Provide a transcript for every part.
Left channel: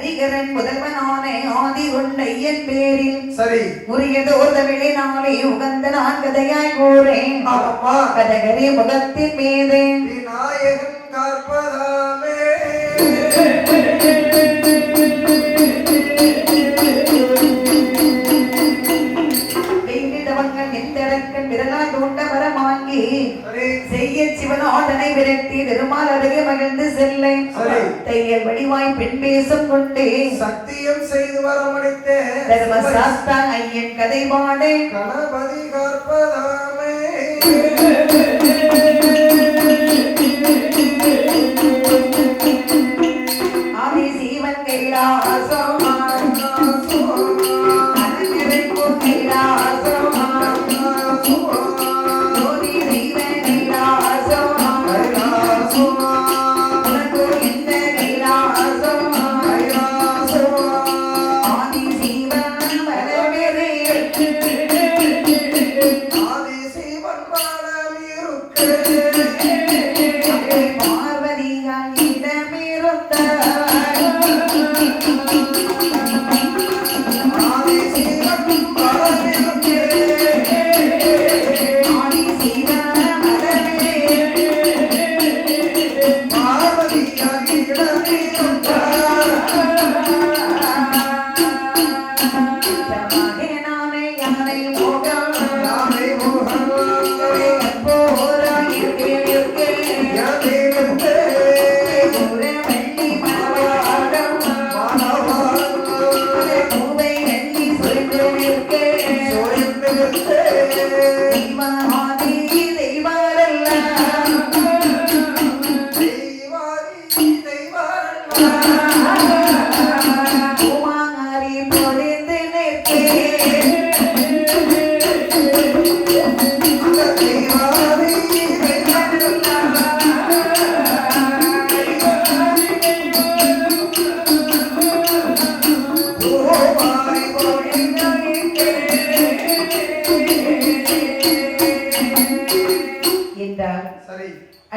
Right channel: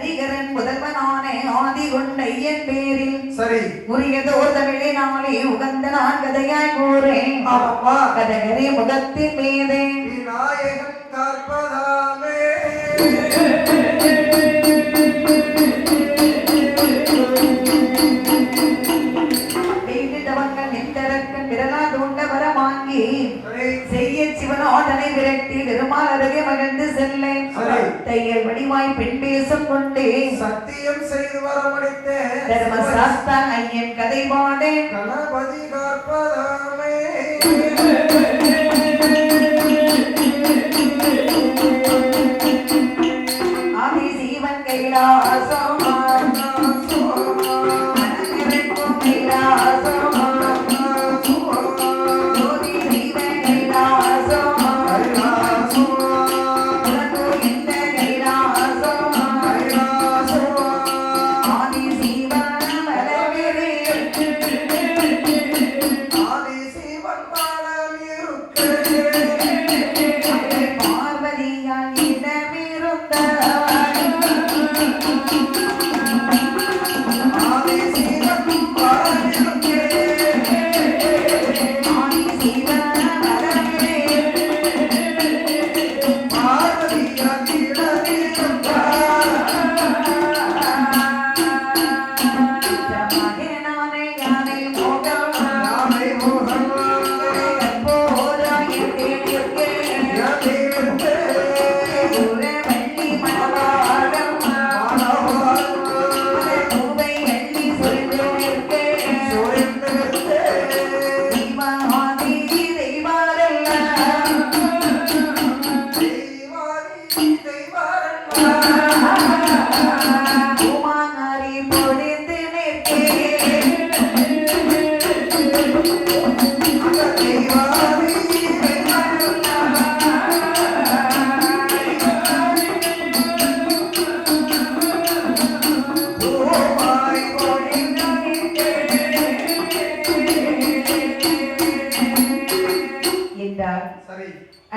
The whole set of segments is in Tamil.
ஹரிகரன் முதல்வனானே ஆதி கொண்டையன் பேரில் சரி உரியதோர் தமிழினாலே உகந்த நான் கதையாய் கூறேன் கதகரி முகத்தின் மீது விநாயகன் கற்பதாமே சிவனாதனை விரட்டி பெருமாள் அருகே மகிழ்ந்து செல்ல தையல் வடிவாய் பெண் பேசம் கொண்டு சத்தியம் செய்து வரமளித்த தர்மசாஸ்தா ஐயன் கதை பாடு கணபதி கற்பதாமே ஆதி சீவன் கைலாசம்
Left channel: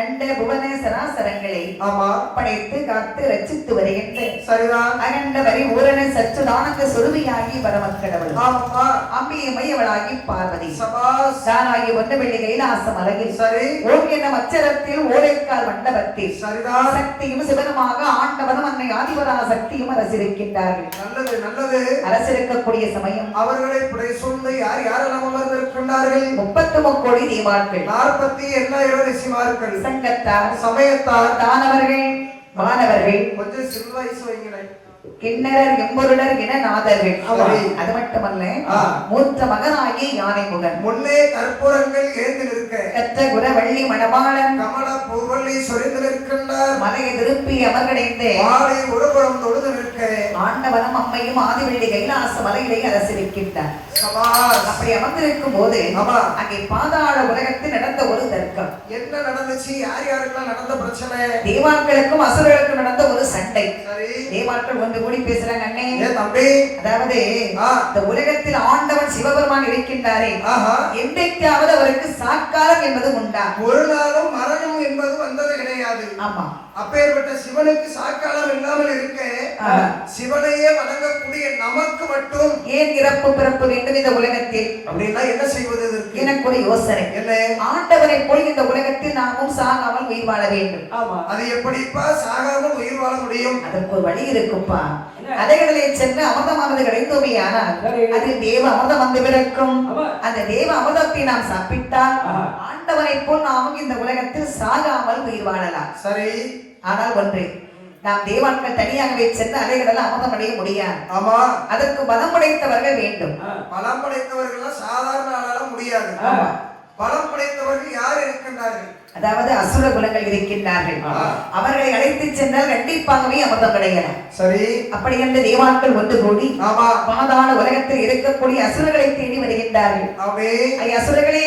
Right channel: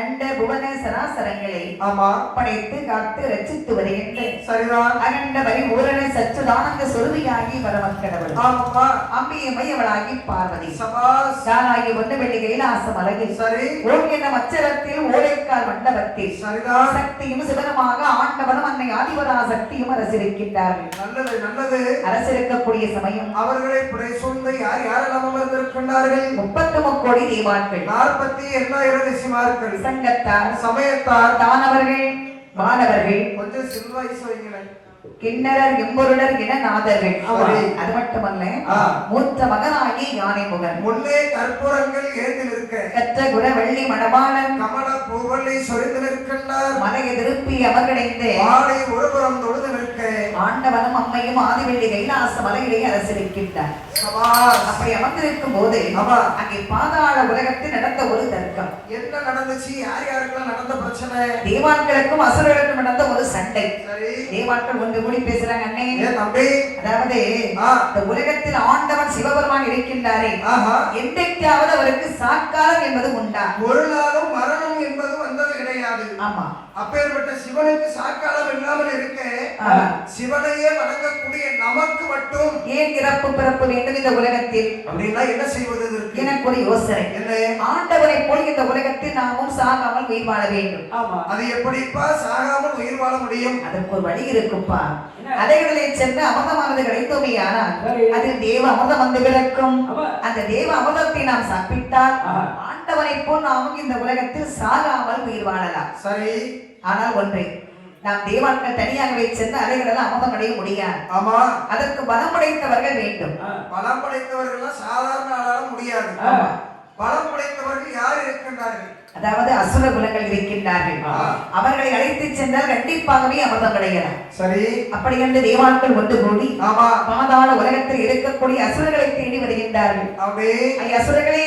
அண்ட புவன சராசரங்களை படைத்து காத்து ரச்சித்து வருகின்ற சரிதான் அகண்ட வரி ஊரண சச்சுதானந்த சொருவியாகி வரமக்கடவுள் அம்பியை மையவளாகி பார்வதி தானாகி ஒன்று வெள்ளி கைலாசம் அழகில் சரி ஓம் என்ற மச்சரத்தில் ஓடைக்கால் மண்டபத்தில் சரிதான் சக்தியும் சிவனமாக ஆண்டவனும் அன்னை ஆதிவரா சக்தியும் அரசிருக்கின்றார்கள். நல்லது நல்லது. அரசிருக்கக்கூடிய சமயம் அவர்களை புடை சூழ்ந்து யார் யாரெல்லாம் அமர்ந்திருக்கின்றார்கள்? 33 கோடி தேவான்கள், 48 ரிஷிமார்கள், சங்கத்தார், சமயத்தார், தானவர்கள், வானவர்கள், கொஞ்சம் சில்வாய்ஸ் வைங்களேன், கிண்ணறர் எம்பொருளர் என நாதர்கள். அது மட்டுமல்ல, மூத்த மகனாகிய யானை முகன், முன்னே கற்பூரங்கள் ஏந்து நிற்க கற்ற குரவள்ளி மணவாளன், கமல பூவள்ளி சொரிந்து நிற்கின்றார், மலையை திருப்பி அமர்கடைந்து மாலை ஒருபுறம் தொழுது நிற்க ஆண்டவனும் அம்மையும் ஆதிவெள்ளி கைலாச மலையிலே அரசிருக்கின்றார். அப்படி அமர்ந்திருக்கும் போது அங்கே பாதாள உலகத்தில் நடந்த ஒரு தர்க்கம். என்ன நடந்துச்சு? யார் யாருக்கெல்லாம் நடந்த பிரச்சனை? தேவான்களுக்கும் அசுரர்களுக்கும் நடந்த ஒரு சண்டை. தேவான்கள் ஒன்று கூடி பேசுறாங்க. அண்ணே தம்பி, அதாவது இந்த உலகத்தில் ஆண்டவன் சிவபெருமான் இருக்கின்றாரே, என்றைக்காவது அவருக்கு சாக்காரம் என்பது உண்டா? ஒரு நாளும் மரணம் என்பது வந்தது கிடையாது. ஆமா, அப்பேற்பட்ட சிவனுக்கு சாக்காலம் இல்லாமல் இருக்க சிவனையே வணங்கக்கூடிய நமக்கு மட்டும் ஏன் இறப்பு பிறப்பு வேண்டும் இந்த உலகத்தில்? அப்படின்னா என்ன செய்வது? எனக்கு ஒரு யோசனை. என்ன? ஆண்டவரை போல் இந்த உலகத்தில் நாமும் சாகாமல் உயிர் வாழ வேண்டும். ஆமா, அது எப்படிப்பா சாகாமல் உயிர் வாழ முடியும்? அதற்கு ஒரு வழி இருக்குப்பா. அதைகளிலே சென்று அமிர்தமானது கிடைத்தோமே, ஆனால் அது தேவ அமிர்தம் வந்து பிறக்கும். அந்த தேவ அமிர்தத்தை நாம் சாப்பிட்டால் ஆண்டவரை போல் நாமும் இந்த உலகத்தில் சாகாமல் உயிர் வாழலாம். சரி, ஆனால் ஒன்று, நாம் தேவான்கள் தனியாகவே சென்று அலைகளெல்லாம் அமிர்தம் அடைய முடியாது. ஆமா, அதற்கு பலம் படைத்தவர்கள் வேண்டும். பலம் படைத்தவர்கள் சாதாரண ஆளால முடியாது. பலம் படைத்தவர்கள் யார் இருக்கின்றார்கள்? அதாவது அசுர குலங்கள் இருக்கின்றார்கள். அவர்களை அழைத்து சென்றால் கண்டிப்பாகவே அமிர்தம் கிடைக்கலாம். சரி, அப்படி என்று தேவான்கள் ஒன்று கூடி பாதாள உலகத்தில் இருக்கக்கூடிய அசுரர்களை தேடி வருகின்றார்கள். அசுரர்களே,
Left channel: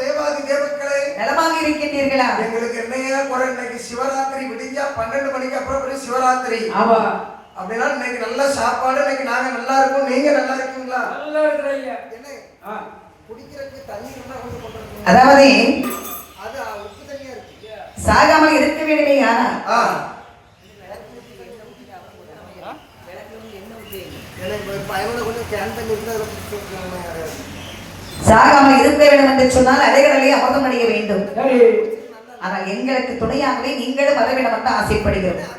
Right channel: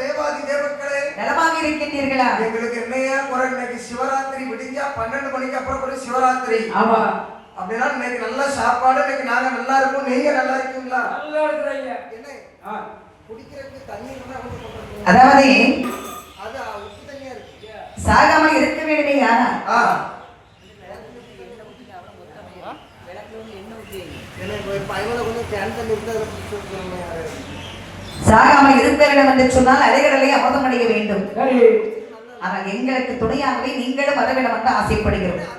தேவாதி தேவர்களே, நலமாக இருக்கின்றீர்களா? எங்களுக்கு என்னையா குறை? இன்னைக்கு சிவராத்திரி விடிஞ்சா 12 மணிக்கு அப்புறம் சிவராத்திரி. ஆமா, அப்படின்னா இன்னைக்கு நல்ல சாப்பாடு, இன்னைக்கு நாங்க நல்லா இருக்கோம். நீங்க நல்லா இருக்கீங்களா? நல்லா இருக்கிறீங்க. என்ன குடிக்கிறதுக்கு தண்ணி இருந்தா வந்து போடுறீங்க. அதாவது அது உப்பு தண்ணியா இருக்கு. சாகாம இருக்க வேண்டுமே. ஆனா பயணம் கொஞ்சம் கேன்சல் இருந்து அதில் பிடிச்சி சாகாமல் இருக்க வேண்டும் என்று சொன்னால் அலைகடலை அமிர்தம் அடைய வேண்டும். ஆனால் எங்களுக்கு துணையாகவே நீங்களும் வர வேண்டும் என்று ஆசைப்படுகிறோம்.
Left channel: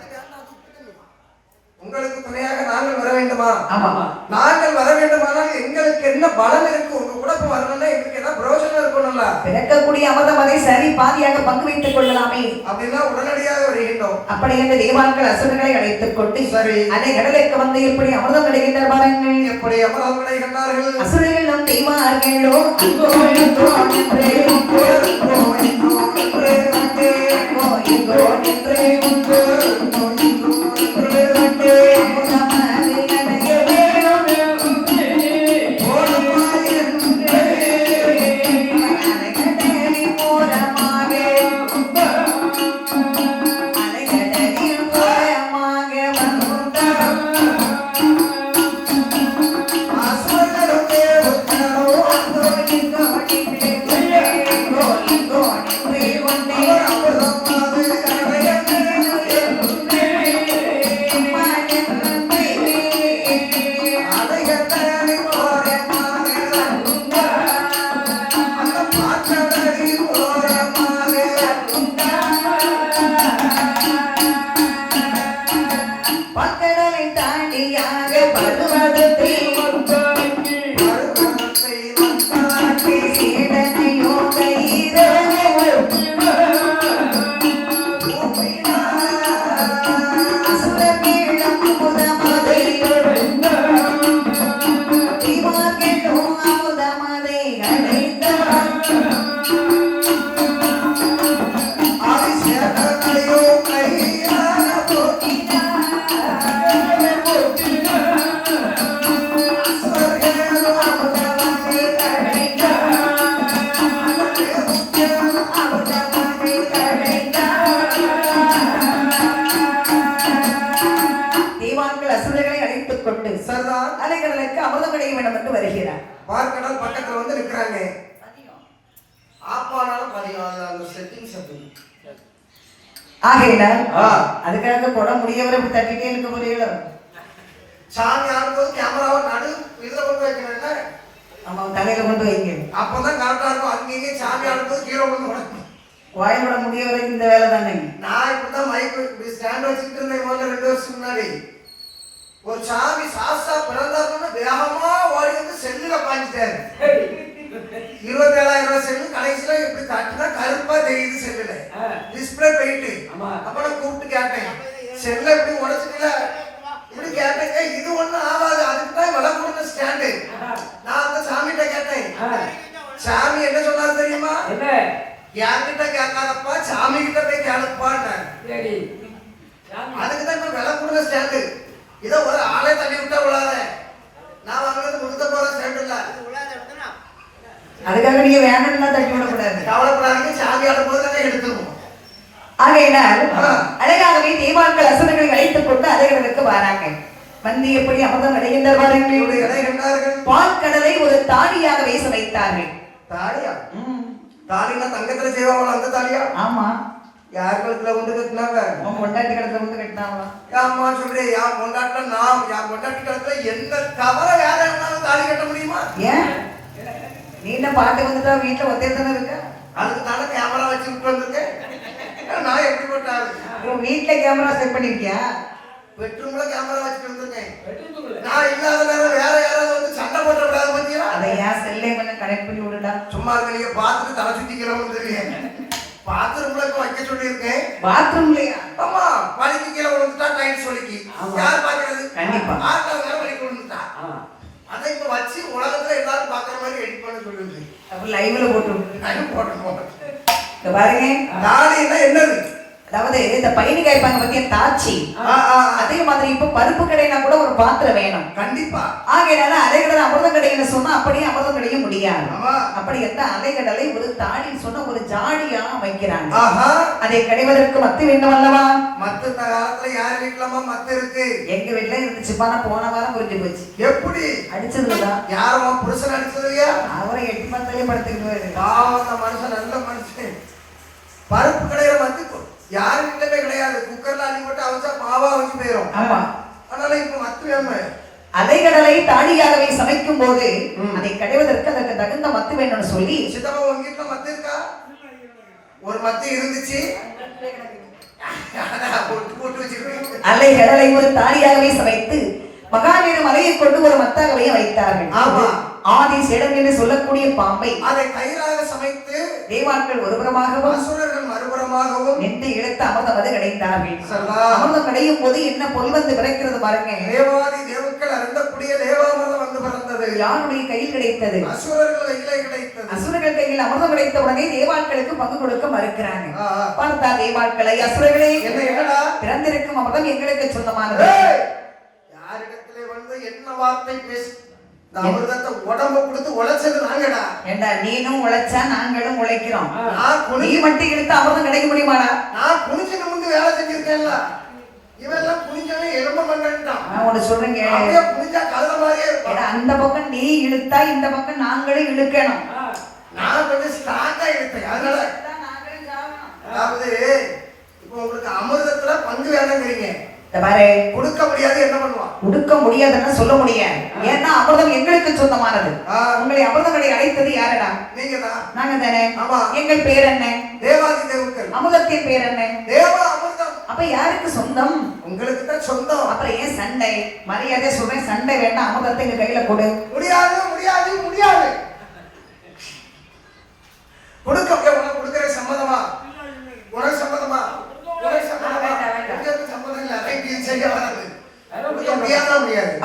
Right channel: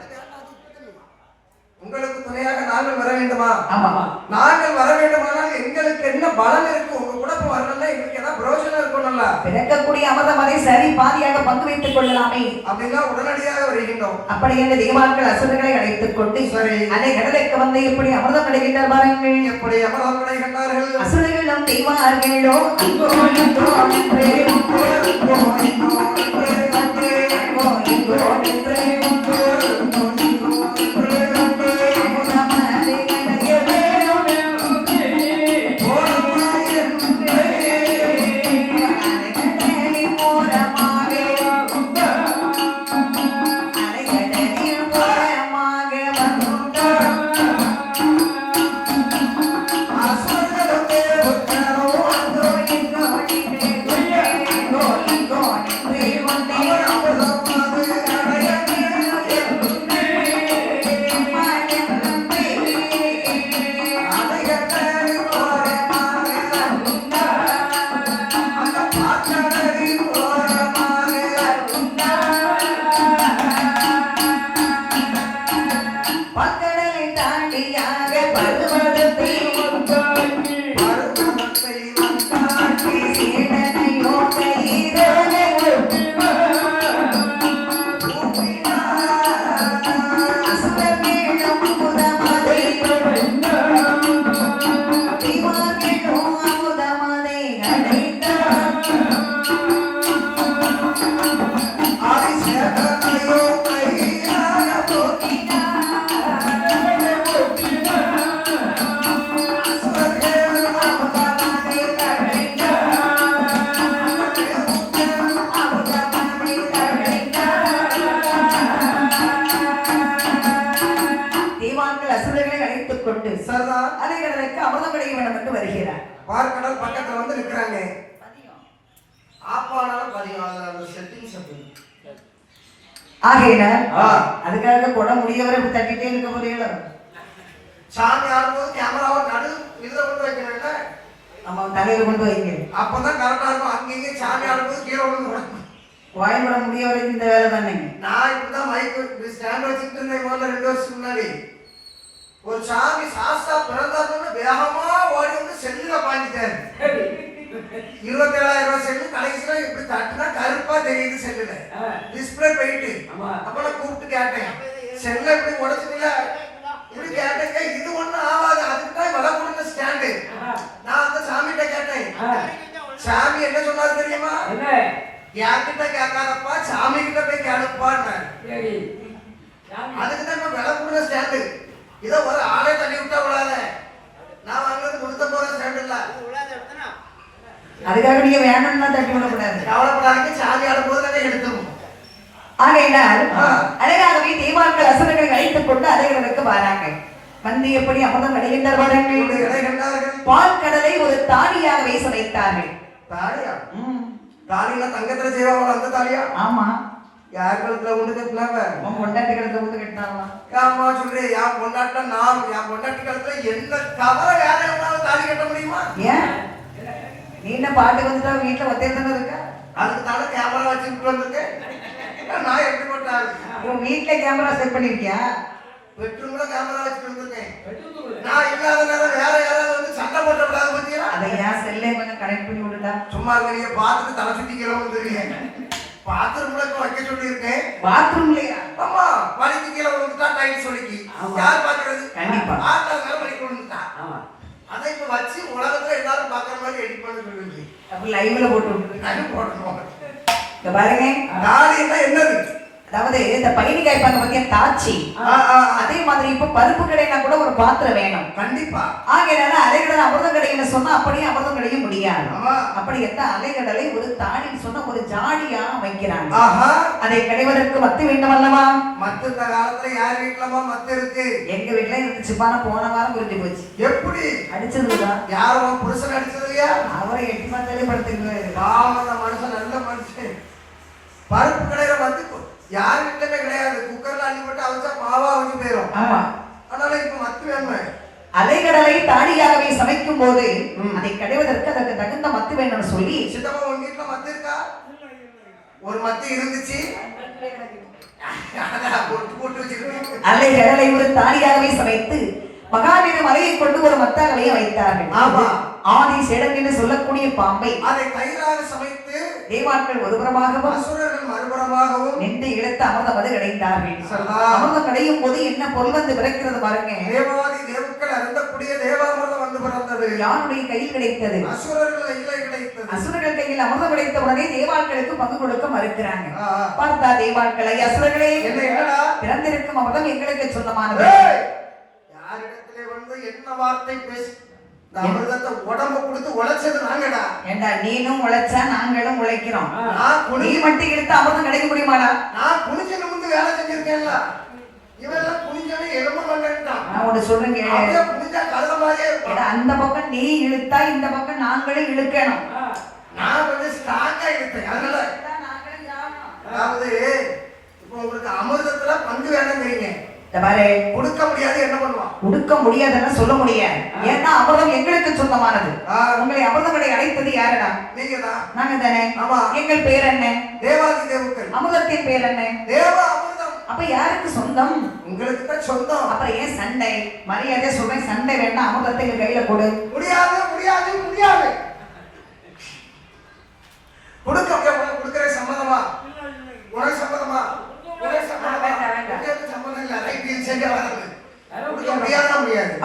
உங்களுக்கு துணையாக நாங்கள் வர வேண்டுமா? ஆமாமா. நாங்கள் வர வேண்டுமானால் எங்களுக்கு என்ன பலன் இருக்கு? உங்க கூட வரணும்னா எங்களுக்கு என்ன பிரயோஜனம் இருக்கணும்ல? பிறக்கக்கூடிய அமிர்தம் அதை சரி பாதியாக பங்கு வைத்துக் கொள்ளலாமே அப்படின்னா உடனடியாக வருகின்றோம். அப்படி என்ற தேவான்கள் அசுரர்களை அழைத்துக் கொண்டு சரி அதை கடலுக்கு வந்து எப்படி அமிர்தம் அடைகின்ற பாருங்கள். எப்படி அமிர்தம் அடைகின்றார்கள்? அசுரர்கள் நம் தெய்வார்களோ அங்கோ இங்கோ என்று அலைகளுக்கு அமிர்தம் கிடைக்க வேண்டும் என்று வருகிறார். பார்க்கடல் பக்கத்துல வந்து நிற்கிறாங்க. ஆப்பானால பதிவான செட்டிங் செட்டிங் ஆகையினால் அதுக்காக கூட முடியவரை இப்படி தட்டிட்டே இருக்க போறீங்களோ? சாமி ஆடும்போது கேமராவை நடு இதுல கொண்டு வைக்கிறேன்ல, நம்ம தலையில கொண்டு வைங்க. அப்பதான் கரெக்டா இருக்கும். அங்கேயே சாமி ஆடும்போது கீழே கொண்டு உடக்கும். வாய்மட முடிய வரைக்கும் இந்த வேலை தானே. நான் இப்படிதான் மைக் ஸ்டாண்ட் வச்சுட்டு இருந்தேன் முதல்ல 2 வருஷத்துக்கு முன்னாடி. ஒரு சாமி சாஸ்தா பிறந்தாருன்னு வேகமா ஓடி வந்து செல்லுல பாஞ்சிட்டாரு. 27,000 ரூபாய் செல்லு. கடைசியில இப்படி தட்டுனா கருப்பா தெரியுது செல்லுல, டிஸ்பிளே போயிட்டு. அப்ப நான் கூப்பிட்டு கேட்டேன், செல்ல இப்படி உடச்சுக்கல இப்படி கேட்டேங்க. இது ஒண்ணும் ஆகாது, அதுக்கு தான் விலை கொடுத்த ஸ்டாண்டு. நான் அந்த சாமிகிட்ட கேட்டேன். சாமி என்ன சொன்னாரு தெரியுமா? என்கிட்ட கேட்காதப்பா, சாமி கிட்ட போய் கேளுப்பான்னு. அதுக்கு தான் இப்ப விலை கொடுத்த ஸ்டாண்டு. இதை ஒரு ஆளே தள்ளி விட்டா விழாத. நான் வாங்குறது முழுத்த போற ஸ்டாண்ட் இல்ல. அதுக்காக நீங்க வேணும்னா தட்டி விடக்கூடாது. கவலைப்படாதீங்க, சாமி ஆடும்போது நாங்க எடுத்துருவோம். ஆகையினால் அழகாகவே தேவான்கள் அசுரர்களை அழைத்துக் கொண்டு அலைகளுக்கு வராங்க. வந்து எப்படி அமிர்தம் அடைகின்றார்கள்? பால் கடலை ஒரு தாலியாக வீச வைத்தார்கள். தாலியா? தாலினா தங்கத்துல செய்வாங்க அந்த தாலியா? ஆமா. யார் கழுத்துல கொண்டு கட்டினாங்க? பொண்டாட்டி கழுத்துல கொண்டு கட்டினாங்களா? ஆமா சொல்றேன். என் பொண்டாட்ட நான் என் பொண்டாட்டி கழுத்துல எந்த கவலை வேற எவனாலும் தாலி கட்ட முடியுமா? ஏன் நீ என்ன பாட்டு வந்துட்டா வீட்டுல ஒத்தையத்தனை இருக்க? அதுக்கு தானே கேமரா வச்சு விட்டு வந்திருக்கேன். நான் எப்படி போட்டாரு? வீட்டுல கேமரா செட் பண்ணிருக்கியா? பெட்ரூம்ல கேமரா வச்சுட்டு வந்திருக்கேன். நான் இல்லாத நேரம் வேற யாராவது வந்து சண்டை போட்ட விடாது பத்தியா? அதை ஏன் செல்லே கொஞ்சம் கனெக்ட் பண்ணி விடுடா. சும்மா இருக்க, நீங்க பார்த்துட்டு தலை சுத்திக்கிறோம் தெரியும். பாத்ரூம்ல வைக்க சொல்லியிருக்கேன். பாத்ரூம்லயா? ஆமா. வலிக்கு கீழே விழுந்துட்டா டைம் சொல்லிக்கி யார் பாக்குறது? கண்டிப்பா. ஆட்டால வலிக்கு விழுந்துட்டா அதை இப்ப வச்சு உலகத்துல எல்லாரும் பாக்குற மாதிரி எடிட் பண்ண சொல்லுது. அப்ப லைவ்ல போட்டு விட்டு லைவ் போட்டுருவோம். இந்த பாருங்க, தாலின்னா என்னது? அதாவது இந்த பையனி காய்ப்பாங்க பத்தியா தாச்சி, அதே மாதிரி இப்ப பருப்பு கடைனா கூட ஒரு பாத்திரம் வேணும் கண்டிப்பா. ஆகையினால அலைகடல் அமிர்தம் கடைன்னு சொன்னா அப்படியே அமிர்தம் கடைய முடியாது. அப்படி எந்த அலைகடலை ஒரு தாலின்னு சொன்னா ஒரு ஜாடியா வைக்கிறாங்க. அதை கடைவதற்கு மத்து வேண்டும் அல்லவா? மத்து இந்த காலத்துல யார் வீட்டுலமா மத்து இருக்கு? எங்க வீட்டுல இருந்துச்சுப்பா, போன வாரம் புரிஞ்சு போச்சு. எப்படி அடிச்சதுதான்? யாரும் புருஷன் அடிச்சது இல்லையா? அவரை 8 மாதத்திலே படுத்துக்கிட்டு பாவம். அந்த மனுஷன் நல்ல மனுஷன். பருப்பு கடையில வந்து யாரு வீட்டுமே கிடையாது. குக்கர்ல அள்ளி போட்டு அவிச்சா மாவா வச்சு போயிடும். ஆமா. ஆனா அதனால இப்ப மத்து வேணுமே. அலைகடலை தாடியாகவே சமைக்கும் போது அதை கடைவதற்கு அதற்கு தகுந்த மத்து வேணும்னு சொல்லி சித்தப்பா உங்க வீட்டுல மத்து இருக்கா? ஒரு மத்து இருந்துச்சு. அலைகடலை ஒரு தாடியாகவே சமைத்து மகாவீர மலையை கொண்டு ஒரு மத்தாகவே வைத்தார்கள். ஆமா, ஆதி சேடன் என்று சொல்லக்கூடிய பாம்பை அதை கயிறாக சமைத்து தேவாக்கள் ஒருபுறமாகவும் அசுரர்கள் மறுபுறமாகவும் நின்று இழுத்து அமிர்தம் கிடைத்தார்கள். சல்லா. அமிர்தம் கிடையும் போது என்ன பொருள் வந்து பிறக்கிறது பாருங்க. தேவாதி தேவக்கள் அருந்தக்கூடிய தேவாமிர்தம் வந்து பிறந்தது. யாருடைய கையில் கிடைத்தது? அசுரர்கள் கையில கிடைத்தது. அசுரர்கள் கையில் அமிர்தம் கிடைத்த உடனே தேவாக்களுக்கு பங்கு கொடுக்க மறுக்கிறாங்க. பார்த்தா தேவாக்களை அசுரர்களே என்னடா பிறந்திருக்கும் அமிர்தம் எங்களுக்கு சொந்தமானது. யாரிடத்திலே வந்து என்ன வார்த்தை பேசி அமிர்தத்தை உடம்ப கொடுத்து உழைச்சது நாங்கடா. ஏண்டா நீனும் உழைச்சா நாங்களும் உழைக்கிறோம். நீ மட்டும் இழுத்து அமிர்தம் கிடைக்க முடியுமாடா? நான் குனிச்சு நிமிந்து வேலை செஞ்சிருக்கேன்ல. இவெல்லாம் குனிஞ்சாலே எலும்ப மண்டான். நான் ஒண்ணு சொல்றேங்க, அப்படியே குனிஞ்சா கழுத மாதிரியே இருக்கும். அந்த பக்கம் நீ இழுத்தா இந்த பக்கம் நாங்களும் இழுக்கணும். நான் கொஞ்சம் ஸ்ட்ராங்கா இழுத்தேன். அதனால அதாவது இப்போ உங்களுக்கு அமிர்தத்துல பங்கு வேணுங்கிறீங்க. கொடுக்க முடியாது, என்ன பண்ணுவான்? கொடுக்க முடியாதுன்னு சொல்ல முடியாது. ஏன்னா அமிர்தம் எங்களுக்கு சொந்தமானது. உங்களை அமிர்தம் கடை அழைத்தது யாரடா? நீங்கதான். நாங்க தானே. ஆமா. எங்கள் பேர் என்ன? தேவாதி தேவக்கள். அமிர்தத்தின் பேர் என்ன? தேவா அமிர்தம். அப்ப யாருக்கு சொந்தம்? உங்களுக்கு தான் சொந்தம். அப்புறம் ஏன் சண்டை? மரியாதை சொல்றேன், சண்டை வேண்டாம், அமிர்தத்தை எங்க கையில கொடு. முடியாது முடியாது முடியாது. கொடுக்கிற சம்மதமா? உனக்கு சம்மதமா?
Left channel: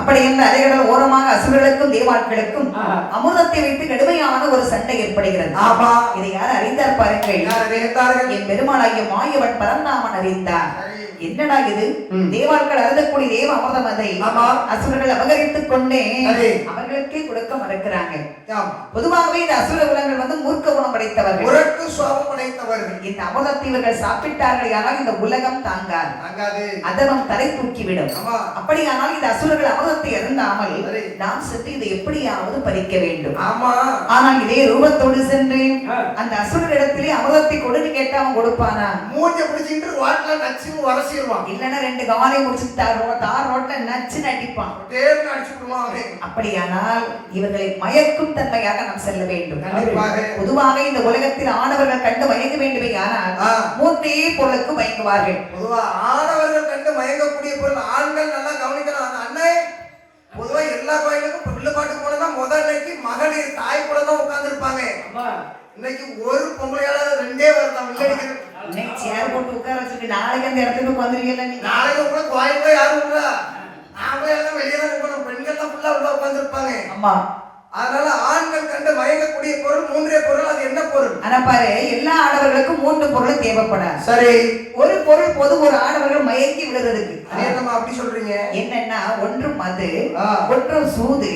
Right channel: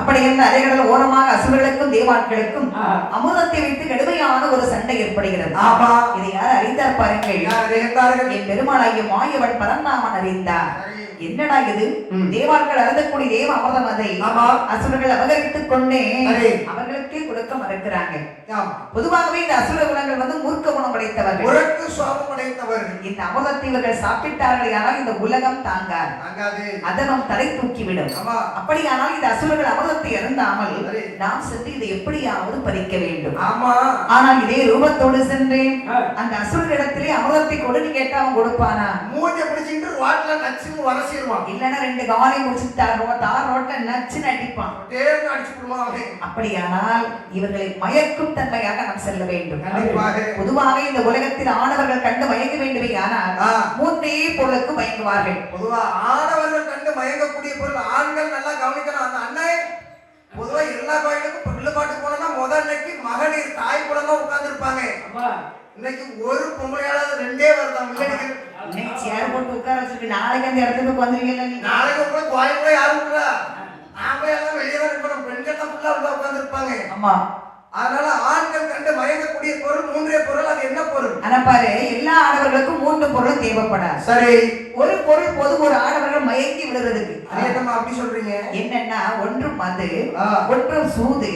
அப்படி என்ற அலைகடல் ஓரமாக அசுரர்களுக்கும் தேவாட்களுக்கும் அமிர்தத்தை வைத்து கடுமையான ஒரு சண்டை ஏற்படுகிறது. ஆமா, இதை யார் அறிந்தார் பாருங்கள். என் பெருமாளாகிய மாயவன் பரந்தாமன் அறிந்தார். என்னடா இது? தேவாட்கள் அருந்தக்கூடிய தேவ அமிர்தம் அதை அசுரர்கள் அபகரித்துக் கொண்டே அவர்களுக்கே கொடுக்க மறுக்கிறாங்க. பொதுவாகவே இந்த அசுர குணங்கள் வந்து மூர்க்க குணம் படைத்தவர்கள், முரட்டு சுபாவம் படைத்தவர்கள். இந்த அமிர்தத்தை இவர்கள் சாப்பிட்டார்கள், ஆனால் இந்த உலகம் தாங்காது, அதனம் தலை தூக்கிவிடும். அப்படியானால் இந்த அசுரர்கள் அமிர்தத்தை அருந்தாமல் நாம் சென்று இதை எப்படியாவது பறிக்க வேண்டும். ஆனால் இதே ரூபத்தோடு சென்று அந்த அசுரரிடத்திலே அமிர்தத்தை கொடுன்னு கேட்டா அவன் கொடுப்பானா? மூஞ்ச பிடிச்சிட்டு வாட்ல நச்சு வரசிடுவான். இல்லன்னா ரெண்டு காலை முடிச்சு தார் ரோட்டை நச்சு நடிப்பான். அப்படியானால் இவர்களை மயக்கும் தன்மையாக நாம் செல்ல வேண்டும். பொதுவாக இந்த உலகத்தில் ஆணவர்கள் கண்டு மயங்க வேண்டுமே, ஆனால் மூன்றே பொருளுக்கு மயங்குவார்கள். பொதுவா ஆணவர்கள் கண்டு மயங்கக்கூடிய பொருள் ஆண்கள் நல்லா கவனிக்கணும். அந்த அண்ணே பொதுவா எல்லா கோயிலுக்கும் பிள்ளைப்பாட்டு போனதா முதல்லைக்கு மகளிர் தாய் கூட தான் உட்கார்ந்து இருப்பாங்க. இன்னைக்கு ஒரு பொம்பளையால ரெண்டே வருதான். சேர் போட்டு உட்கார வச்சுட்டு நாளைக்கு அந்த இடத்துக்கு வந்துருவீங்க. நாளைக்கு கூட கோயிலுக்குள்ள யாரும் விடுறா? நாமளே எல்லாம் வெளியே தான் இருக்கணும். பெண்கள் தான் ஃபுல்லா உள்ள உட்கார்ந்து இருப்பாங்க. ஆமா, அதனால ஆண்கள் கண்டு மயங்கக்கூடிய பொருள் மூன்றே பொருள். அது என்ன பொருள்? ஆனா பாரு, எல்லா ஆடவர்களுக்கும் மூன்று பொருளும் தேவைப்படாது. சரி, ஒரு பொருள் போது ஒரு ஆடவர்கள் மயங்கி விடுறதுக்கு. அதேமா அப்படி சொல்றீங்க. என்னன்னா, ஒன்று மது, ஒன்று சூது,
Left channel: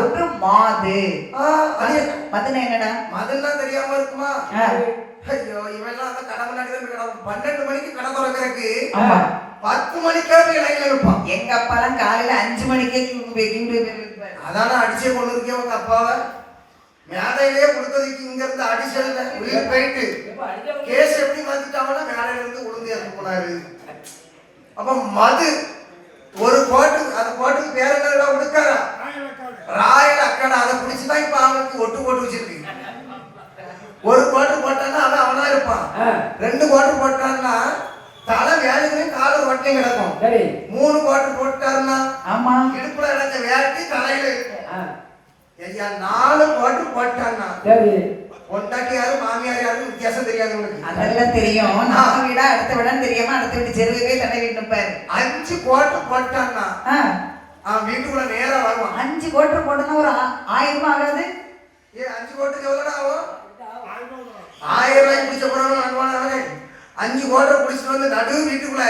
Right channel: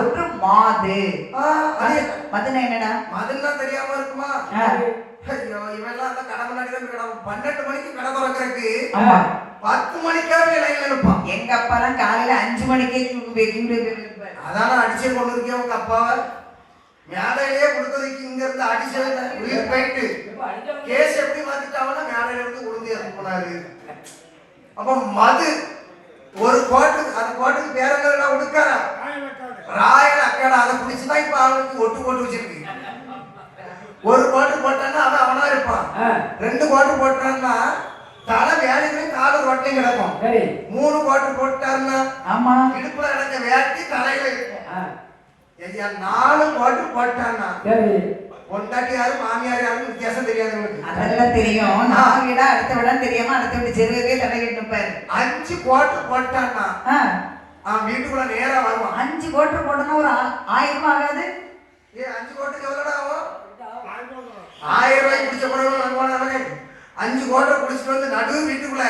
ஒன்று மாது. மதுனா என்னடா? மதுன்னா தெரியாம இருக்குமா? ஐயோ, இவெல்லாம் அந்த கடை முன்னாடி தான் கிடக்கும். 12 மணிக்கு கடை திறக்கிறதுக்கு 10 மணிக்காவே லைன்ல இருப்பான். எங்க அப்பா தான் காலையில 5 மணிக்கு அதான அடிச்சே கொண்டு இருக்கேன் உங்க அப்பாவை. மேலையிலேயே கொடுக்கறதுக்கு இங்க இருந்து அடிச்சதுல உயிர் போயிட்டு கேஸ் எப்படி மாத்திட்டாங்கன்னா மேலையில இருந்து உளுந்து இறந்து போனாரு. அப்ப மது ஒரு கோட்டு, அந்த கோட்டுக்கு பேர் என்ன? உடுக்காரா ராயல் அக்காடா. அதை குடிச்சுதான் இப்ப அவனுக்கு ஒட்டு போட்டு வச்சிருக்கு. ஒரு கோட்டு போட்டான்னா அவன் அவனா இருப்பான். 2 கோட்டு போட்டான்னா தலை வேலைகளையும் கால ரொட்டையும் கிடக்கும். 3 கோட்டு போட்டாருன்னா இடுப்புல இடத்த வேட்டி தலையில இருக்கும். 4 கோட்டு போட்டான்னா பொண்டாட்டி யாரு மாமியார் யாரும் வித்தியாசம் தெரியாது உங்களுக்கு. அதெல்லாம் தெரியும். நான் விட அடுத்த விட தெரியாம அடுத்த விட்டு செருவே தடை விட்டுப்பாரு. 5 கோட்டு போட்டான்னா அவன் வீட்டுக்குள்ள நேரா வருவான். 5 கோட்டு போட்டோம்னா ஒரு 1000 ரூபாய் ஆகாது? 5 கோட்டுக்கு எவ்வளோடா ஆகும்? 1000 ரூபாய்க்கு குடிச்ச போறவங்க 5 கோட்டை குடிச்சிட்டு வந்து நடு வீட்டுக்குள்ள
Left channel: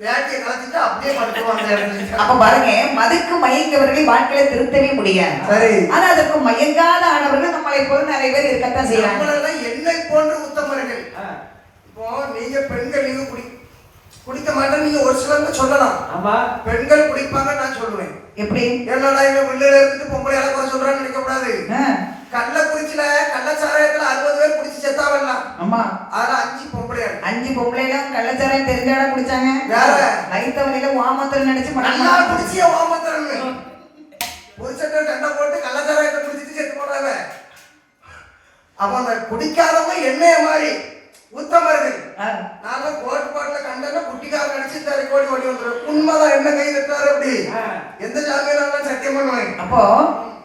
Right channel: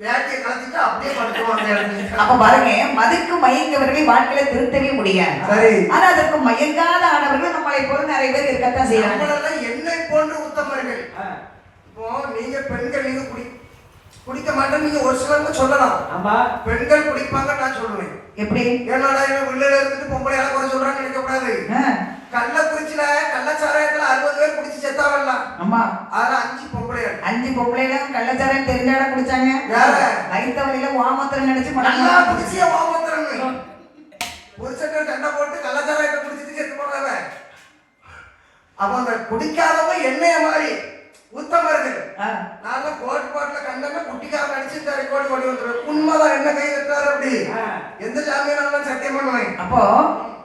வேட்டையை கலச்சிட்டு அப்படியே படுத்துவாங்க. அப்ப பாருங்க, மதுக்கு மயங்கவர்கள் வாழ்க்கையில திருத்தவே முடியாது. சரி, ஆனா அதற்கு மயங்காத ஆனவர்கள் நம்மளை போல நிறைய பேர் இருக்கத்தான் செய்யறாங்க. என்னை போன்று உத்தமர்கள். இப்போ நீங்க பெண்கள் நீங்க குடிக்க மாட்டேன் நீங்க ஒரு சிலருக்கு சொல்லலாம். பெண்கள் குடிப்பாங்க நான் சொல்லுவேன். எப்படி? என்னடா எங்க பிள்ளைல இருந்துட்டு பொம்பளை எல்லாம் குறை சொல்றான்னு நினைக்க கூடாது. கள்ளக்குறிச்சியில கள்ளச்சாராயத்துல 60 பேர் குடிச்சு செத்தாவல்லாம். ஆமா. அதுல 5 பொம்பளைகள். 5 பொம்பளைகளும் கள்ளச்சாராயம் தெரிஞ்சவளா குடிச்சாங்க. யார? லைத்தவலியில வாமத்தர் நினைச்சு நல்லா குடிச்சிய வாமத்தரன்னு. புருஷன்ட்ட கண்ணை போட்டு கள்ளச்சாராயத்தை குடிச்சிட்டு செத்து போனவ. அப்ப அந்த குடிக்காதவங்க எண்ணெய மாதிரி உத்தமர்கள். நாங்க கோட்பாட்டுல கண்டன குட்டிக்கார நடிச்சு இந்த ரெக்கார்டு ஓடி வந்துடும். உண்மைதான் என்ன கை தட்டாரு அப்படி எந்த ஜாமீனாலும் சத்தியம் பண்ணுவேன். அப்போ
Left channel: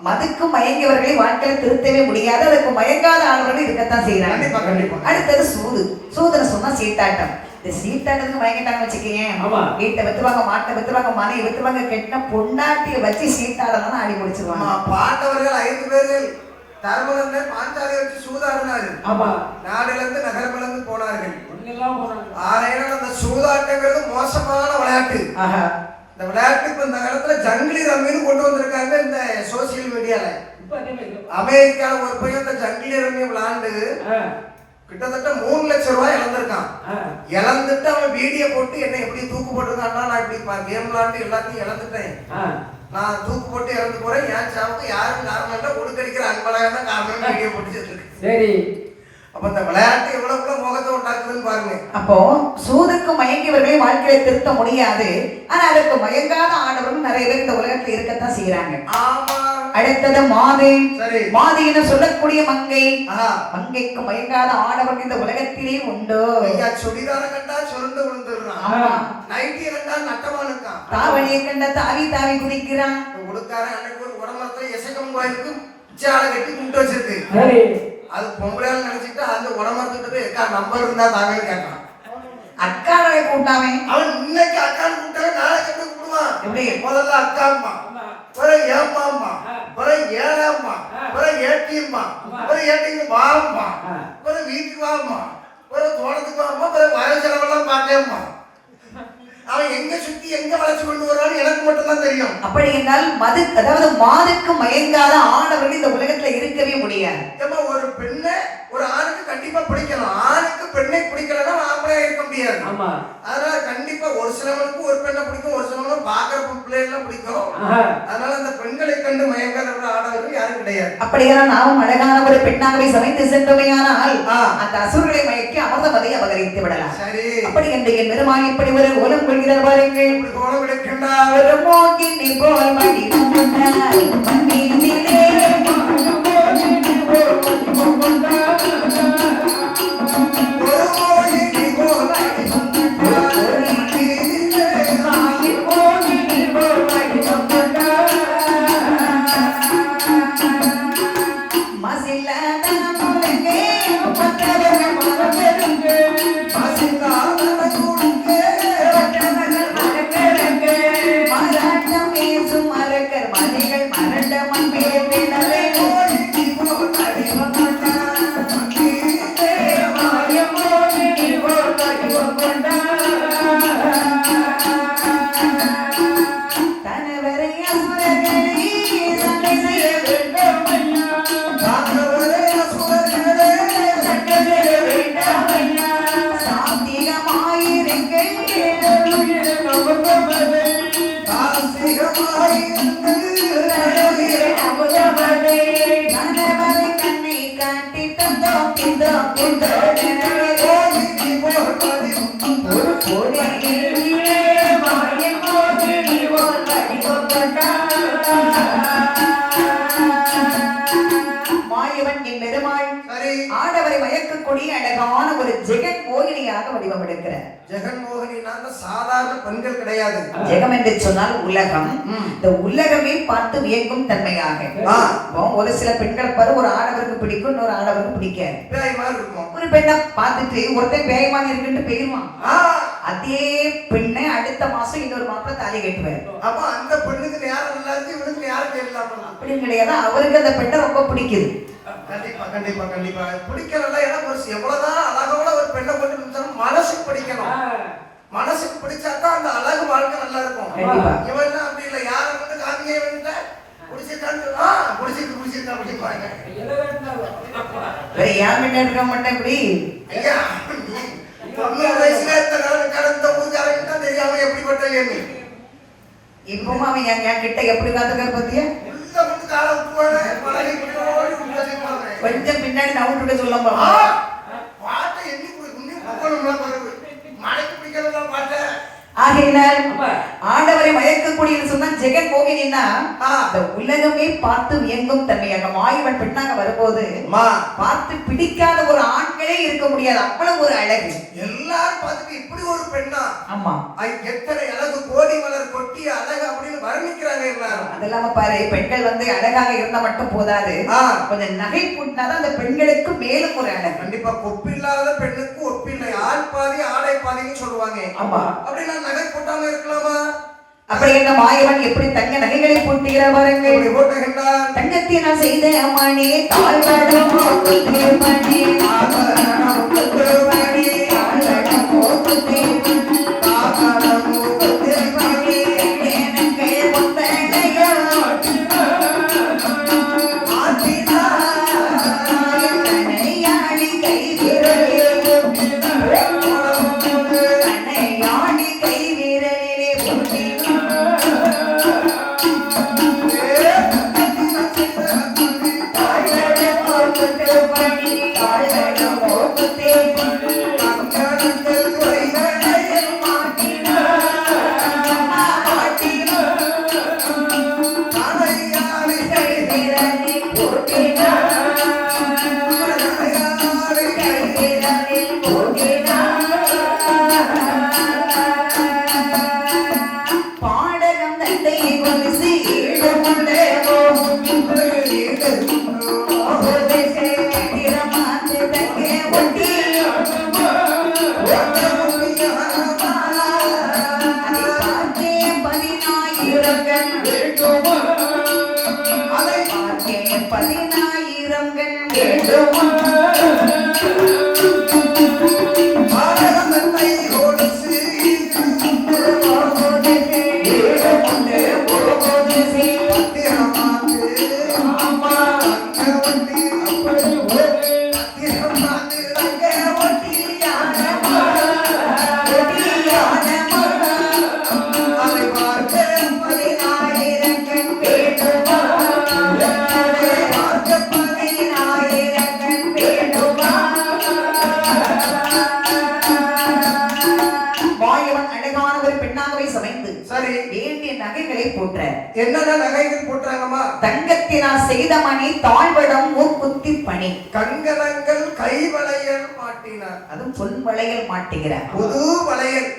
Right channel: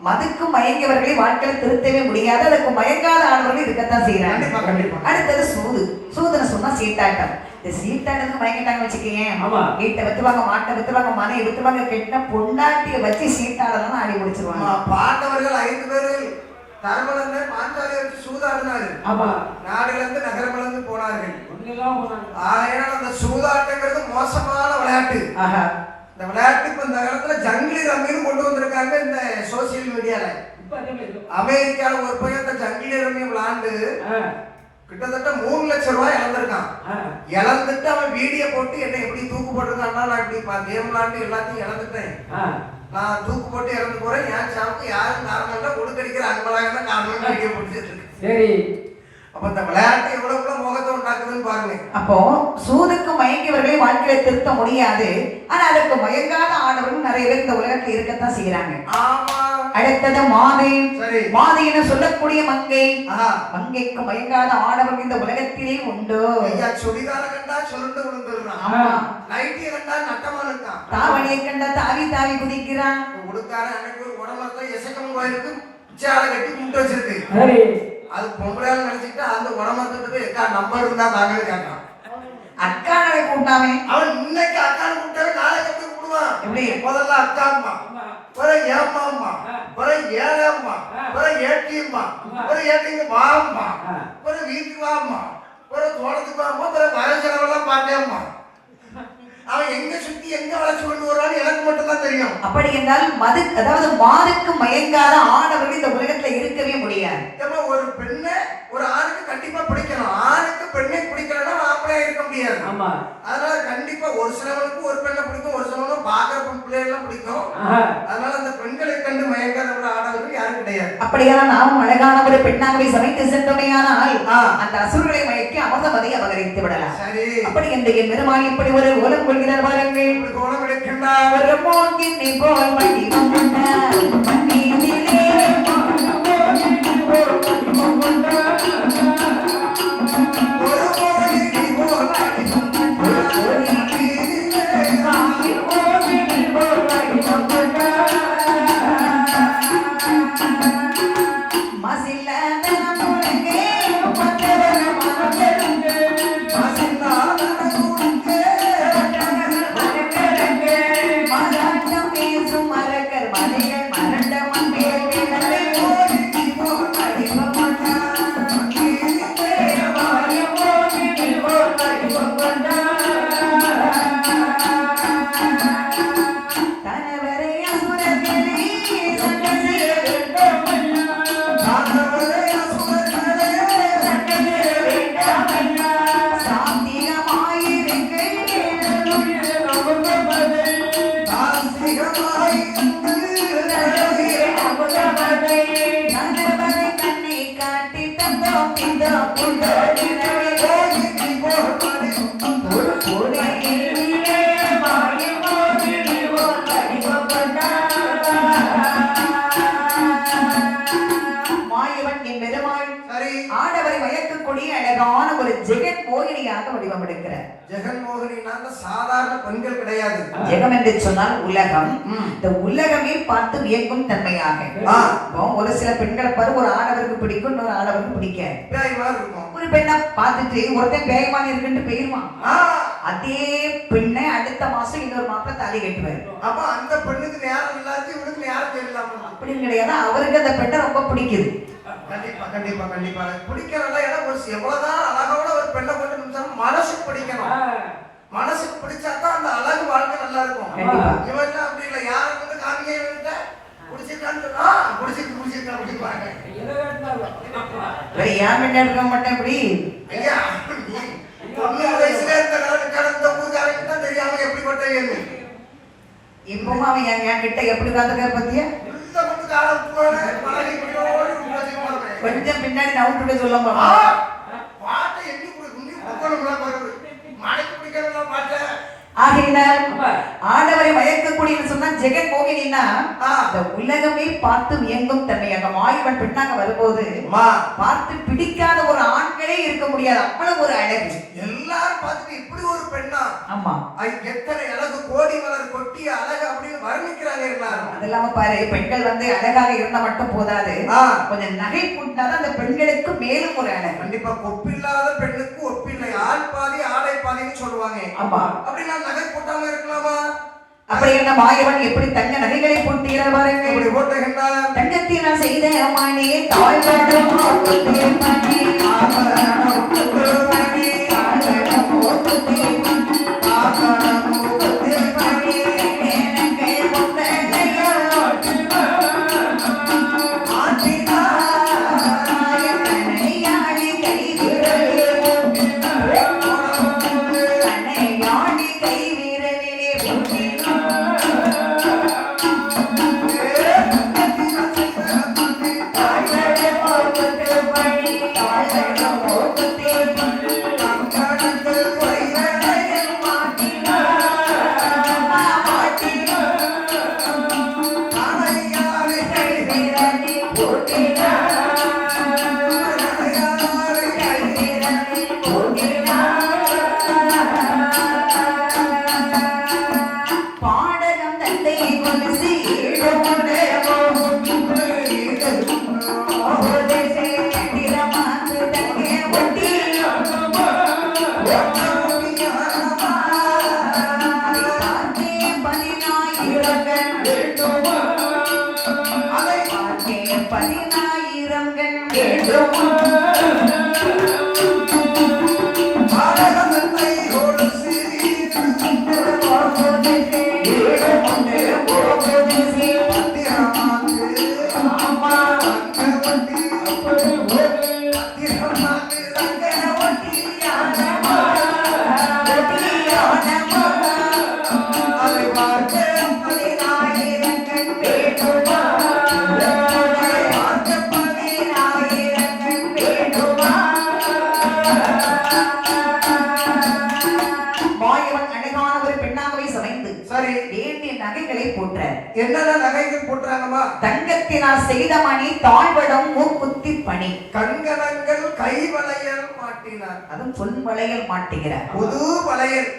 மதுக்கு மயங்கியவர்களை வாழ்க்கையில திருத்தவே முடியாது. அதுக்கு மயங்காத ஆளுநர்கள் இருக்கத்தான் செய்யறாங்க. அடுத்தது சூது. சூதுன்னு சொன்னா சீட்டாட்டம். இந்த சீட்டாட்டத்துக்கு மயங்கிட்டாங்க வச்சுக்கீங்க. வீட்டை வித்துவாங்க, மாட்டை வித்துவாங்க, மனையை வித்துவாங்க, கெட்டின பொண்டாட்டிய வச்சு சீட்டாடலாம் ஆடி முடிச்சிருவாங்க. பாண்டவர்கள் 5 பேர்கள் தர்மலந்து பாஞ்சாலியை வச்சு சூதாடினாரு. நாடிலிருந்து நகரமிலிருந்து போனார்கள். ஆகையினால் அந்த சூதாட்டங்கிறது மோசமான விளையாட்டு. இந்த விளையாட்டுக்கு இந்த காலத்துல ஜங்கிலி ரம்மின்னு கொண்டு வந்திருக்காங்க இந்த சோசியல் மீடியால. அமெரிக்கால ஒரு பையன் இந்த ஜங்கிலி ரம்மி விளையாண்டு கிட்டத்தட்ட 3 லட்சம் ரூபாய் இழந்திருக்கான். இழந்துட்டு அவன் வீடியோ போட்டு என்ன எப்படி தூக்கு போட்டிருக்கான்னா, நான் இப்படி கேம் விளையாண்டு எல்லாத்தையும் இழந்துட்டேன், நான் தூக்கு போட்டு இறந்து போறேன், என் சாவுக்கு யாரும் காரணம் கொடுக்கடிக்கிற அன்பழகன் தான் காரணம் வீடியோ போட்டு சரி. அப்ப இந்த விளையாட்டு எவ்வளவு மோகத்தை உண்டாக்குதுன்னு பாருங்க. அப்போ சூதுக்கு மயங்கியவர்களை வாழ்க்கையை திருத்த முடியாது. ஆனா அதற்கு மயங்காத ஆடவர்கள் நிறைய பேர் இந்த உலகத்தில் இருக்கத்தான் செய்யறாங்க. ஆமா. அடுத்தது மாதை. மாதை என சொல்லக்கூடிய மங்கை. மங்கைக்கு மயங்காத ஆடவர்கள் இந்த உலகத்திலே உண்டு. சுடிதார கண்டா சுருண்டு விழுந்துடுறான். நைட்டிய கண்டா நட்டமா இருக்கான். தாவணியை கண்டா தாவி தாவி குதிக்கிறான். உடுக்கார அன்னைக்கு ஒரு உடம்புல எசக்கம் கோயிலுக்கு சாலை கட்டி கும்பிட்டு வச்சிருக்கு. அது பொம்பளையால் நினைச்சிட்டு அந்த உடம்புட்டு போய் அக்கா நம்பர் இருந்தா தாங்க கேட்டான். அக்கா நாளை கூட்டாமே. அவன் இன்னைக்கு அக்கான்னு கூப்பிட்டாங்க, நாளைக்கு எப்படி கூப்பிடுவான்? எப்படி? முதல்ல அக்காம்மா, பிறகு ஏம்மாம்மா, பிறகு ஏழாம்மா, பிறகு ஏட்டியம்மா, பிறகு ஏட்டிங்க வாம்மா, பிறகு வீட்டுக்கு வாம்மா, பிறகு தோட்டத்துக்கு வாம்மா, பிறகு வயசுலவெல்லாம் பார்த்தேம்மா. அவன் எங்க சுத்தி எங்க வளர்ச்சி கொண்டு வருவான்னு எனக்கு மட்டும் தான் தெரியும். அப்படி என்றால் மது, அதாவது மாதுக்கு மயங்காத ஆடவர்கள் இந்த உலகத்துல இருக்கவே முடியாது. ஒரு பெண்ணை ஒரு ஆணுக்கு கண்டிப்பா பிடிக்கணும். ஆணுக்கு பெண்ணை பிடிக்கலன்னா ஆம்பளையா இருக்க முடியாது. அதனால கண்டிப்பா ஒரு சிலவனுக்கு ஒரு பெண்ணை பிடிக்கும், ஒரு சிலவனுக்கு பாக்குற பிள்ளைகள்லாம் பிடிக்கும். அதனால அந்த பெண்களை கண்டு மயங்காத ஆடவர்கள் யாரும் கிடையாது. அப்படியெல்லாம் நாமும் அழகான ஒரு பெண்ணாகவே சமைத்து சென்றமையானால் அந்த அசுரர்களை மயக்கி அமர்தமதை அபகரித்து விடலாம். சரி. அப்படி இந்த என் பெருமாள் இப்படி ஒரு ஓலம் கொள்கிறார் பாருங்கள். இப்படி கோலம் எடுக்கின்றார். ஒரு மோகினி போல் மடி வந்தார் மண்ணிலே ஆடவரை மயக்கக்கூடிய அழகான ஒரு ஜெகன் மோகினியாக வடிவம் எடுக்கிறார். ஜெகன் மோகினி சாதாரண பெண்கள் கிடையாது. ஜெகம் என்று சொன்னால் உலகம். இந்த உலகமே பார்த்து வியக்கும் தன்மையாக ஒரு சில பெண்களை பாரு, ஒரு ஆடவருக்கு பிடிக்கும், இன்னொரு ஆடவருக்கு பிடிக்காது. ஒரு பெண்ணை பார்த்துட்டு ஒருத்தன் பேயமான இருக்குன்னு பெயருவான். அதே பெண்ணை அடுத்த மாசம் இன்னொரு மாப்பிள்ள தாலி கட்டுவார். அப்ப அந்த பெண்ணுக்கு யாரும் நல்லா இருக்கு, இவனுக்கு யாரும் தெரியல அப்படின்னு கிடையாது. அவருக்கு அந்த பெண்ணை ரொம்ப பிடிக்குது. கண்டிப்பா கண்டிப்பா கண்டிப்பா பிடிக்கிறதா. ஏன்னா எவ்வளவுதான் அழகோட ஒரு பெண்ணை கொண்டு நினைச்சாலும் மனசுக்கு பிடிக்கணும். மனசுக்கு பிடிச்சாதான் அந்த அழகு வாழ்க்கை நல்லா இருக்கும். இவன் அப்படி இல்லை, யாரை வந்து காமிக்க பிடிச்சிருக்கான்னு பிடிச்சிருக்கா பிடிப்பாங்க. இருக்க மாட்டேன் இப்படி. ஐயா 90 வயசுல இந்த கடந்த ஊருக்காரங்க தான் தெரியாம எப்படிப்பட்ட எண்ணு. இப்பவும் அவன் என் கிட்ட எப்படி காத்துக்கார பத்தியா உள்ள வந்து காலம் போன பழகி கொஞ்சம் பின்னாடி நவுட்டு சொல்லுங்க பாட்டை எண்ணி மழைக்கு பிடிக்கிறதா பாட்டை ஆகையினால் ஆண்டவரை மயக்கக்கூடிய சொன்னா ஜெகன் மோகினா இந்த உலகமே பார்த்து வியங்கும் தன்மையாக மாயவன் பெண்ணாக வரும்போது பார்த்து பிடிக்காத ஒரு ஆண்களே இருக்க முடியாது அவ்வளவு ஒரு அழகு எல்லாரும் பார்த்துட்டு இப்படி ஒரு பெண்ணா ஆமா எத்தனை அழகு கோடி மலர் கொட்டி அழகு அப்படின்னு வர்ணிக்கிறாங்க எல்லாரும் அதெல்லாம பாரு பெண்கள் வந்து அழகாக இருந்தா மட்டும் போதாது கொஞ்சம் நகை போட்டாதான் அந்த பெண்களுக்கு மேலும் ஒரு அழகு கண்டிப்பா ஒப்பில்லாத பெண்ணுக்கு ஒப்பில்லை ஆள் பாதி ஆடை பாதின்னு சொல்லுவாங்க ஆமா அப்படின்னா நகை போட்டாம இருக்கலாமா அப்படி என்ன மாயவன் எப்படி தங்க நகைகளை போட்டுகிறார் பாருங்க போட்டுகின்றார் தங்கத்தை நான் செய்த மணி தாழ்வடம் மணி என்னென்ன நகைகள் போட்டாங்கம்மா தங்கத்தினால் செய்த மணி தாழ்வடம் மூக்குத்தி பணி கங்கணங்கள் கை வளையல் மாட்டினார் அதுவும் சொல் வளையல் மாட்டுகிறார் புது வளையல்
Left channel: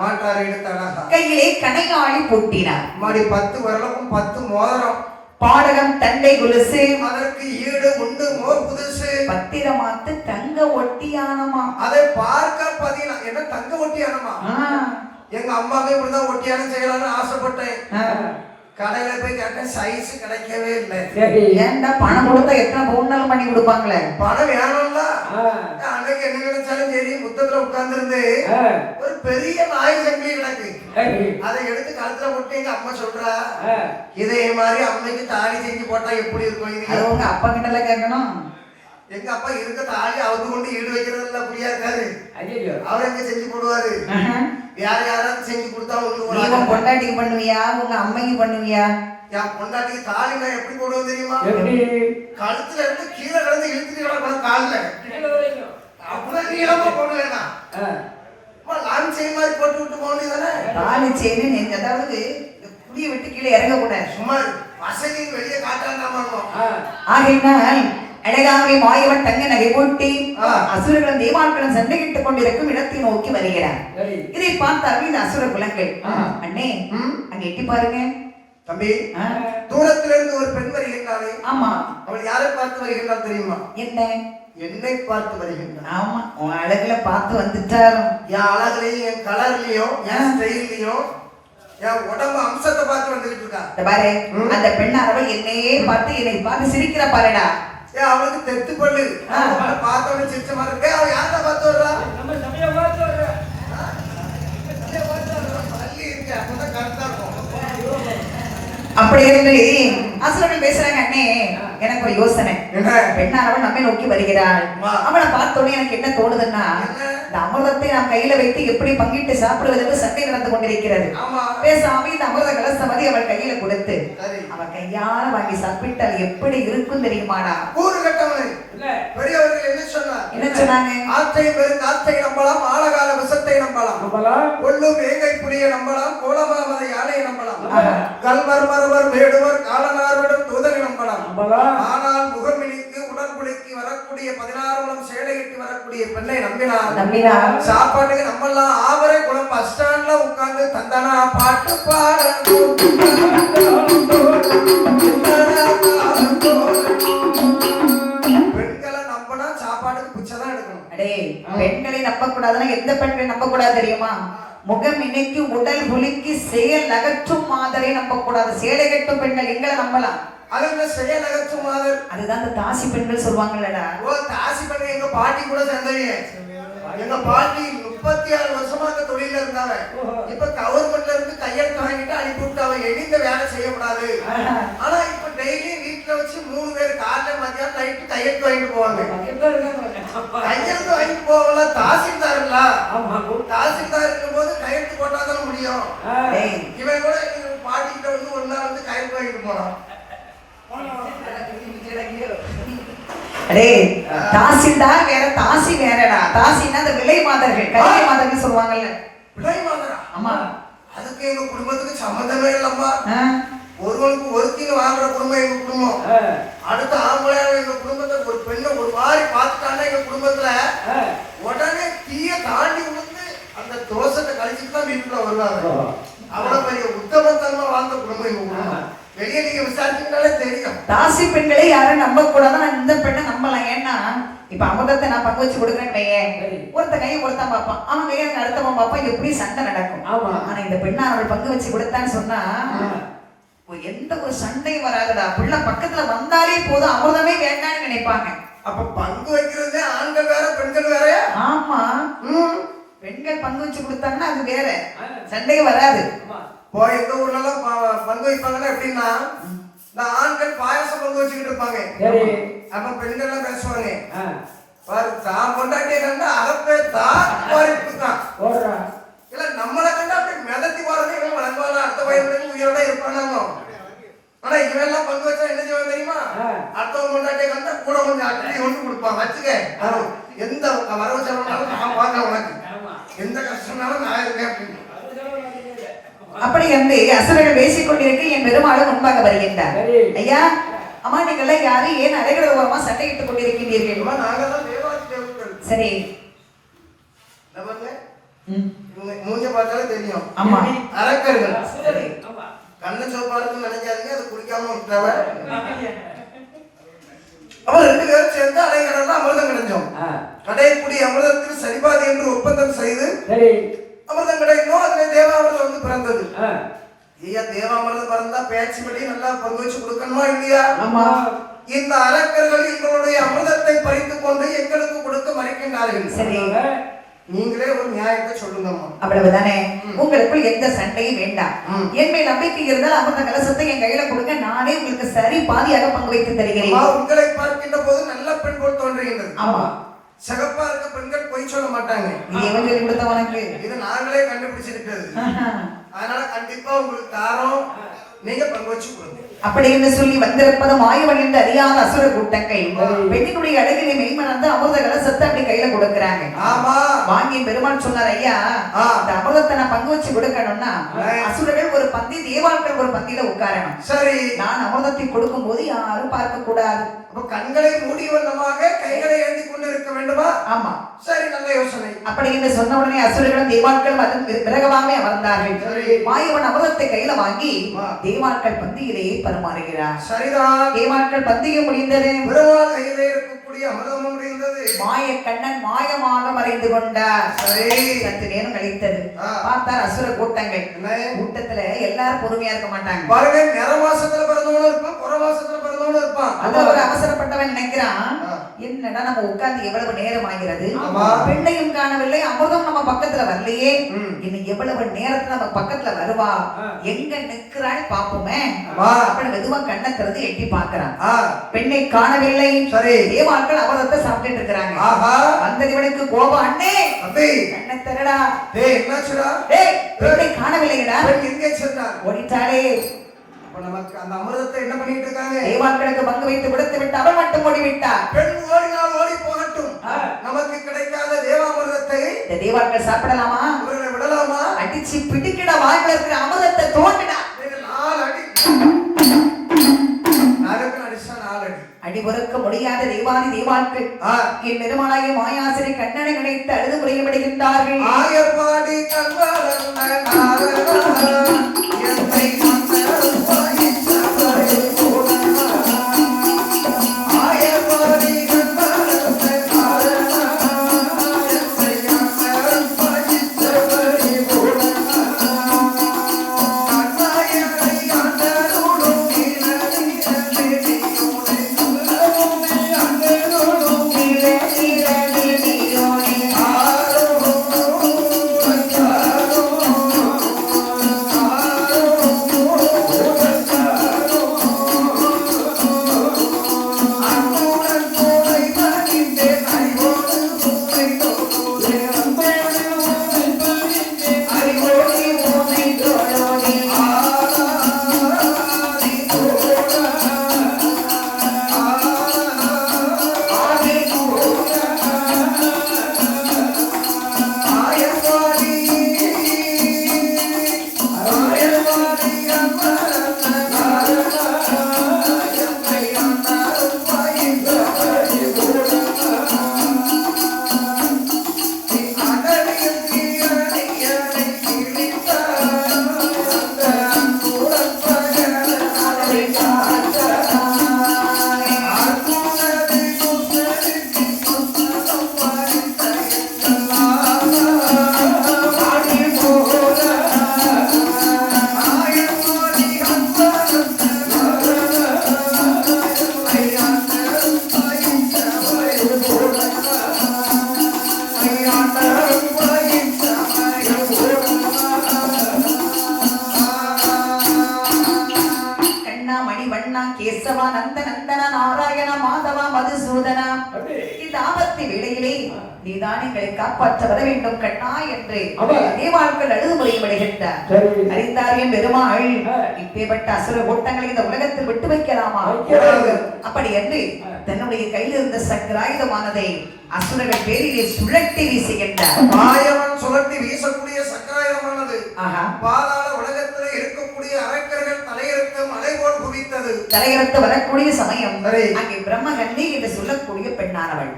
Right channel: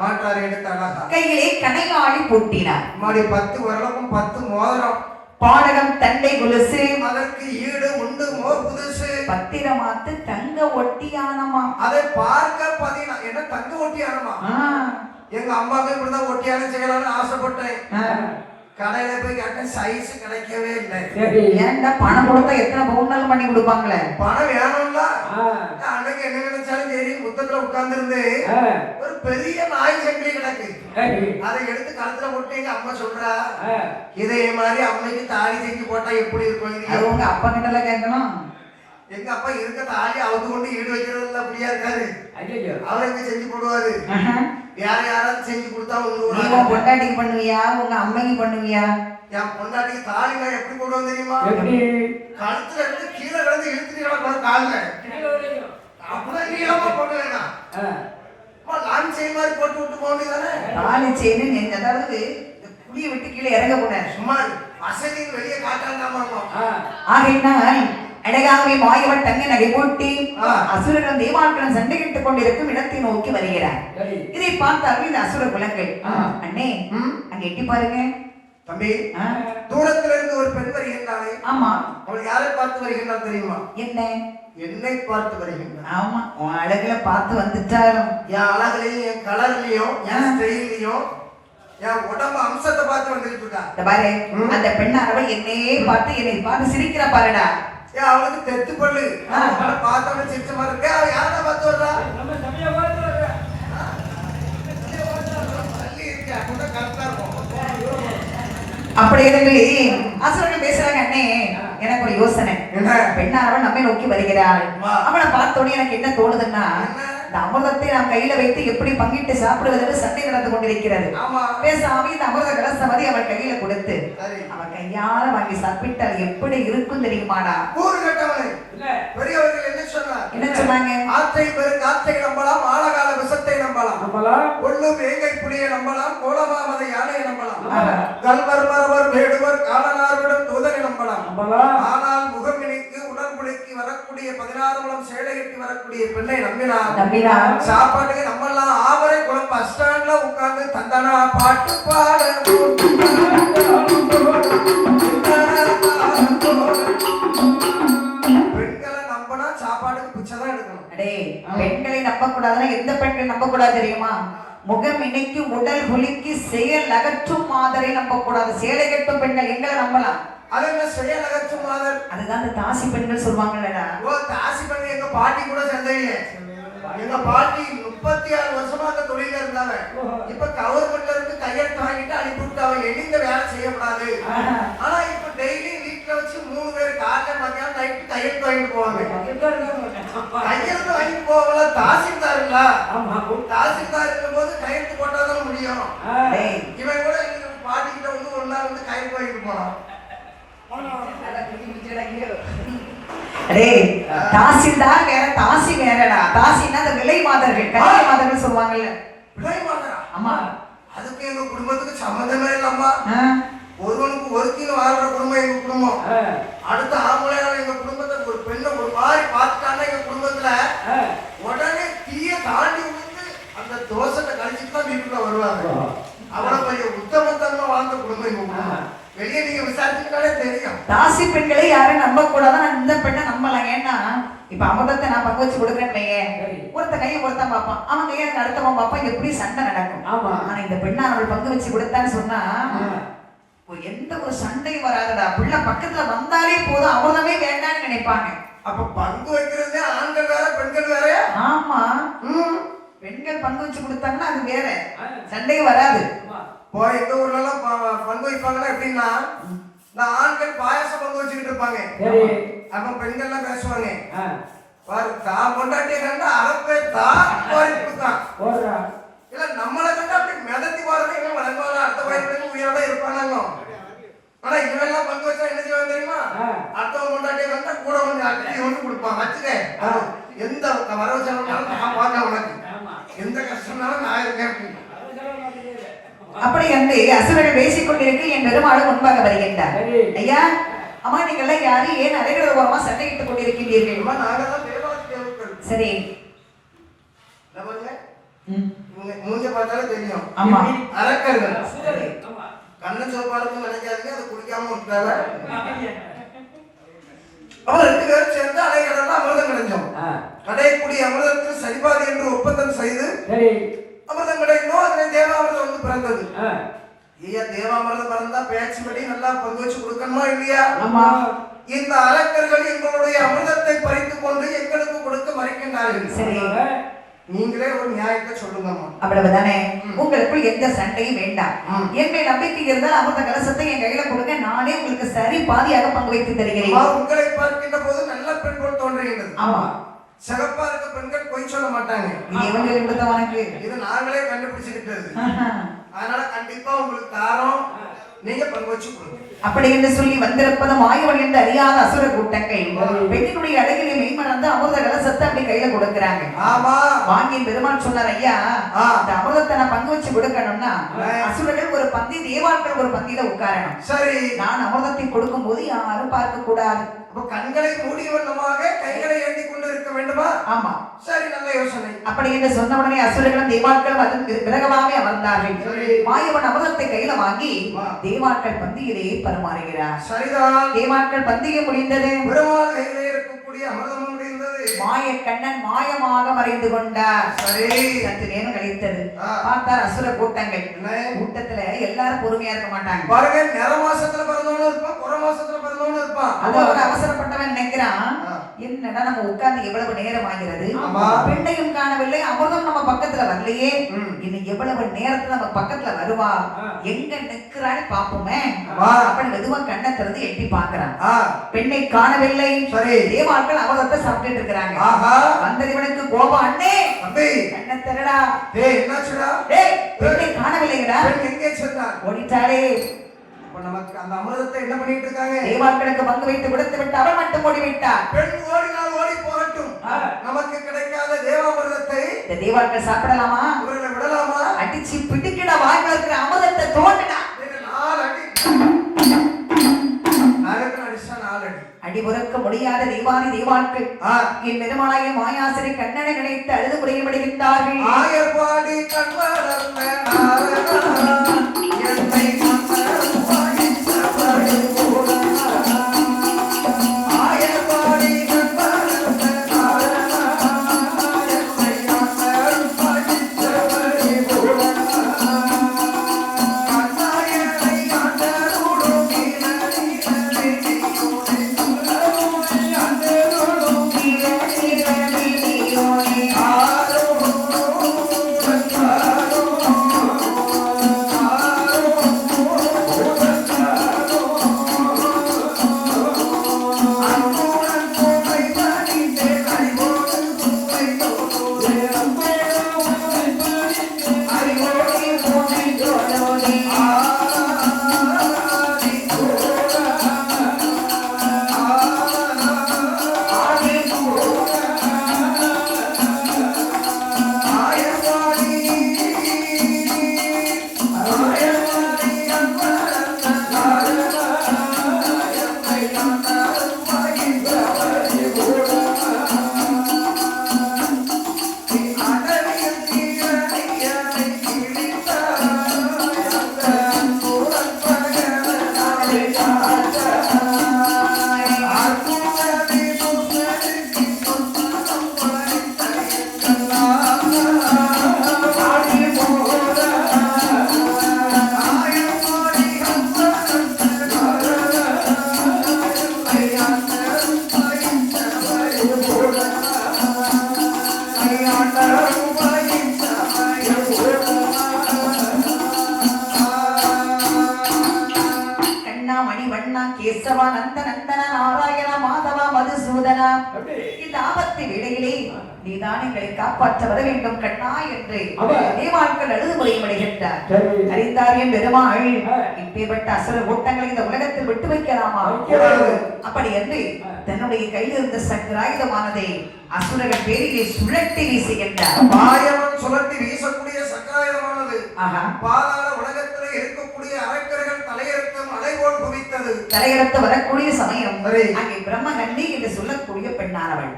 மாட்டார் எடுத்த அழகா கையிலே கணையாளி பூட்டினார் மாடி 10 வருடமும் 10 மோதிரம் பாடகம் தண்டை குலுசு அதற்கு ஈடு உண்டு மோர் புதுசு பத்திரமாத்து தங்க ஒட்டியானமா அதை பார்க்க பதினா என்ன தங்க ஒட்டியானமா எங்க அம்மாவே இப்படிதான் ஒட்டியானம் செய்யலாம்னு ஆசைப்பட்டேன் கடையில போய் கேட்டேன் சைஸ் கிடைக்கவே இல்லை ஏன்டா பணம் கொடுத்தா எத்தனை பவுன்னாலும் பண்ணி கொடுப்பாங்களே பணம் வேணும்ல அன்னைக்கு என்ன நினைச்சாலும் சரி முத்தத்துல உட்கார்ந்து இருந்து ஒரு பெரிய நாய் சங்கிலி கிடக்கு அதை எடுத்து கழுத்துல போட்டு எங்க அம்மா சொல்றா இதே மாதிரி அம்மைக்கு தாலி செஞ்சு போட்டா எப்படி இருக்கும் அது உங்க அப்பா கிட்ட எல்லாம் கேட்கணும் எங்க அப்பா இருக்க தாலி அவுத்து கொண்டு ஈடு வைக்கிறது எல்லாம் அப்படியா இருக்காரு அவர் எங்க செஞ்சு போடுவாரு யாராவது செஞ்சு கொடுத்தா உங்க பொண்டாட்டிக்கு பண்ணுவியா உங்க அம்மைக்கு பண்ணுவியா என் பொண்டாட்டிக்கு தாலி நான் எப்படி போடுவோம் தெரியுமா கழுத்துல இருந்து கீழே கிடந்து இழுத்துட்டு கிடக்கணும் காலில் அப்படிதான் நீளமா போடுவேனா லான் செயின் மாதிரி போட்டு விட்டு போக வேண்டியதானே தாலி செயின் அதாவது புளிய விட்டு கீழே இறங்க கூடாது சுமார் வசதியும் வெளியே காட்டாம ஆகையினால் அழகாகவே மாயவன் தங்க நகை போட்டி அசுரர்களும் தேவான்களும் சண்டையிட்டுக் கொண்டிருக்கும் இடத்தை நோக்கி வருகிறார் இதை பார்த்தாலும் இந்த அசுர குலங்கள் அண்ணே அங்க எட்டி பாருங்க தம்பி தூரத்துல இருந்து ஒரு பெண் வருகின்றாளே ஆமா அவள் யாரை பார்த்து வருகின்றாள் தெரியுமா என்ன என்னை பார்த்து வருகின்றாள் ஆமா உன் அழகுல பார்த்து வந்துட்டாலும் என் அழகுலையும் என் கலர்லயும் என் ஸ்டைல்லையும் என் உடம்பு அம்சத்தை பார்த்து வந்துட்டு இருக்கா பாரு அந்த பெண்ணானவள் என்னையே பார்த்து என்னை பார்த்து சிரிக்கிற பாருடா அவளுக்கு தெத்து பல்லு பார்த்தவன சிரிச்ச மாதிரி இருக்கு அவ யாரை பார்த்து வர்றா அப்படி இருந்து அசுரர்கள் பேசுறாங்க அண்ணே எனக்கு ஒரு யோசனை பெண்ணானவள் நம்மை நோக்கி வருகிறாள் அவளை பார்த்தோன்னே எனக்கு என்ன தோணுதுன்னா இந்த அமிர்தத்தை நாம் கையில வைத்து எப்படி பங்கிட்டு சாப்பிடுவது என்று சண்டை நடந்து கொண்டிருக்கிறது. ஆமா. பேசாம இந்த அமிர்த கலசமதி அவள் கையில கொடுத்து சரி. அவள் கையால வாங்கி சாப்பிட்டால் எப்படி இருக்கும் தெரியுமாடா? கூறு கட்டவனை பெரியவர்கள் என்ன சொன்னார்? என்ன சொன்னாங்க? ஆற்றை பெரும் காற்றை நம்பலாம், ஆழகால விஷத்தை நம்பலாம், கொள்ளும் வேங்கை புலியை நம்பலாம், கோலமாமத யானையை நம்பலாம், கல்வர் மரவர் வேடுவர் காலனார்விடம் தூதரை நம்பலாம். ஆனால் முகமினிக்கு உடல் குளிக்கு வரக்கூடிய 16 முழம் சேலை கட்டி வரக்கூடிய பெண்ணை நம்பினார். சாப்பாட்டுக்கு நம்மெல்லாம் ஆவரை குழம்பு பஸ் ஸ்டாண்ட்ல உட்கார்ந்து தந்தனா பாட்டு பாட பெண்களை நம்பினா சாப்பாட்டுக்கு பிச்சைதான் எடுக்கணும். அடே, பெண்களை நம்ப கூடாதுன்னா எந்த பெண்ணை நம்ப கூடாது தெரியுமா? முகம் இணைக்கு உடல் குலுக்கி செயல் அகற்றும் மாதரை நம்ப கூடாது. சேலை கட்டும் பெண்கள் எங்களை நம்பலாம். அது என்ன செயல் அகற்றும் மாதர்? அதுதான் அந்த தாசி பெண்கள் சொல்லுவாங்கல்லடா. ஓ, தாசி பெண் எங்க பாட்டி கூட சேர்ந்தவங்க. எங்க பாட்டி 36 வருஷமா தொழில இருந்தாங்க. இப்ப கவர்மெண்ட்ல இருந்து கையெழுத்து வாங்கிட்டு அனுப்பி விட்டாங்க. எந்த வேலை செய்யக்கூடாது. ஆனா இப்ப டெய்லி வீட்டுல வச்சு 3 பேர் காலைல மத்தியானம் நைட்டு கையெழுத்து வாங்கிட்டு போவாங்க. கையெழுத்து வாங்கிட்டு போவாங்களா? தாசில்தார் இல்ல. தாசில்தார் இருக்கும் போது கையெழுத்து போட்டாதான் முடியும். இவன் கூட எங்க பாட்டி கிட்ட வந்து ஒரு நாள் வந்து கையெழுத்து வாங்கிட்டு போனான். அடே, தாசில்தார் வேற, தாசி வேறடா. தாசினா அந்த விலை மாதர்கள், கலை மாதர்கள் சொல்லுவாங்கல்ல. விலை மாதரா? ஆமா. அதுக்கு எங்க குடும்பத்துக்கு சம்பந்தமே இல்லம்மா. ஒருவனுக்கு ஒருத்தின்னு வாழ்ற குடும்பம் எங்க குடும்பம். அடுத்த ஆம்பளையால எங்க குடும்பத்தை ஒரு பெண்ணை ஒரு மாதிரி பார்த்துட்டாங்கன்னா எங்க குடும்பத்துல உடனே தீய தாண்டி விழுந்து அந்த தோஷத்தை கழிச்சுட்டு தான் வீட்டுக்குள்ள வருவாங்க. அவ்வளவு பெரிய உத்தமத்தன்மை வாழ்ந்த குடும்பம் எங்க குடும்பம். வெளியே நீங்க விசாரிச்சுட்டாலே தெரியும். தாசி பெண்களை யாரும் நம்ப கூடாது. இந்த பெண்ணை நம்பலாம். ஏன்னா இப்ப அமிர்தத்தை நான் பங்கு வச்சு கொடுக்குறேன்னு வையேன், ஒருத்த கையை ஒருத்தன் பார்ப்பான், அவன் கையை அடுத்தவன் பார்ப்பான், எப்படி சண்டை நடக்கும். ஆனா இந்த பெண்ணை அவள் பங்கு வச்சு கொடுத்தான்னு சொன்னா எந்த ஒரு சண்டையும் வராதுடா. பிள்ளை பக்கத்துல வந்தாலே போதும், அமிர்தமே வேண்டாம்னு நினைப்பாங்க. அப்ப பங்கு வைக்கிறது ஆண்கள் வேற பெண்கள் வேற. ஆமா, பெண்கள் பங்கு வச்சு கொடுத்தாங்கன்னா அது வேற, சண்டையும் வராது. இப்போ எங்க ஊர்ல எல்லாம் பங்கு வைப்பாங்கன்னா எப்படின்னா, இந்த ஆண்கள் பாயசம் பங்கு வச்சுக்கிட்டு இருப்பாங்க. அப்ப பெண்கள் எல்லாம் பேசுவாங்க, பாரு தான் கொண்டாட்டிய கண்டா அறப்பே தான் இல்ல நம்மளை கண்டா அப்படி மிதத்தி போறது வளர்ந்தாலும் அடுத்த வயதுல உயிரோட இருப்பானாங்க. ஆனா இவெல்லாம் பங்கு வச்சா என்ன செய்வாங்க தெரியுமா? அடுத்தவங்க கொண்டாட்டிய கண்டா கூட கொஞ்சம் அட்டி ஒன்று கொடுப்பாங்க. வச்சுக்க, எந்த வரவு செலவுனாலும் நான் வாங்க, உனக்கு எந்த கஷ்டம்னாலும் நான் இருக்கேன் அப்படின்னு. அப்படி என்று அசுரர்கள் பேசிக் கொண்டிருக்க என் பெருமாளும் முன்பாக வருகின்றார். ஐயா, அம்மா நீங்கள்லாம் யாரு, ஏன் அலைகிற ஓரமா சண்டையிட்டுக் கொண்டிருக்கின்றீர்கள்? நாங்கெல்லாம் தேவாதி தேவர்கள். சரி, மூஞ்ச பார்த்தாலே தெரியும். ஆமா, அரக்கர்கள். கண்ண சோப்பாலத்து நினைக்காதீங்க, அது குடிக்காம விட்டவ. அவன் 2 பேரும் சேர்ந்து அலைகடல்ல அமிர்தம் கிடைச்சோம். கடைக்குடி அமிர்தத்தில் சரிபாதி என்று ஒப்பந்தம் செய்து அமிர்தம் கிடைக்கணும். அதனை தேவாமிர்தம் வந்து பிறந்தது. ஐயா, தேவாமிர்தம் பிறந்தா பேச்சுபடி நல்லா பங்கு வச்சு கொடுக்கணுமா இல்லையா? இந்த அரக்கர்கள் எங்களுடைய அமிர்தத்தை பறித்துக் கொண்டு எங்களுக்கு கொடுக்க மறுக்கின்றார்கள். சரி, நீங்களே ஒரு நியாயத்தை சொல்லுங்கம்மா. அவ்வளவுதானே, உங்களுக்குள் எந்த சண்டையும் வேண்டாம். என்னை நம்பிக்கை இருந்தால் அமிர்த கலசத்தை என் கையில கொடுங்க, நானே உங்களுக்கு சரி பாதியாக பங்கு வைத்து தருகிறேன். உங்களை பார்க்கின்ற போது நல்ல பெண் போல் தோன்றுகின்றது. ஆமா, சிகப்பா இருக்க பெண்கள் பொய் சொல்ல மாட்டாங்க. இது கொடுத்தவனுக்கு இது நாங்களே கண்டுபிடிச்சிருக்கிறது. அதனால கண்டிப்பா உங்களுக்கு தாரோம், நீங்க பங்கு வச்சு கொடுங்க. அப்படி என்று சொல்லி வந்திருப்பது மாயவன் என்று அறியாத அசுர கூட்டங்கள் பெண்ணினுடைய அழகினை மெய்மறந்து அமிர்த கலசத்தை அப்படி கையில கொடுக்குறாங்க. ஆமா, வாங்கி பெருமாள் சொன்னார், ஐயா அந்த அமிர்தத்தை நான் பங்கு வச்சு கொடுக்கணும்னா அசுரர்கள் ஒரு பந்தி, தேவாட்கள் ஒரு பந்தியில உட்காரணும். சரி, நான் அமிர்தத்தை கொடுக்கும் போது யாரும் பார்க்க கூடாது. கண்களை மூடி வண்ணமாக கைகளை ஏந்தி கொண்டு இருக்க வேண்டுமா? ஆமா, சரி, நல்ல யோசனை. அப்படி என்று சொன்ன உடனே அசுரர்களும் தேவாட்களும் அதன் விலகவாமே அமர்ந்தார்கள். மாயவன் அமிர்தத்தை கையில வாங்கி தேவாட்கள் பந்தியிலேயே பரிமாறுகிறார். சரிதான், தேவாட்கள் பந்தியை முடிந்தது. பெருமாள் கையிலே இருக்கக்கூடிய அமிர்தமும் முடிந்தது. மாய கண்ணன் மாயமாக மறைந்து கொண்டார். சரி, சற்று நேரம் கழித்தது. பார்த்தார் அசுர கூட்டங்கள். கூட்டத்துல எல்லாரும் பொறுமையா இருக்க மாட்டாங்க. பாருங்க, நிற மாசத்துல பிறந்தவனும் இருப்பான், புற மாசத்துல பிறந்தவனும் இருப்பான். அது ஒரு அவசரப்பட்டவன் நினைக்கிறான், என்னடா நம்ம உட்கார்ந்து எவ்வளவு நேரம் ஆகிறது, ஆமா. பெண்ணையும் காணவில்லை, அமிர்தம் நம்ம பக்கத்துல வரலையே, ம். இன்னும் எவ்வளவு நேரத்துல நம்ம பக்கத்துல வருவா, எங்க நிக்கிறான்னு பாப்போமே. ஆமா. அப்படி மெதுவா கண்ணை திறந்து எட்டி பார்க்கறான். ஆ, பெண்ணை காணவில்லை. சரி. தேவாக்கள் அமிர்தத்தை சாப்பிட்டுட்டு இருக்கிறாங்க. ஆஹா. வந்தது இவனுக்கு கோபம். அண்ணே தம்பி, கண்ணை திறடா. டேய் என்னாச்சுடா? டேய் பெண்ணை காணவில்லைடா. பெண் எங்கே சென்றார்? ஓடிட்டாளே. அப்ப நமக்கு அந்த அமிர்தத்தை என்ன பண்ணிட்டு இருக்காங்க? தேவாக்களுக்கு பங்கு வைத்து கொடுத்து விட்டு அவள் மட்டும் ஓடிவிட்டார். பெண் ஓடினால் ஓடி போகட்டும். நமக்கு கிடைக்காத தேவாமிர்தத்தை இந்த தேவாக்கள் சாப்பிடலாமா? இவர்களை விடலாமா? அடிச்சு பிடிக்கிட வாயில இருக்கிற அமிர்தத்தை தோண்டினா. நாலு அடி. நாலுக்கு அடிச்சா நாலு அடி. அடிபுறக்க முடியாத தேவாதி தேவாக்கள் என் பெருமானாய மாயாசிரி கண்ணனை நினைத்து அழுது முறையப்படுகின்றார்கள். ஆயர்பாடி கண்வளர்ந்த நாரணா, என்னை மன்னரும் வாயிற்றபடி போனா. ஆயர்பாடி கண்வளர்ந்த நாரணா, என்னை மன்னரும் வாயிற்றபடி போனா. கண்ணாயனை ஆண்டருளும் கேசவா நந்த நந்தன நாராயண மாதவா மதுசூதனா, இந்த ஆபத்து வேளையிலே நீதான் எங்களை காப்பாற்ற வர வேண்டும் கண்ணா என்று தேவாக்கள் அழுது முறையப்படுகின்றார். அறிந்தார் என் பெருமாள், இப்பேற்பட்ட அசுர கூட்டங்களை இந்த உலகத்தில் விட்டு வைக்கலாமா? அப்படி என்று தன்னுடைய கையில் இருந்த சக்கராயுதமானதை அசுரர்கள் பேரிலே சுழட்டி வீசுகின்றார். மாயவன் சுழட்டி வீசக்கூடிய சக்கராயுதமானது பாதாள உலகத்திலே இருக்கக்கூடிய அரக்கர்கள் தலையெடுத்தும் அலைபோல் குவித்தது. தலையெடுத்து வரக்கூடிய சமயம் அங்கே பிரம்மகண்ணி என்று சொல்லக்கூடிய பெண்ணானவள்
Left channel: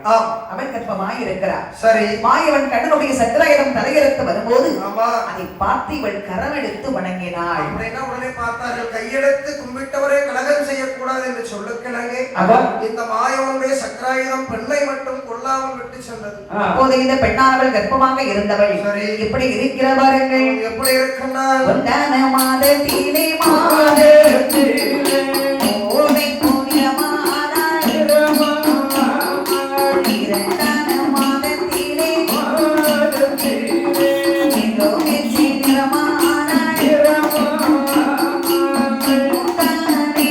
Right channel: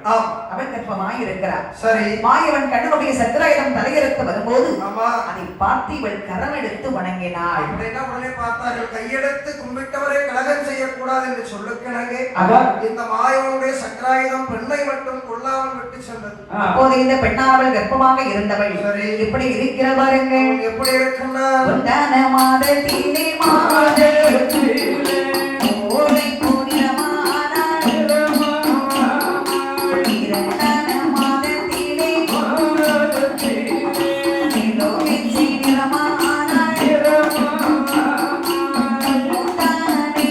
அவள் கர்ப்பமாய் இருக்கிறார். சரி, மாயவன் கண்ணனுடைய சக்கராயுதம் தலையெடுத்து வரும்போது அதை பார்த்து இவள் கரம் எடுத்து வணங்கினாள். உடனே பார்த்தார்கள், கையெடுத்து கும்பிட்டவரை கலகம் செய்யக்கூடாது என்று சொல்லுக்கிணங்கே இந்த மாயவனுடைய சக்கராயுதம் பெண்ணை மட்டும் கொல்லாமல் விட்டு சென்றது. அப்போது இந்த பெண்ணானவள் கர்ப்பமாக இருந்தவள் எப்படி இருக்கிறார் பாருங்கள். எப்படி இருக்கின்றார்? மாதத்திலே மாதத்திலே ஓலை புனிதமானாள். இரண்டான மாதத்திலே எல்லோரை சீக்கிரமானாள். முத்தானே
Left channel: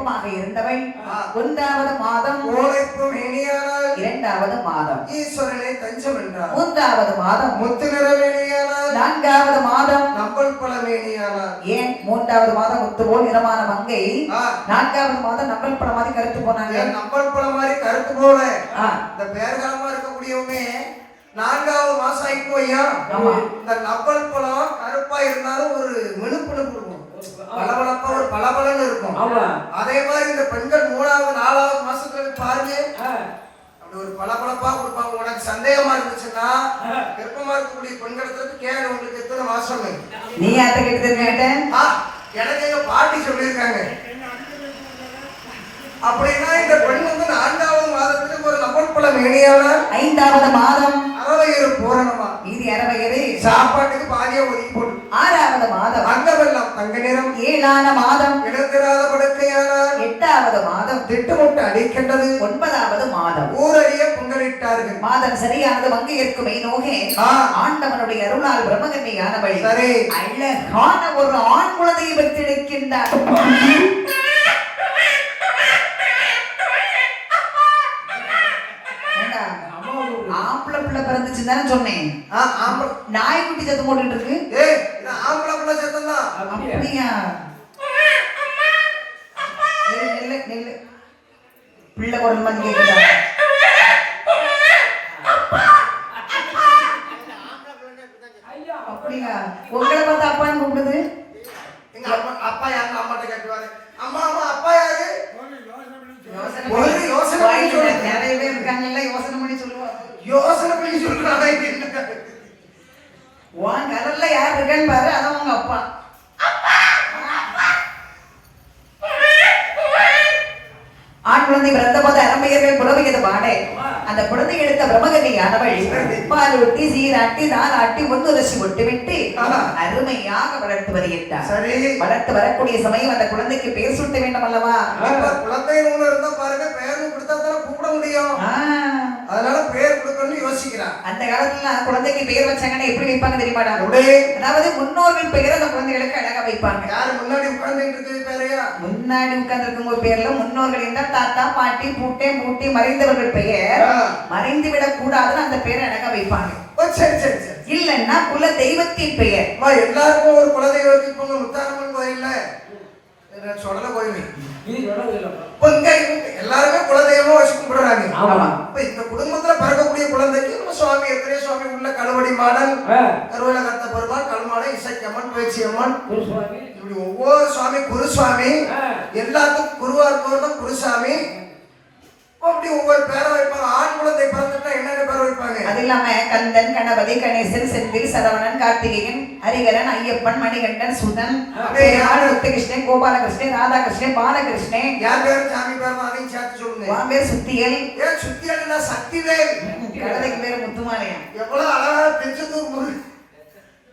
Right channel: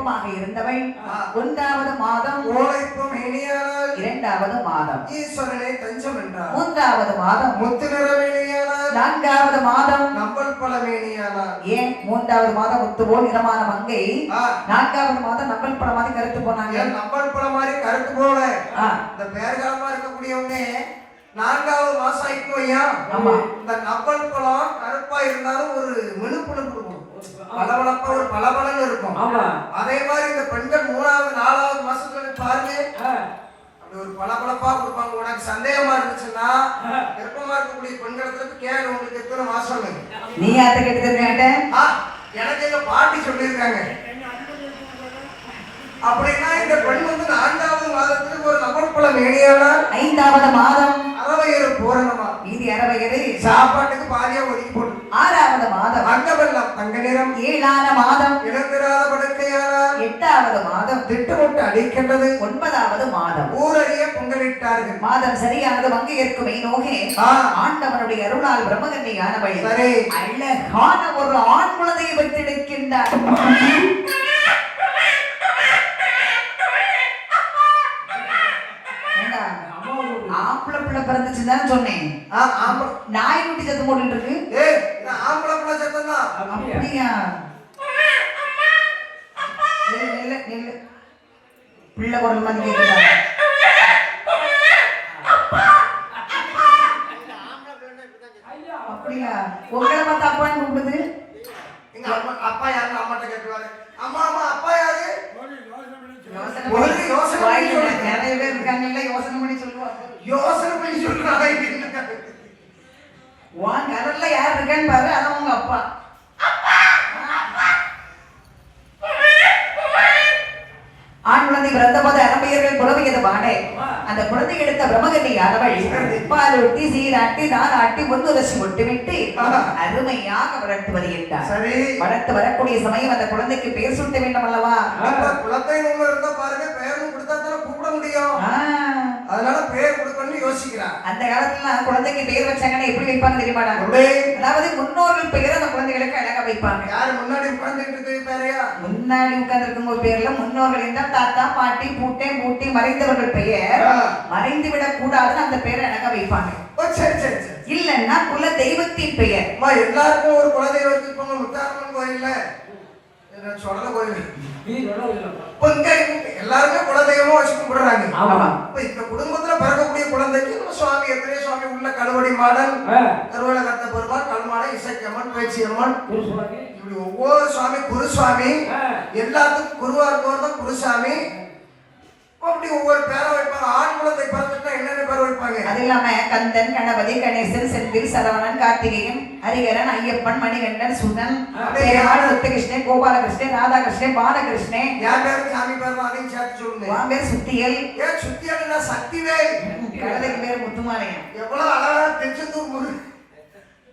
வெப்பமாக இருந்தவள் 1வது மாதம் கோழைப்பும் மேனியானால் 2வது மாதம் ஈஸ்வரனை தஞ்சம் என்றார். 3வது மாதம் முத்து நிற மேனியானால் 4வது மாதம் நம்பல் பல மேனியானால் ஏன் 3வது மாதம் முத்து போல் நிறமான மங்கை ஆ, 4வது மாதம் நம்பல் படம் மாதிரி கருத்து போனாங்க. ஏன் நம்பல் பல மாதிரி கருத்து போல ஆ, இந்த பேர்காலமா இருக்கக்கூடியவங்க 4வது மாசம் ஆயிப்போ ஐயா. ஆமா. இந்த நம்பல் பழம் கருப்பா இருந்தாலும் ஒரு மினுப்புணுப்பு இருக்கும், பளபளப்பா ஒரு பளபளன்னு இருக்கும். அதே மாதிரி இந்த பெண்கள் 3வது 4வது மாசத்துல பாருங்க அப்படி ஒரு பளபளப்பா கொடுப்பாங்க. உனக்கு சந்தேகமா இருந்துச்சுன்னா விருப்பமா இருக்கக்கூடிய பெண்களுக்கு கேளு, உங்களுக்கு எத்தனை மாசம்? நீ அத கேட்டு எனக்கு எங்க பாட்டி சொல்லியிருக்காங்க. அப்படின்னா இந்த பெண் வந்து 4வது மாதத்துக்கு ஒரு நம்பல் பழம் மேனியானா 5வது மாதம் அறவையறு பூரணமா மீதி அறவையறு சாப்பாட்டுக்கு பாதியா ஒதுக்கி போட்டு 6வது மாதம் அங்கமெல்லாம் தங்க நிறம் 7ஆன மாதம் இடந்திராத படுக்கையானால் 8வது மாதம் திட்டமிட்டு அடிக்கின்றது 9வது மாதம் ஊரறிய பொங்கலிட்டார்கள். மாதம் சரியானது மங்கையர்க்குமை நோகே ஆ, ஆண்டவனுடைய அருளால் பிரம்மகன்னியானவள் சரி அழகான ஒரு ஆண் குழந்தையை பெற்றெடுக்கின்றார். ஏண்டா, ஆம்பளை பிள்ளை பிறந்துச்சுன்னு சொன்னேன். ஆம்பளை நாய்க்குட்டி சத்தம் போட்டுட்டு இருக்கு. ஏய் இது ஆம்பளை பிள்ளை சத்தம் தான். அப்படியா? நெல்லு நெல்லு பிள்ளை குரல் மாதிரி கேக்குதா? அப்படியா? உங்களை பார்த்து அப்பான்னு கூப்பிடுது. எங்க அப்பா அப்பா யாரு அம்மாட்ட கேட்டுவாரு, அம்மா அம்மா அப்பா யாரு? யோசனை ஒரு யோசனை பண்ணி வாயில சொல்லு. நிறைய பேர் இருக்காங்கல்ல, யோசனை பண்ணி சொல்லுவாங்க. யோசனை பண்ணி சொல்றாங்க. உன் கரல்ல யார் இருக்கான்னு பாரு, அதான் உங்க அப்பா. ஆண் குழந்தை பிறந்த போது அரம்பையர்கள் புறவையது பாடை. அந்த குழந்தை எடுத்த பிரம்மகண்ணி யாரவள் பாலூட்டி சீராட்டி தாராட்டி ஒன்றுரசி விட்டு விட்டு அருமையாக வளர்த்து வருகின்றார். சரி வளர்த்து வரக்கூடிய சமயம் அந்த குழந்தைக்கு பேர் சூட்ட வேண்டும் அல்லவா? குழந்தை ஒண்ணு இருந்தா பாருங்க, பேரும் கொடுத்தா தான் கூப்பிட முடியும். அதனால பேர் கொடுக்கணும்னு யோசிக்கிறான். அந்த காலத்துல குழந்தைக்கு பேர் வச்சாங்கன்னா எப்படி வைப்பாங்க தெரியுமாடா? அதாவது முன்னோர்கள் பெயர் அந்த குழந்தைகளுக்கு அழகா வைப்பாங்க. யாரு முன்னாடி உட்கார்ந்து பேரையா? முன்னாடி உட்கார்ந்து இருக்கும் பேர்ல முன்னோர்கள் என்றால் தாத்தா பாட்டி பூட்டை மூட்டி மறைந்தவர்கள் பெயர் மறைந்து விடக் கூடாதுன்னு அந்த பேரை அழகா வைப்பாங்க. சரி சரி சரி. இல்லன்னா குல தெய்வத்தின் பெயர். எல்லாருக்கும் ஒரு குலதெய்வம் வச்சிருப்பாங்க. முத்தாரம்மன் கோயில்ல சொடல கோயில் எல்லாருமே குலதெய்வமா வச்சு கும்பிடுறாங்க. இந்த குடும்பத்துல பிறக்கக்கூடிய குழந்தைக்கு நம்ம சுவாமி எத்தனையோ சுவாமி உள்ள கழுவடி மாடல், கருவலை கத்த பெருமாள், கல்மாடை, இசைக்கம்மன், பேச்சியம்மன், இப்படி ஒவ்வொரு சுவாமி குருசுவாமி, எல்லாத்துக்கும் குருவா இருக்கவர் தான் குருசாமி. அப்படி ஒவ்வொரு பேரை வைப்பாங்க. ஆண் குழந்தை பிறந்துட்டா என்னென்ன பேரை வைப்பாங்க? அது இல்லாம கந்தன், கணபதி, கணேசன், செந்தில், சரவணன், கார்த்திகேயன், ஹரிகரன், ஐயப்பன், மணிகண்டன், சுதன், முத்துகிருஷ்ணன், கோபாலகிருஷ்ணன், ராதாகிருஷ்ணன், பாலகிருஷ்ணன். யார் பேரு சாமி பேர் தான், அதையும் சேர்த்து சொல்லுங்க. உன் பேர் சுத்தியல். ஏன் சுத்தியல்? சக்திவேல். கழுதைக்கு பேர் முத்துமாலையா? எவ்வளவு அழகா திருச்செந்தூர் முருகன்.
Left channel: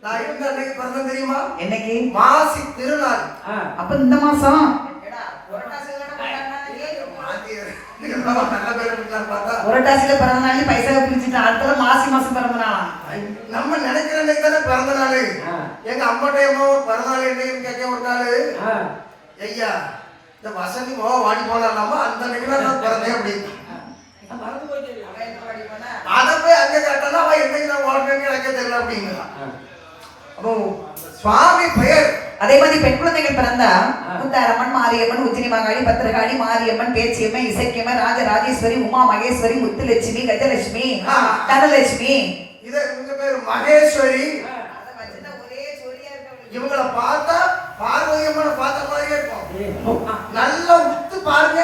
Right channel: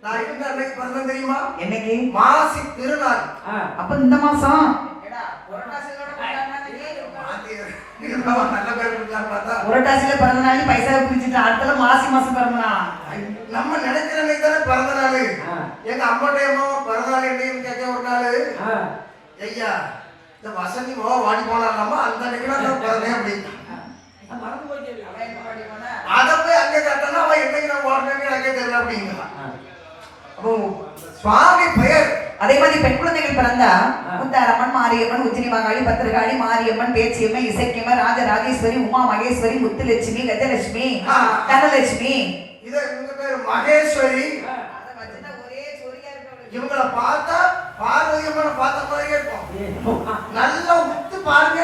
நான் இருந்த அன்னைக்கு பிறந்தேன் தெரியுமா? என்னைக்கு? மாசி திருநாள். அப்ப இந்த மாசம் நல்ல பேர் இருக்கான்னு பார்த்தா புரட்டாசியில பிறந்த நாள் பைசாவை பிரிச்சுட்டு அடுத்த மாசி மாசம் பிறந்த நாளா? நம்ம நினைக்கிற அன்னைக்கு தானே பிறந்த நாள். எங்க அம்மாட்டே அம்மா பிறந்த நாள் என்னையும் கேட்க ஒரு நாள், ஐயா இந்த வசதி வாடி போனாலாமா அந்த அன்னைக்கு நான் பிறந்தேன் அப்படின்னு. அதை போய் அங்கே கேட்டா அவன் என்னைக்கு நான் வாழ்றேன்னு எனக்கு தெரியல அப்படிங்கிறான். அப்போ சுவாமி பெயர் அதே மாதிரி பெண் குழந்தைகள் பிறந்தா முத்தாரம்மன், மாரியம்மன், உச்சினி மகாளி, பத்திரகாளி, மாரியம்மன், பேச்சியம்மன், இசைக்கியம்மன், ராஜராஜேஸ்வரி, உமா மகேஸ்வரி, முத்துலட்சுமி, கஜலட்சுமி, தனலட்சுமி. இது இவங்க பேர் மகேஸ்வரி. இவங்களை பார்த்தா பார்வதியம்மனை பார்த்த மாதிரியே இருக்கும். நல்லா உத்து பாருங்க,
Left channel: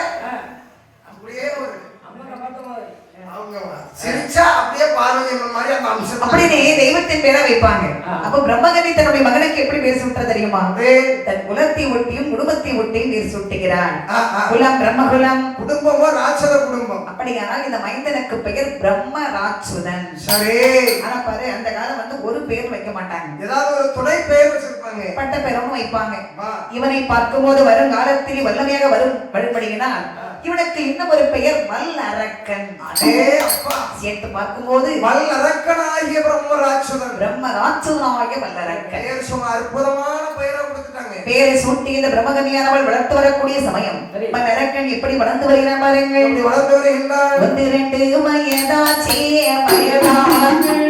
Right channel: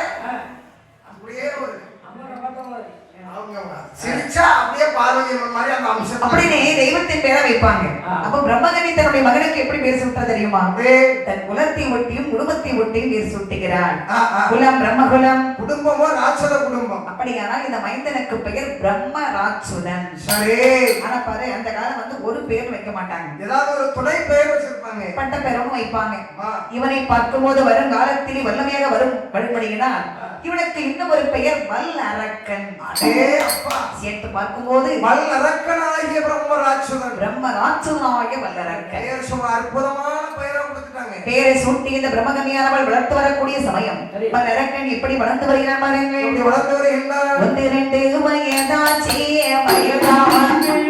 அப்படியே ஒரு அவங்க சிரிச்சா அப்படியே பார்வதியம்மன் மாதிரி அந்த அம்சம். அப்படின்னு தெய்வத்தின் பேரை வைப்பாங்க. அப்ப பிரம்மகனி தன்னுடைய மகனுக்கு எப்படி பேர் சூட்ட தெரியுமா? தன் குலத்தை ஒட்டியும் குடும்பத்தை ஒட்டியும் பேர் சூட்டுகிறான். குலம் பிரம்மகுலம், குடும்பமோ ராட்சத குடும்பம். அப்படியானால் இந்த மைந்தனுக்கு பெயர் பிரம்ம ராட்சுதன். சரி. ஆனா பாரு, அந்த காலம் வந்து ஒரு பேர் வைக்க மாட்டாங்க, ஏதாவது ஒரு துணை பெயர் வச்சிருப்பாங்க, பட்ட பெயரும் வைப்பாங்க. இவனை பார்க்கும்போது வரும் காலத்தில் வல்லமையாக வரும்படியினால் இவனுக்கு இன்னும் ஒரு பெயர் வல்லரக்கன். அடே அப்பா, சேர்த்து பார்க்கும்போது வல்லரக்கனாகிய பிரம்மராட்சதன், பிரம்மராட்சதனாகிய வல்லரக்கன் பெயர் சும்மா அற்புதமான பெயரை கொடுத்துட்டாங்க. பேரை சூட்டி இந்த பிரம்மகன்யானவள் வளர்த்து வரக்கூடிய சமயம் வல்லரக்கன் எப்படி வளர்ந்து வருகிறான் பாருங்கள். இப்படி வளர்ந்து வருகின்றார். 12 வயதாச்சே வயதாகி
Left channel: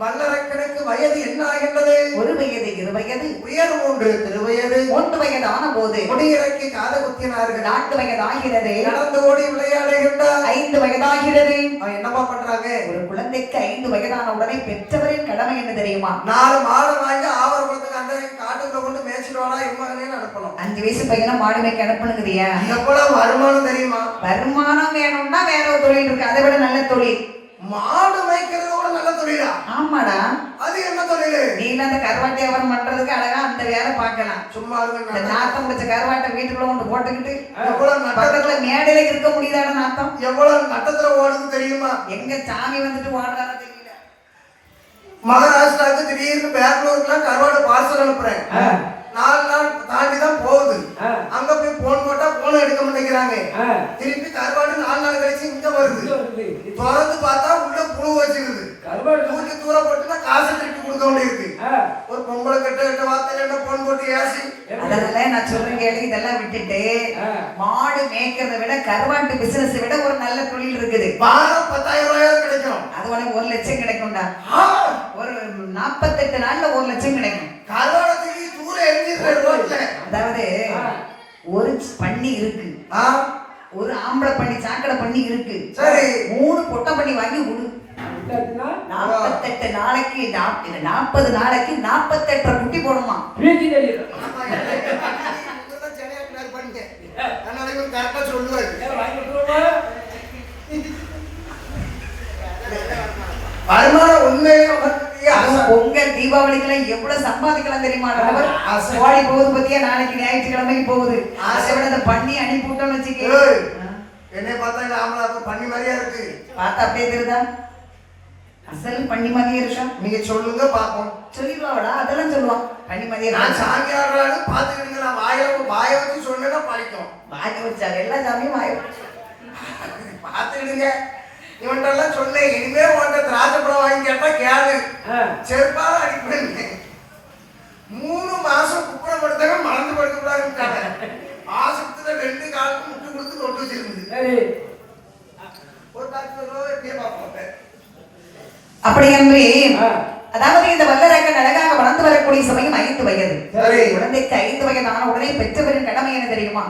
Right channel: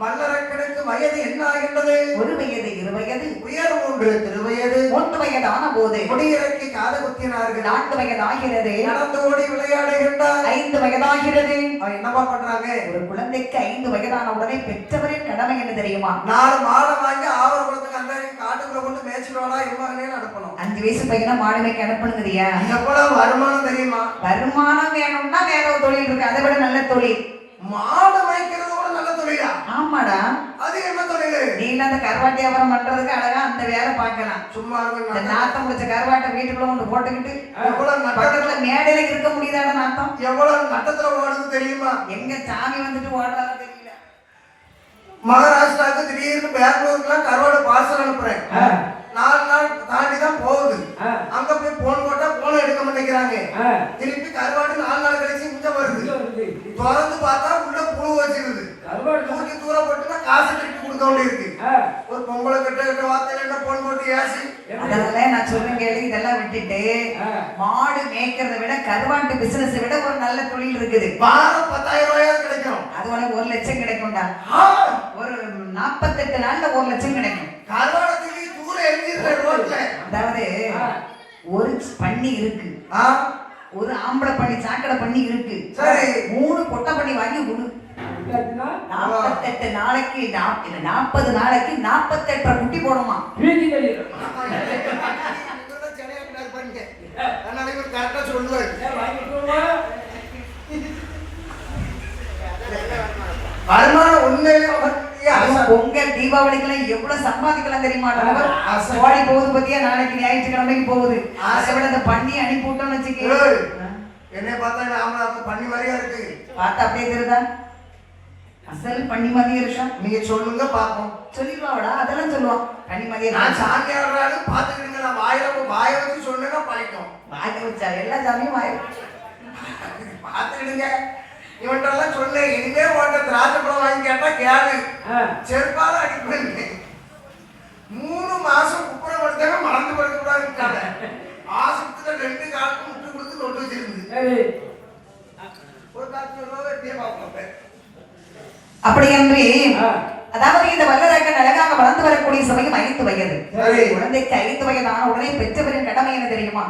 வல்லரக்கனுக்கு வயது என்ன ஆகின்றது? 1 வயது 2 வயது உயர் 3 திருவயது 3 வயது ஆன போது முடியிறக்கி காது குத்தினார்கள். 4 வயது ஆகிறது. நடந்து ஓடி விளையாடுகின்றார். 5 வயதாகிறது. அவன் என்னப்பா பண்றாங்க? ஒரு குழந்தைக்கு 5 வயதான உடனே பெற்றவரின் கடமை என்ன தெரியுமா? 4 மாடு வாங்கி ஆவர் குளத்துக்கு அந்த காட்டுக்குள்ள கொண்டு மேய்ச்சிட்டு வாடா இம்மாங்கன்னு அனுப்பணும். 5 வயசு பையனை மாடு மேய்க்க அனுப்பணுங்கிறியா? எவ்வளவு வருமானம் தெரியுமா? வருமானம் வேணும்னா வேற ஒரு தொழில் இருக்கு, அதை விட நல்ல தொழில். மாடு மேய்க்கிறது கூட நல்ல தொழிலா? ஆமாடா. அது என்ன தொழில்? நீ அந்த கருவாட்டி வியாபாரம் பண்றதுக்கு அழகா அந்த வேலை பார்க்கலாம். சும்மா இந்த நாத்தம் முடிச்ச கருவாட்டை வீட்டுக்குள்ள கொண்டு போட்டுக்கிட்டு எவ்வளவு பக்கத்துல மேடையில இருக்க முடியாத நாத்தம் எவ்வளவு நட்டத்துல ஓடுது தெரியுமா? எங்க சாமி வந்துட்டு ஓடுறாரு தெரியல. மகாராஷ்டிராவுக்கு திடீர்னு பெங்களூருக்குலாம் கருவாடு பார்சல் அனுப்புறேன். 4 நாள் தாண்டி தான் போகுது. அங்க போய் போன் போட்டா போன் எடுக்க மாட்டேங்கிறாங்க. திருப்பி கருவாடு 4 நாள் கழிச்சு இங்க வருது. திறந்து பார்த்தா உள்ள புழு வச்சிருக்குது. தூக்கி தூரம் போட்டுனா காசு திருப்பி கொடுக்க வேண்டியிருக்கு. ஒரு பொம்பளை கிட்ட வார்த்தை என்ன போன் போட்டு ஏசி. அதனால நான் சொல்றேன் கேளு, இதெல்லாம் விட்டுட்டு மாடு மேய்க்கிறத விட கருவாட்டு பிசினஸ் விட ஒரு நல்ல தொழில் இருக்குது. வாரம் 10,000 ரூபாயாவது கிடைக்கும். அது உனக்கு 1 லட்சம் கிடைக்கும்டா. ஒரு 48 நாள்ல 1 லட்சம் கிடைக்கும். கருவாடத்துக்கு தூர எரிஞ்சிருக்க ரோட்ல. அதாவது ஒரு பண்ணி இருக்கு, ஒரு ஆம்பளை பண்ணி சாக்கடை பண்ணி இருக்கு. சரி, 3 பொட்டை பண்ணி வாங்கி விடு. 48 நாளைக்கு 40 நாளைக்கு 48 குட்டி போடுமா. கரெக்டா சொல்லுவாரு. வருமானம் உண்மையிலே பொங்கல் தீபாவளிக்கெல்லாம் எவ்வளவு சம்பாதிக்கலாம் தெரியுமா? கோழி போகுது பத்தியா, நாளைக்கு ஞாயிற்றுக்கிழமைக்கு போகுது. அதை விட அந்த பண்ணி அனுப்பி விட்டோம்னு வச்சுக்க. என்னை பார்த்தா பண்ணி மாதிரியா இருக்கு. பார்த்தா அப்படியே தெரியுதா? அசல் பண்ணி மாதிரியே இருக்கா? நீங்க சொல்லுங்க பாப்போம். சொல்லிடுவாடா, அதெல்லாம் சொல்லுவான். பண்ணி மாதிரியே நான் சாமியாடுறாங்க பாத்துக்கிடுங்க. நான் வாய வச்சு சொன்னா படிக்கும். வாய வச்சா எல்லா சாமியும் வாய பாத்துக்கிடுங்க. இவன்ட்டெல்லாம் சொன்னேன், இனிமே உன்கிட்ட திராட்சை பழம் வாங்கி கேட்டா கேளு, செருப்பால அடிப்பேன். 3 மாசம் குப்புறப்படுத்தவே மறந்து படுக்க கூடாதுட்டாங்க. ஆசத்துல 2 காலுக்கு முட்டு கொடுத்து தொட்டு வச்சிருந்து ஒரு காலத்துல எப்படியே பார்ப்போம். அப்படி என்று அதாவது இந்த வல்லரக்கன் அழகாக வளர்ந்து வரக்கூடிய சமயம் 5 வயது. குழந்தைக்கு 5 வயதான உடனே பெற்றவரின் கடமை என்ன தெரியுமா?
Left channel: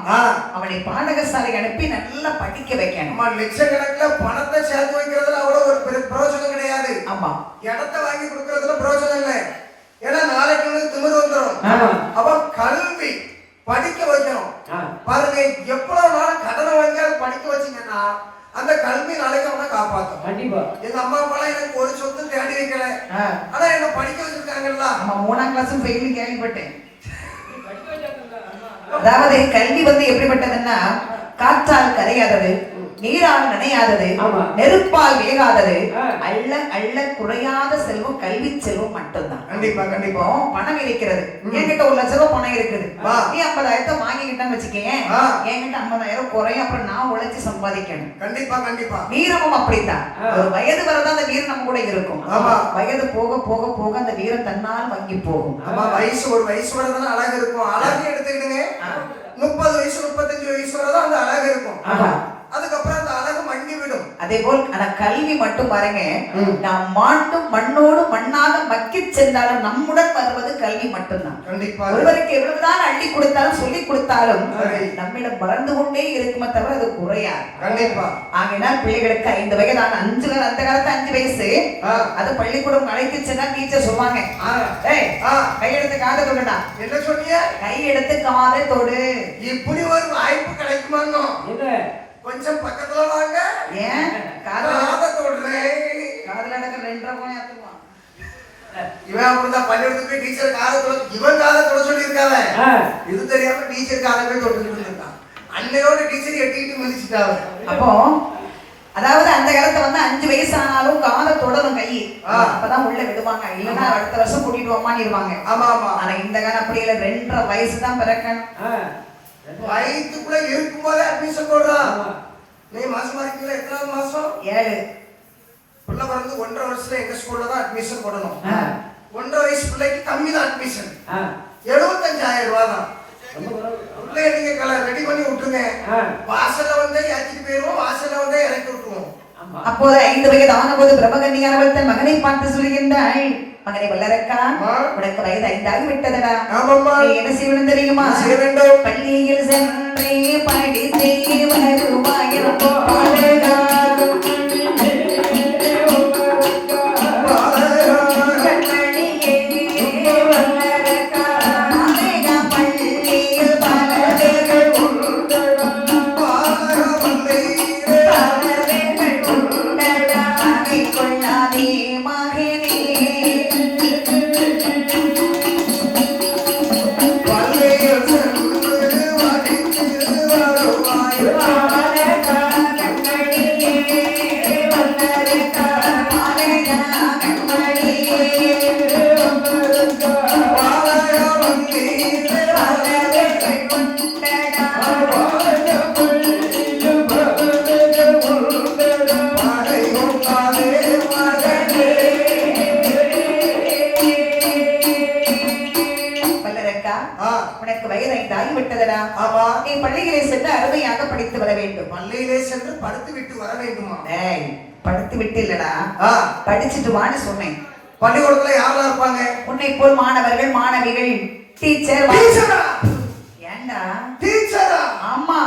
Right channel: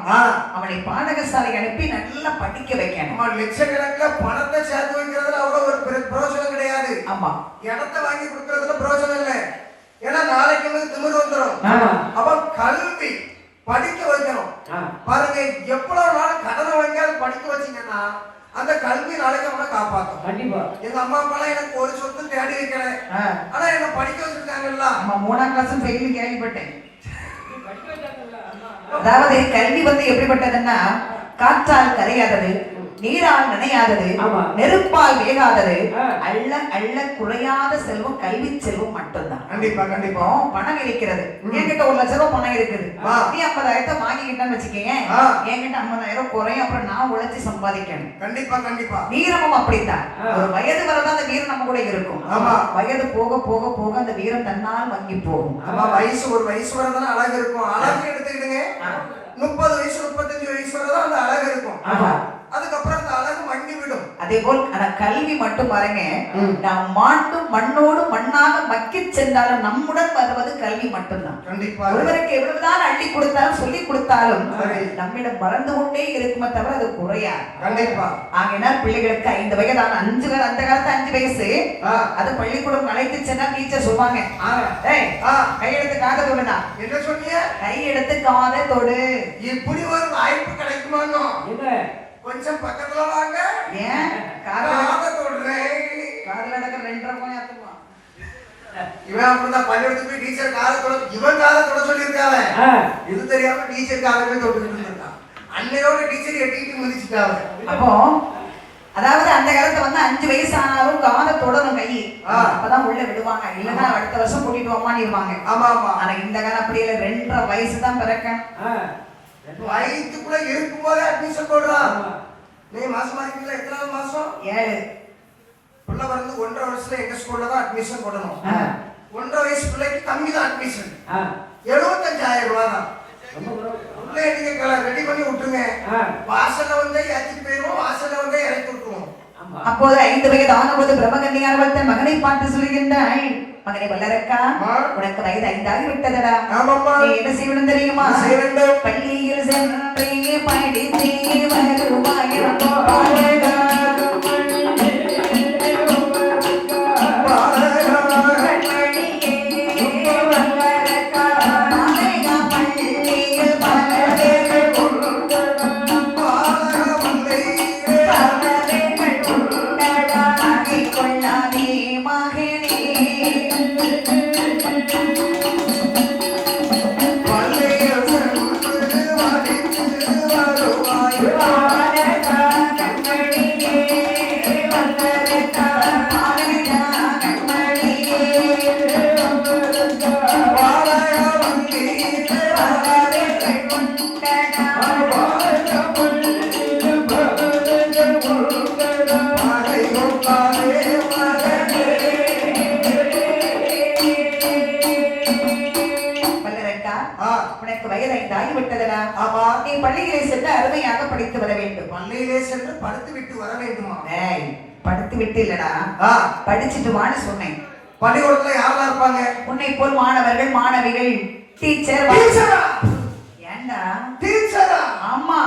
அவனை பாடகசாலை அனுப்பி நல்லா படிக்க வைக்கணும். லட்சக்கணக்கில் பணத்தை சேர்த்து வைக்கிறதுல அவ்வளவு ஒரு பிரயோஜனம் கிடையாது. ஆமா, இடத்தை வாங்கி கொடுக்கறதுல பிரயோஜனம் இல்லை. ஏன்னா நாளைக்கு உங்களுக்கு திமிரு வந்துடும். அப்ப கல்வி படிக்க வைக்கணும். பாருங்க, எவ்வளவு நாள் கடனை வாங்கியாலும் படிக்க வச்சீங்கன்னா அந்த கல்வி நாளைக்கு அவனை காப்பாற்றும். கண்டிப்பா. எங்க அம்மா அப்பா எனக்கு ஒரு சொத்து தேடி வைக்கல, ஆனா என்ன படிக்க வச்சிருக்காங்கல்ல. 3ஆம் கிளாஸ் ஃபெயில் கேள்விப்பட்டேன். அதாவது கல்வி எப்படிப்பட்டதுன்னா காற்றால் கரையாதது, நீரால் நனையாதது, ஆமா. நெருப்பால் வேகாதது, ஆ. அள்ள அள்ள குறையாத செல்வம் கல்வி செல்வம் மட்டும்தான். கண்டிப்பா கண்டிப்பா. இப்போ பணம் இருக்கிறது, என்கிட்ட 1,00,000 பணம் இருக்குது, ஆ. நீ 50,000 வாங்கிக்கிட்டேன்னு வச்சுக்கேன், ஆ. என்கிட்ட 50,000 குறையும், அப்புறம் நான் உழைச்சு சம்பாதிக்கணும். கண்டிப்பா கண்டிப்பா. வீரமும் அப்படித்தான். ஆ. ஒரு வயது வரதான் அந்த வீரம் நம்ம கூட இருக்கும். ஆமா. வயது போக போக போக அந்த வீரம் தன்னால் வங்கி போகும். ஆமா, ஒரு வயசு வரதான் அழகு இருக்கும். அழகு எடுத்துக்கிடுங்க, 30 வயசு 35 வயசு வரதான் அந்த அழகு இருக்கும். ஆமா. அதுக்கப்புறம் அந்த அழகு மங்கி விடும். அதே போல் ஆனா கல்வி மட்டும் பாருங்க, நாம் மாட்டும் மண்ணோடு மண்ணாக மக்கி சென்றாலும் நம்முடன் வருவது கல்வி மட்டும்தான். கண்டிப்பா. ஒருவருக்கு எவ்வளவுதான் அள்ளி கொடுத்தாலும் சொல்லி கொடுத்தாலும் சரி. நம்மிடம் மறந்து கொண்டே இருக்குமே தவிர அது குறையாது. கண்டிப்பா. ஆகினால் பிள்ளைகளுக்கு 5 வயதான அந்த காலத்து 5 வயசு, அது பள்ளிக்கூடம் அழைத்து சென்னா டீச்சர் சொல்லுவாங்க, ஏய் கையெடுத்து காதை தொடுடா. என்ன சொன்னீங்க? கையெடுத்து காதை தொடு. இப்படி ஒரு வாய்ப்பு கிடைக்குமானோ? கொஞ்சம் பக்கத்துல வாங்க. ஏன் காதை தொடுறேன். காதுல நடக்க 2.5 மணி ஆகுமா? இவன் அப்படிதான் பள்ளிக்கூடத்துக்கு போய் டீச்சர் காதை தொட, இவன் காதை தொட சொல்லியிருக்காவ. இது தெரியாம டீச்சர் காதை போய் தொட்டுக்கிட்டு இருந்திருக்கான். அன்னையோட டீச்சர் எட்டிட்டு மிதிச்சுட்டாவ. அப்போ அதாவது அந்த காலத்துல 5 வயசு ஆனாலும் காதை தொடரும் கை, அப்பதான் உள்ள விடுவாங்க, இல்லன்னா அடுத்த வருஷம் கூட்டிட்டு வாமானிருவாங்க. ஆமா ஆமா. ஆனா இந்த காலம் அப்படி இல்ல, 2.5 வயசு தான் பிறக்கணும். வயிற்றுக்குள்ள இருக்கும் போதே அட்மிஷன் போடுறான். நீ மாசமா இருக்கீங்களா? எத்தனாவது மாசம்? 7. பிள்ளை பிறந்து 1.5 வருஷத்துல எங்க ஸ்கூல்ல தான் அட்மிஷன் போடணும். 1.5 வயசு பிள்ளைக்கு கம்மி தான் அட்மிஷன், 75,000 ரூபாய் தான். பிள்ளைய நீங்க ரெடி பண்ணி விட்டுருங்க, வாசல்ல வந்து ஏற்றிட்டு போயிருவோம், வாசல்ல வந்து இறக்கி விட்டுருவோம். அப்போது 5 வயது ஆனபோது பிரம்மகன்னியானவள் தன் மகனை பார்த்து சொல்லுகின்றாள், மகனை வல்லரக்கா, உனக்கு வயது 5 ஆகி விட்டதடா. நீ என்ன செய்யணும் தெரியுமா? பள்ளியில் சென்றே படித்தே உனக்கு வயது 5 ஆகிவிட்டதடா. நீ பள்ளியிலே சென்று அருமையாக படித்து வர வேண்டும். பள்ளியிலே சென்று படுத்து விட்டு வர வேண்டுமா? படுத்து விட்டு இல்லடா, படிச்சுட்டு வான்னு சொன்னேன். பள்ளிக்கூடத்துல யாரெல்லாம் இருப்பாங்க? உன்னை போல் மாணவர்கள் மாணவிகள், டீச்சர். ஏண்டா டீச்சரா? ஆமா.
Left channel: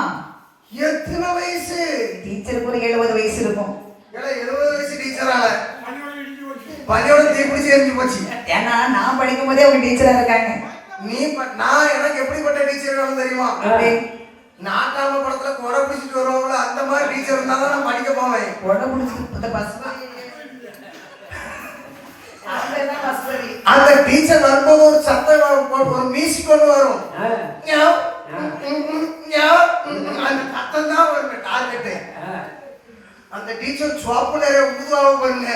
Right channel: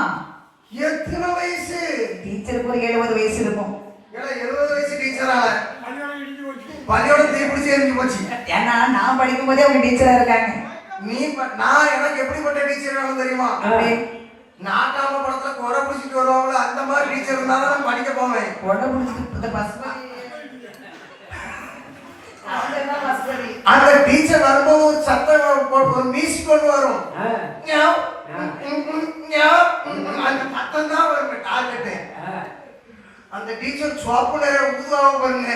எத்தனை வயசு? டீச்சருக்கு ஒரு 70 வயசு இருக்கும். 70 வயசு டீச்சரா? பள்ளியோட தீப்பிடிச்சு எரிஞ்சு போச்சு. ஏன்னா நான் படிக்கும் போதே அவங்க டீச்சரா இருக்காங்க. நான் எனக்கு எப்படிப்பட்ட டீச்சர் வேணும் தெரியுமா? நாட்டாம படத்துல கொடை பிடிச்சிட்டு வருவாங்கள, அந்த மாதிரி டீச்சர் இருந்தாதான் நான் படிக்க போவேன். கொடை பிடிச்சிட்டு அந்த டீச்சர் வரும்போது ஒரு சத்தம், ஒரு மியூசிக் ஒன்று வரும், அந்த சத்தம் தான் ஒரு டார்கெட். அந்த டீச்சர் சோப்பு நிறைய ஊதுவாக பாருங்க,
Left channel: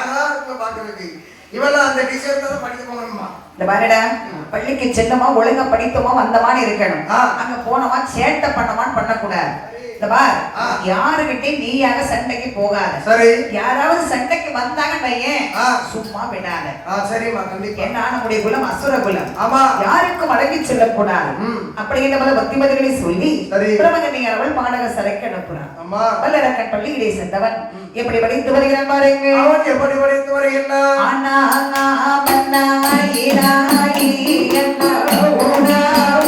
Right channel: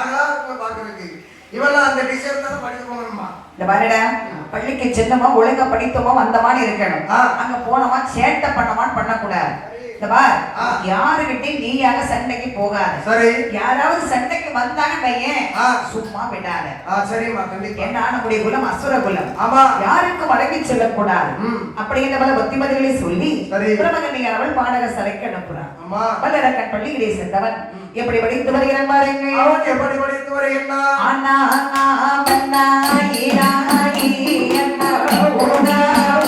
அழகா இருக்கும் பாக்குறதுக்கு. இவெல்லாம் அந்த டீச்சர் தான் படிக்க போகணுமா? இந்த பாருடா, பள்ளிக்கு சென்னமா ஒழுங்கா படித்தோமா வந்த மாதிரி இருக்கணும். அங்க போனோமா சேட்டை பண்ணமான்னு பண்ணக்கூடாது. இந்த பார், யாருகிட்டையும் நீயாக சண்டைக்கு போகாத. சரி. யாராவது சண்டைக்கு வந்தாங்க பையன் சும்மா விடாத. சரிம்மா, கண்டிப்பா. என்ன நம்முடைய குலம் அசுர குலம். ஆமா. யாருக்கும் அடங்கி செல்லக்கூடாது. அப்படிங்கிற பல பத்திமதிகளை சொல்லி பிரம்மகன்னியானவள் பாடக சரைக்கு அனுப்புறான். வல்லரக்கன் பள்ளியிலே சென்றவன் எப்படி படித்து வருகிறான் பாருங்க. அவன் எப்படி படித்து வருகிறான்? ஆனா மன்னா ஈரா ஈரா ஓனா ஆ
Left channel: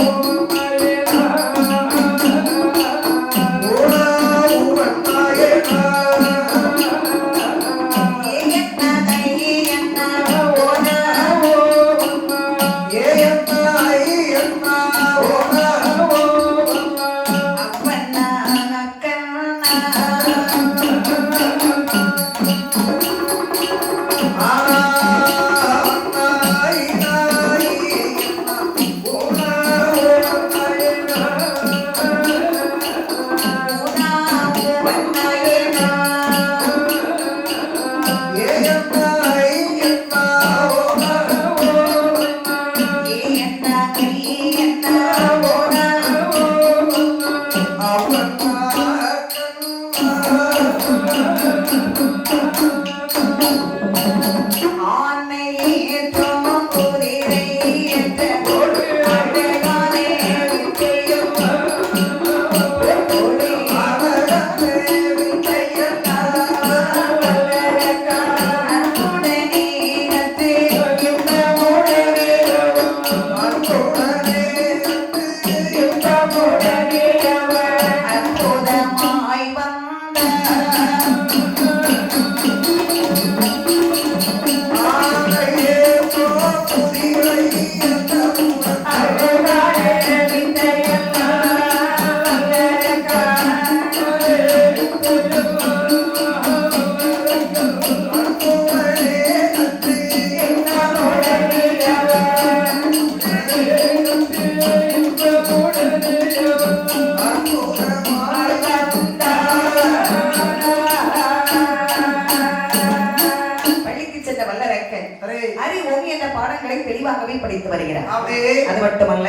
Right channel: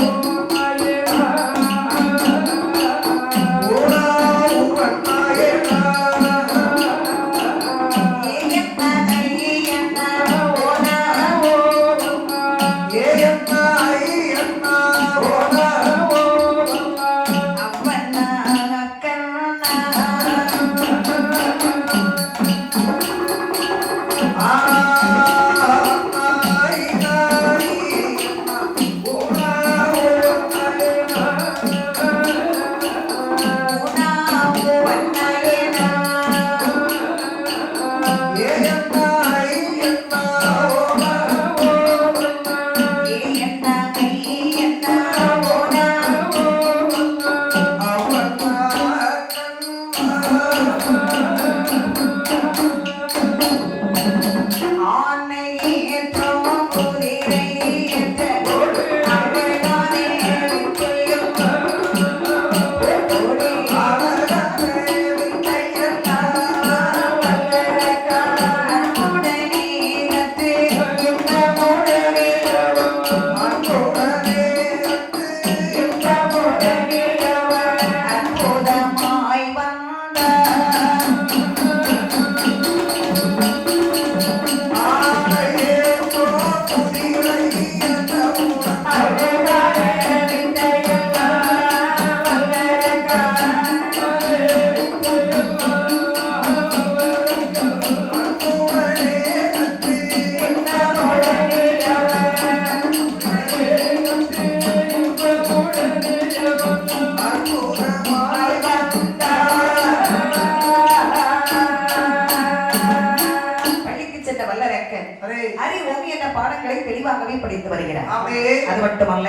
பாடங்களை தெளிவாகவே படித்து வருகிறார். அப்படியே அது மட்டுமல்ல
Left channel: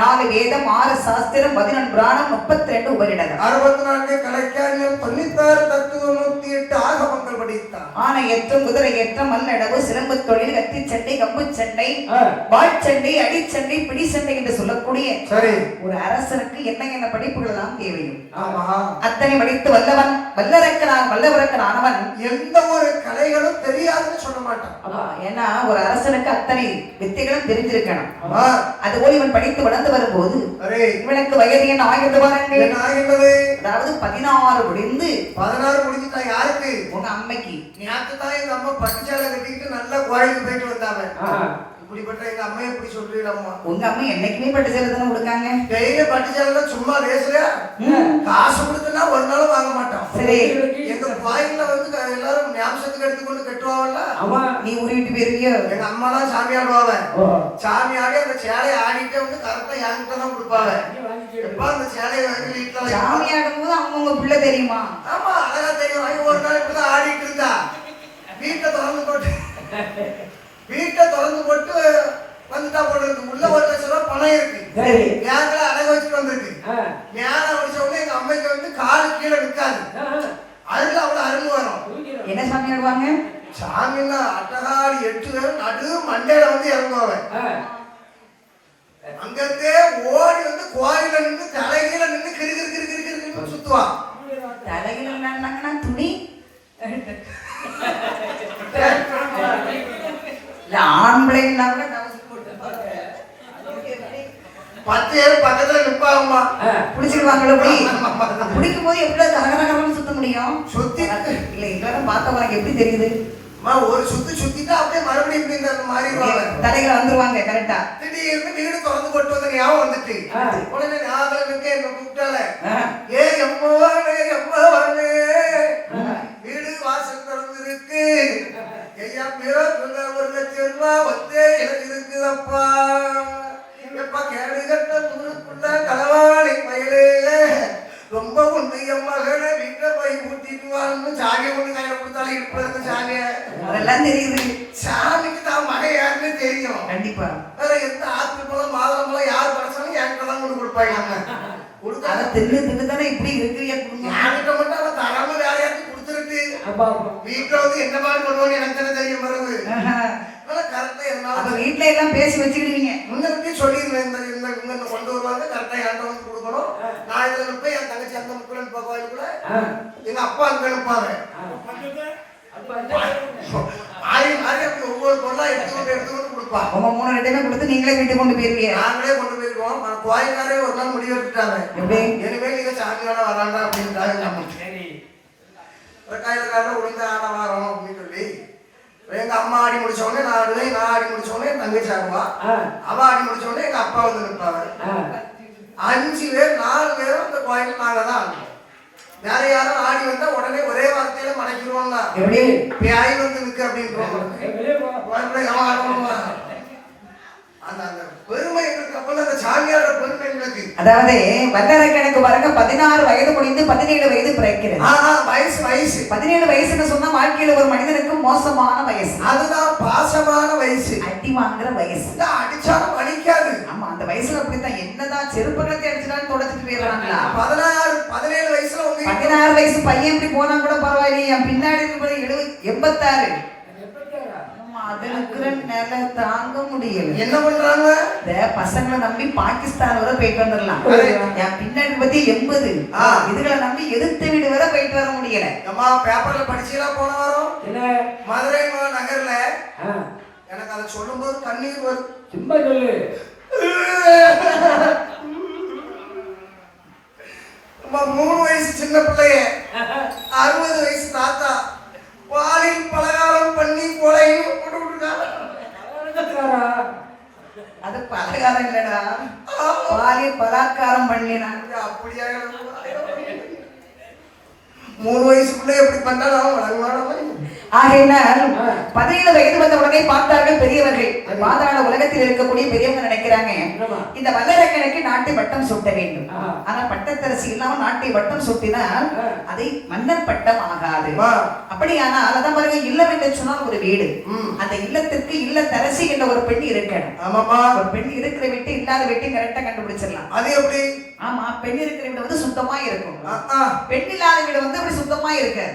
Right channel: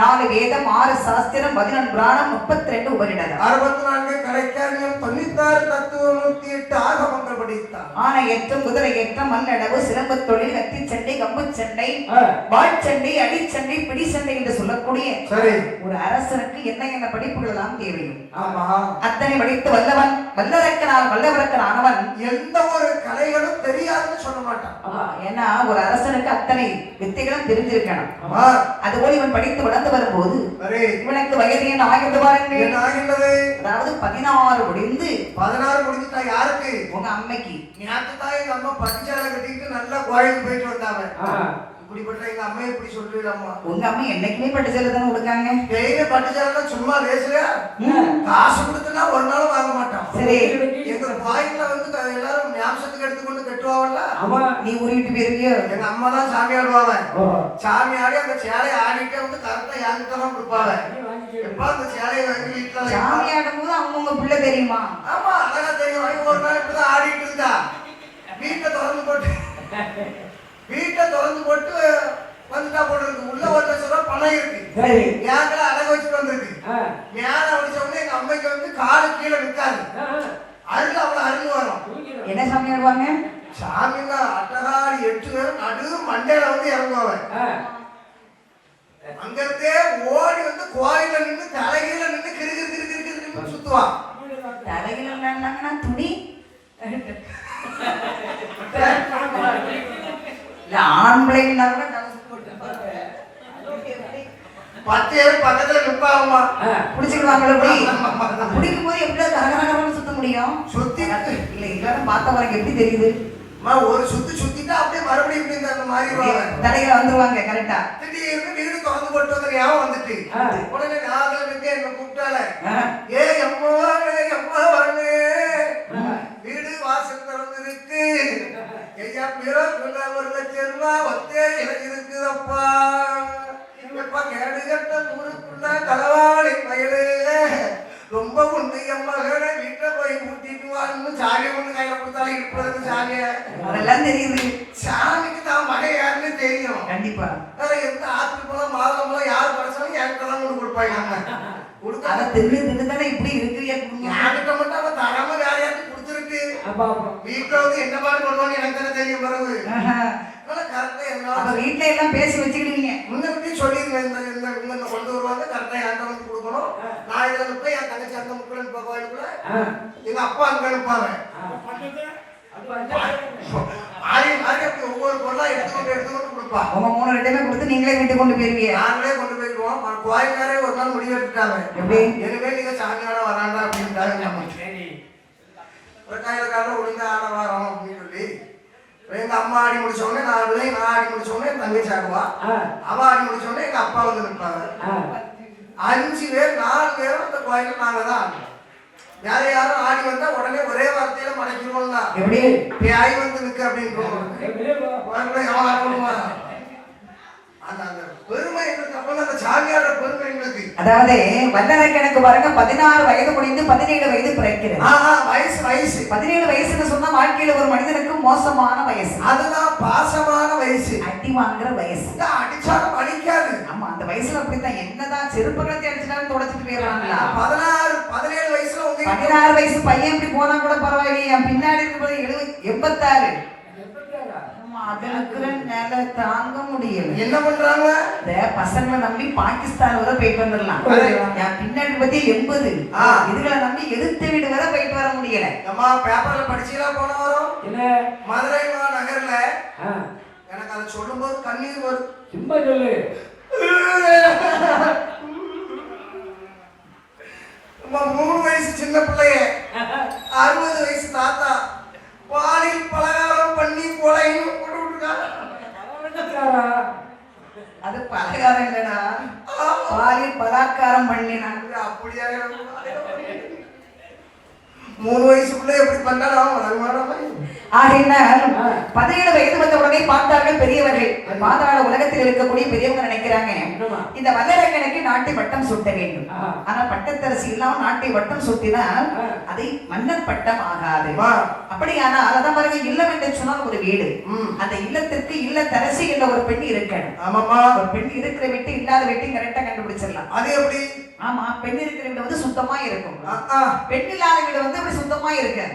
4 வேதம் 6 சாஸ்திரம் 11 புராணம் 32 உபநிடதம் 64 கலைக்காரியம் 96 தத்துவம் 108 ஆகமங்கள் படித்தார். ஆனா ஏற்றம் குதிரை ஏற்றம் மல்லடவு சிலம்பு தொழில் கத்தி சண்டை கம்பு சண்டை வாழ்ச்சண்டை அடிச்சண்டை பிடி சண்டை என்று சொல்லக்கூடிய சரி ஒரு அரசனுக்கு என்ன படிப்புகள் எல்லாம் தேவையும் ஆமா அத்தனை படித்து வல்லவன் வல்லவரக்கன் ஆனவன் எந்த ஒரு கலைகளும் தெரியாதுன்னு சொல்ல மாட்டான். ஏன்னா ஒரு அரசனுக்கு அத்தனை வித்தைகளும் தெரிஞ்சிருக்கணும். அதுபோல் இவன் படித்து வளர்ந்து வரும்போது இவனுக்கு வயது என்ன ஆகிறது பாருங்கள். அதாவது 16 முடிந்து 16 முடிஞ்சுட்டா யாருக்கு? உங்க அம்மைக்கு. நேற்று தான் எங்க அம்மா பட்டுச்சாலை கட்டிக்கிட்டு நல்லா கோயிலுக்கு போயிட்டு வந்தாங்க. இப்படிப்பட்ட எங்க அம்மா இப்படி சொல்லிடம்மா. உங்க அம்மா என்னைக்குமே பட்டுச்சாலை தானே கொடுக்காங்க. டெய்லி பட்டுச்சாலை சும்மா பேசுற காசு கொடுத்தா ஒரு நாளும் வாங்க மாட்டோம். சரி எங்க கோயில்ல வந்து எல்லாரும் ஞாபகத்துக்கு எடுத்துக்கொண்டு கட்டுவாங்கல்ல. நீ உருவிட்டு போயிருவியோ? எங்க அம்மா தான் சாமி ஆடுவாங்க. சாமி ஆடி அந்த சேலையை ஆடிட்டு வந்து கரெக்டா யாங்கிட்ட தான் கொடுப்பாங்க. எப்ப அந்த சேலையை வாங்கி வீட்டுல சாமி ஆடும் போது அவங்க பிள்ளை தெரியுமா? ஆமா அழகா தெரியும். ஒரு நாள் இப்படிதான் ஆடிட்டு இருந்தா வீட்டை திறந்து போட்டு வந்துட்டா போட்டு இருக்கு. உள்ள 1 லட்சம் ரூபாய் பணம் இருக்கு. பேங்க்ல அடகு வச்சுட்டு வந்திருக்கு. மேல வச்ச உடனே எங்க அம்மைக்கு வந்து காலு கீழே நிற்காது. அருள் அவ்வளவு அருள் வரும். என்ன சாமி ஆடுவாங்க? சாமின்னா அட்டகாரி 8 பேரும் நடு மண்டையில வந்து இறங்குவாங்க. அங்கிருந்தே ஓடி வந்து கோயில நின்று தலைகீழ நின்று கிரு சுத்துவான். தலைகீழ நின்னாங்கன்னா துணி ஆம்பளை 10 பேர் பக்கத்துல நிற்பாங்கம்மா. பிடிச்சிருவாங்களோ? பிடிக்கும் போது எப்படி தரகரகரன்னு சுத்த முடியும்? சுத்தி இல்ல எல்லாரும் பார்த்தவங்க எப்படி தெரியுது? ஒரு சுத்திட்டா அப்படியே மறுபடியும் அந்த மாதிரி தடைகளை வந்துருவாங்க. கரெக்டா திடீர்னு வீடு திறந்து போட்டு வந்து ஞாபகம் வந்துட்டு உடனே ஞாபகம் என்ன கூப்பிட்டால எம்மாவானே வீடு வாசல் திறந்து இருக்கு. ஐயா பிறகுள்ள 1 லட்சம் ரூபாய் வந்து எனக்கு இருக்குதப்பா. எப்பா கேடு கட்ட தூருக்குள்ள களவாளி பயிலே ரொம்ப உண்டு என் மகனை வீட்டை போய் ஊட்டிட்டு வான்னு சாமியை கொண்டு கையில கொடுத்தாலும் இருப்பதற்கு சாமிய அதெல்லாம் தெரியுது. சாமிக்கு தான் மகன் யாருன்னு தெரியும். கண்டிப்பா வேற எந்த ஆத்து பழம் மாதுளம் பழம் யார் படைச்சாலும் என்கிட்ட தான் கொண்டு கொடுப்பாங்க. நம்ம அதை தின்னு தானே இப்படி இருக்கிறியா குடும்பம். யார்கிட்ட மட்டும் அவன் தராம வேற யாருக்கு கொடுத்துருக்கு. வீட்டுல வந்து என்ன மாதிரி பண்ணுவாங்க எனக்கு தானே தெரியும். பிறகு கரெக்டா இருந்தாலும் வீட்டுல எல்லாம் பேசி வச்சுக்கிடுவீங்க. முன்னே சொல்லிடுவேன். இந்த கொண்டு வருவாங்க கரெக்டா என்கிட்ட வந்து கொடுக்கணும். நான் இதுல நிற்பேன். என் தங்கச்சி அந்த முக்கியம் கோயிலுக்குள்ள எங்க அப்பா அங்க நிற்பாங்க. ஒவ்வொரு பொருளா எடுத்துக்கொண்டு கொடுப்பாங்க. உங்க 3 ரெண்டுமே கொடுத்து நீங்களே வீட்டுக்கு கொண்டு போயிருவீங்க. நாங்களே கொண்டு போயிருவோம். கோயில்காரே ஒரு நாள் முடிவு எடுத்துட்டாங்க. இனிமே நீங்க சாமியாட வராண்டா அப்படின்னு கையில ஒழுங்கா ஆட வாரம் அப்படின்னு சொல்லி எங்க அம்மா ஆடி முடிச்ச உடனே நான் ஆடுவேன். நான் ஆடி முடிச்ச உடனே என் தங்கச்சி ஆடுவா. அவ ஆடி முடிச்ச உடனே எங்க அப்பா வந்து நிற்பாங்க. 5 பேர் 4 பேரும் அந்த கோயில் நாங்க தான் ஆடுவோம். யார யாரும் ஆடி வந்தா உடனே ஒரே வார்த்தையில மடக்கிடுவோம்னா பேய் வந்து நிற்கு அப்படின்னு அந்த பெருமை எங்களுக்கு அப்ப அந்த சாமியார பெருமை எங்களுக்கு. அதாவது வல்லரக்கனுக்கு பாருங்க 16 வயது முடிந்து 17 வயது பிறக்கிறது. வயசு 17 வயசுன்னு சொன்னா வாழ்க்கையில ஒரு மனிதனுக்கு மோசமான வயசு. அதுதான் பாசமான வயசு. அடி வாங்குற வயசு. அடிச்சாலும் அடிக்காது. ஆமா அந்த வயசுல அப்படித்தான். என்னதான் செருப்புகளத்தை அடிச்சாலும் தொடச்சிட்டு போயிடறாங்களா. 17 வயசுல 16 வயசு பையன் இப்படி போனா கூட பரவாயில்லையே. என் பின்னாடி இருக்கும்போது 86 அதற்கு நிலை தாங்க முடியல. என்ன பண்றாங்க? பசங்களை நம்பி பாகிஸ்தான் வரை போயிட்டு வந்துடலாம். என் பின்னாடி பத்தி 80 இதுகளை நம்பி எதிர்த்து வீடு வரை போயிட்டு வர முடியல. அம்மா பேப்பர்ல படிச்சுலாம் போன வரும் மதுரை நகர்ல எனக்கு அதை சொல்லும் போது கண்ணீர் வரும். சும்மா சொல்லு. 3 வயசு சின்ன பிள்ளைய 60 வயசு தாத்தா பாலில் பலகாரம் பண்ணி கொலைன்னு போட்டு விட்டுருக்காங்க. அது பலகாரம் இல்லடா, பாலில் பலாக்காரம் பண்ணினாங்க. அப்படியா? 3 வயசு பிள்ளை எப்படி பண்ணலாம்? ஆகையினால் 17 வயது வந்த உடனே பார்த்தார்கள் பெரியவர்கள். பாதாள உலகத்தில் இருக்கக்கூடிய பெரியவங்க நினைக்கிறாங்க இந்த வல்லரக்கனுக்கு நாட்டை வட்டம் சூட்ட வேண்டும். ஆனா பட்டத்தரசி இல்லாம நாட்டை வட்டம் சூட்டினால் அதை மன்னர் பட்டம் ஆகாது. அப்படியானால் அதான் பாருங்க, இல்லம் என்று சொன்னால் ஒரு வீடு. அந்த இல்லத்திற்கு இல்லத்தரசி என்ற ஒரு பெண் இருக்கணும். ஆமாமா, ஒரு பெண் இருக்கிற வீட்டு இல்லாத வீட்டு கரெக்டா கண்டுபிடிச்சிடலாம். அது எப்படி? ஆமா, பெண் இருக்கிற வீடு வந்து சுத்தமா இருக்கும். பெண் இல்லாத வீடு வந்து அப்படி சுத்தமா இருக்கு.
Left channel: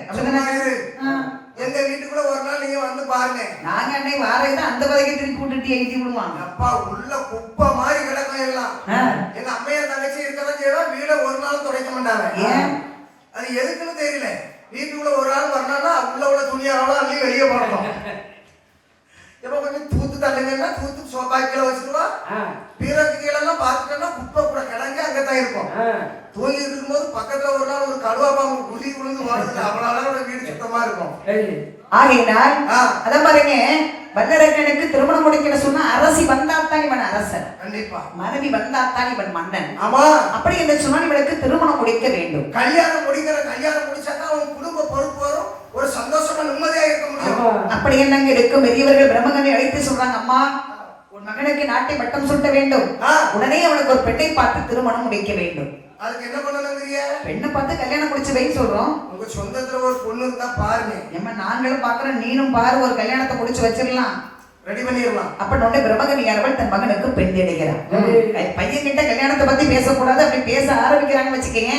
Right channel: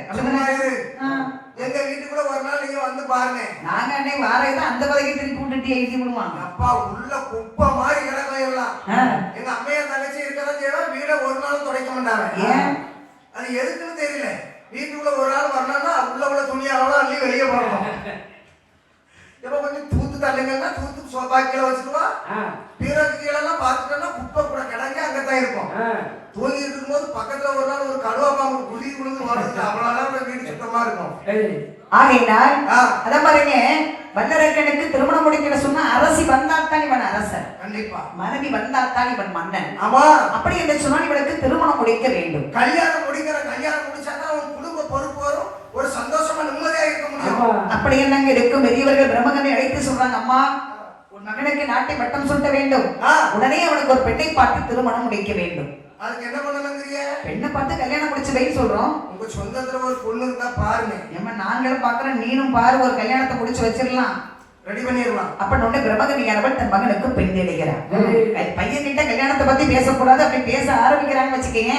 எங்க வீட்டுக்குள்ள ஒரு நாள் நீங்க வந்து பாருங்க. நாங்க அன்னை வாரதான் அந்த வகையை திருப்பி விட்டுட்டு எழுதி விடுவாங்க. அப்பா உள்ள குப்பை மாதிரி கிடக்கும். எங்க அம்மையா தங்கச்சி இருக்கதான் செய்வோம். வீட ஒரு நாளும் துடைக்க மாட்டாங்க. ஏன்? அது எதுக்குன்னு தெரியல. வீட்டுக்குள்ள ஒரு நாள் வரணும்னா உள்ள துணியாவெல்லாம் அள்ளி வெளியே போடணும். இப்ப கொஞ்சம் தூத்து தள்ளுங்கன்னா தூத்து சோபாக்கில வச்சுருவா. பீரக்கு கீழெல்லாம் பார்த்துட்டோம்னா குப்பை கூட கிடங்க அங்கதான் இருக்கும். தூங்கி இருக்கும்போது பக்கத்துல ஒரு நாள் ஒரு கடுவா பாம்பு குதி விழுந்து போனதுக்கு அவ்வளவு வீடு சுத்தமா இருக்கும். ஆகையினால் அதான் பாருங்க, வல்லரக்கனுக்கு திருமணம் முடிக்கிற சொன்னா அரசி வந்தாத்தான் இவன் அரசன். கண்டிப்பா மனைவி வந்தாத்தான் இவன் மன்னன். ஆமா, அப்படி என்று சொன்னால் இவனுக்கு திருமணம் முடிக்க வேண்டும். கல்யாணம் முடிச்சாதான் அவன் குடும்ப பொறுப்பு வரும். ஒரு சந்தோஷமா நிம்மதியா இருக்க முடியும். அப்படி என்னங்க இருக்கும். பெரியவர்கள் பிரம்மகனை அழைத்து சொல்றாங்க, அம்மா உன் மகனுக்கு நாட்டை வட்டம் சுட்ட வேண்டும். உடனே அவனுக்கு ஒரு பெண்ணை பார்த்து திருமணம் முடிக்க வேண்டும். அதுக்கு என்ன பண்ணணுங்கிறிய? பெண்ணை பார்த்து கல்யாணம் முடிச்சு வை சொல்றோம். உங்க சொந்தத்துல ஒரு பொண்ணு இருந்தா பாருங்க. நம்ம நாங்களும் பாக்குறோம், நீனும் பாரு, ஒரு கல்யாணத்தை முடிச்சு வச்சிடலாம், ரெடி பண்ணிடலாம். அப்ப உடனே பிரம்மகனியானவள் தன் மகனுக்கு பெண் தேடுகிறார். பையன் கிட்ட கல்யாணத்தை பத்தி பேசக்கூடாது. அப்படி பேச ஆரம்பிக்கிறான்னு வச்சுக்கீங்க,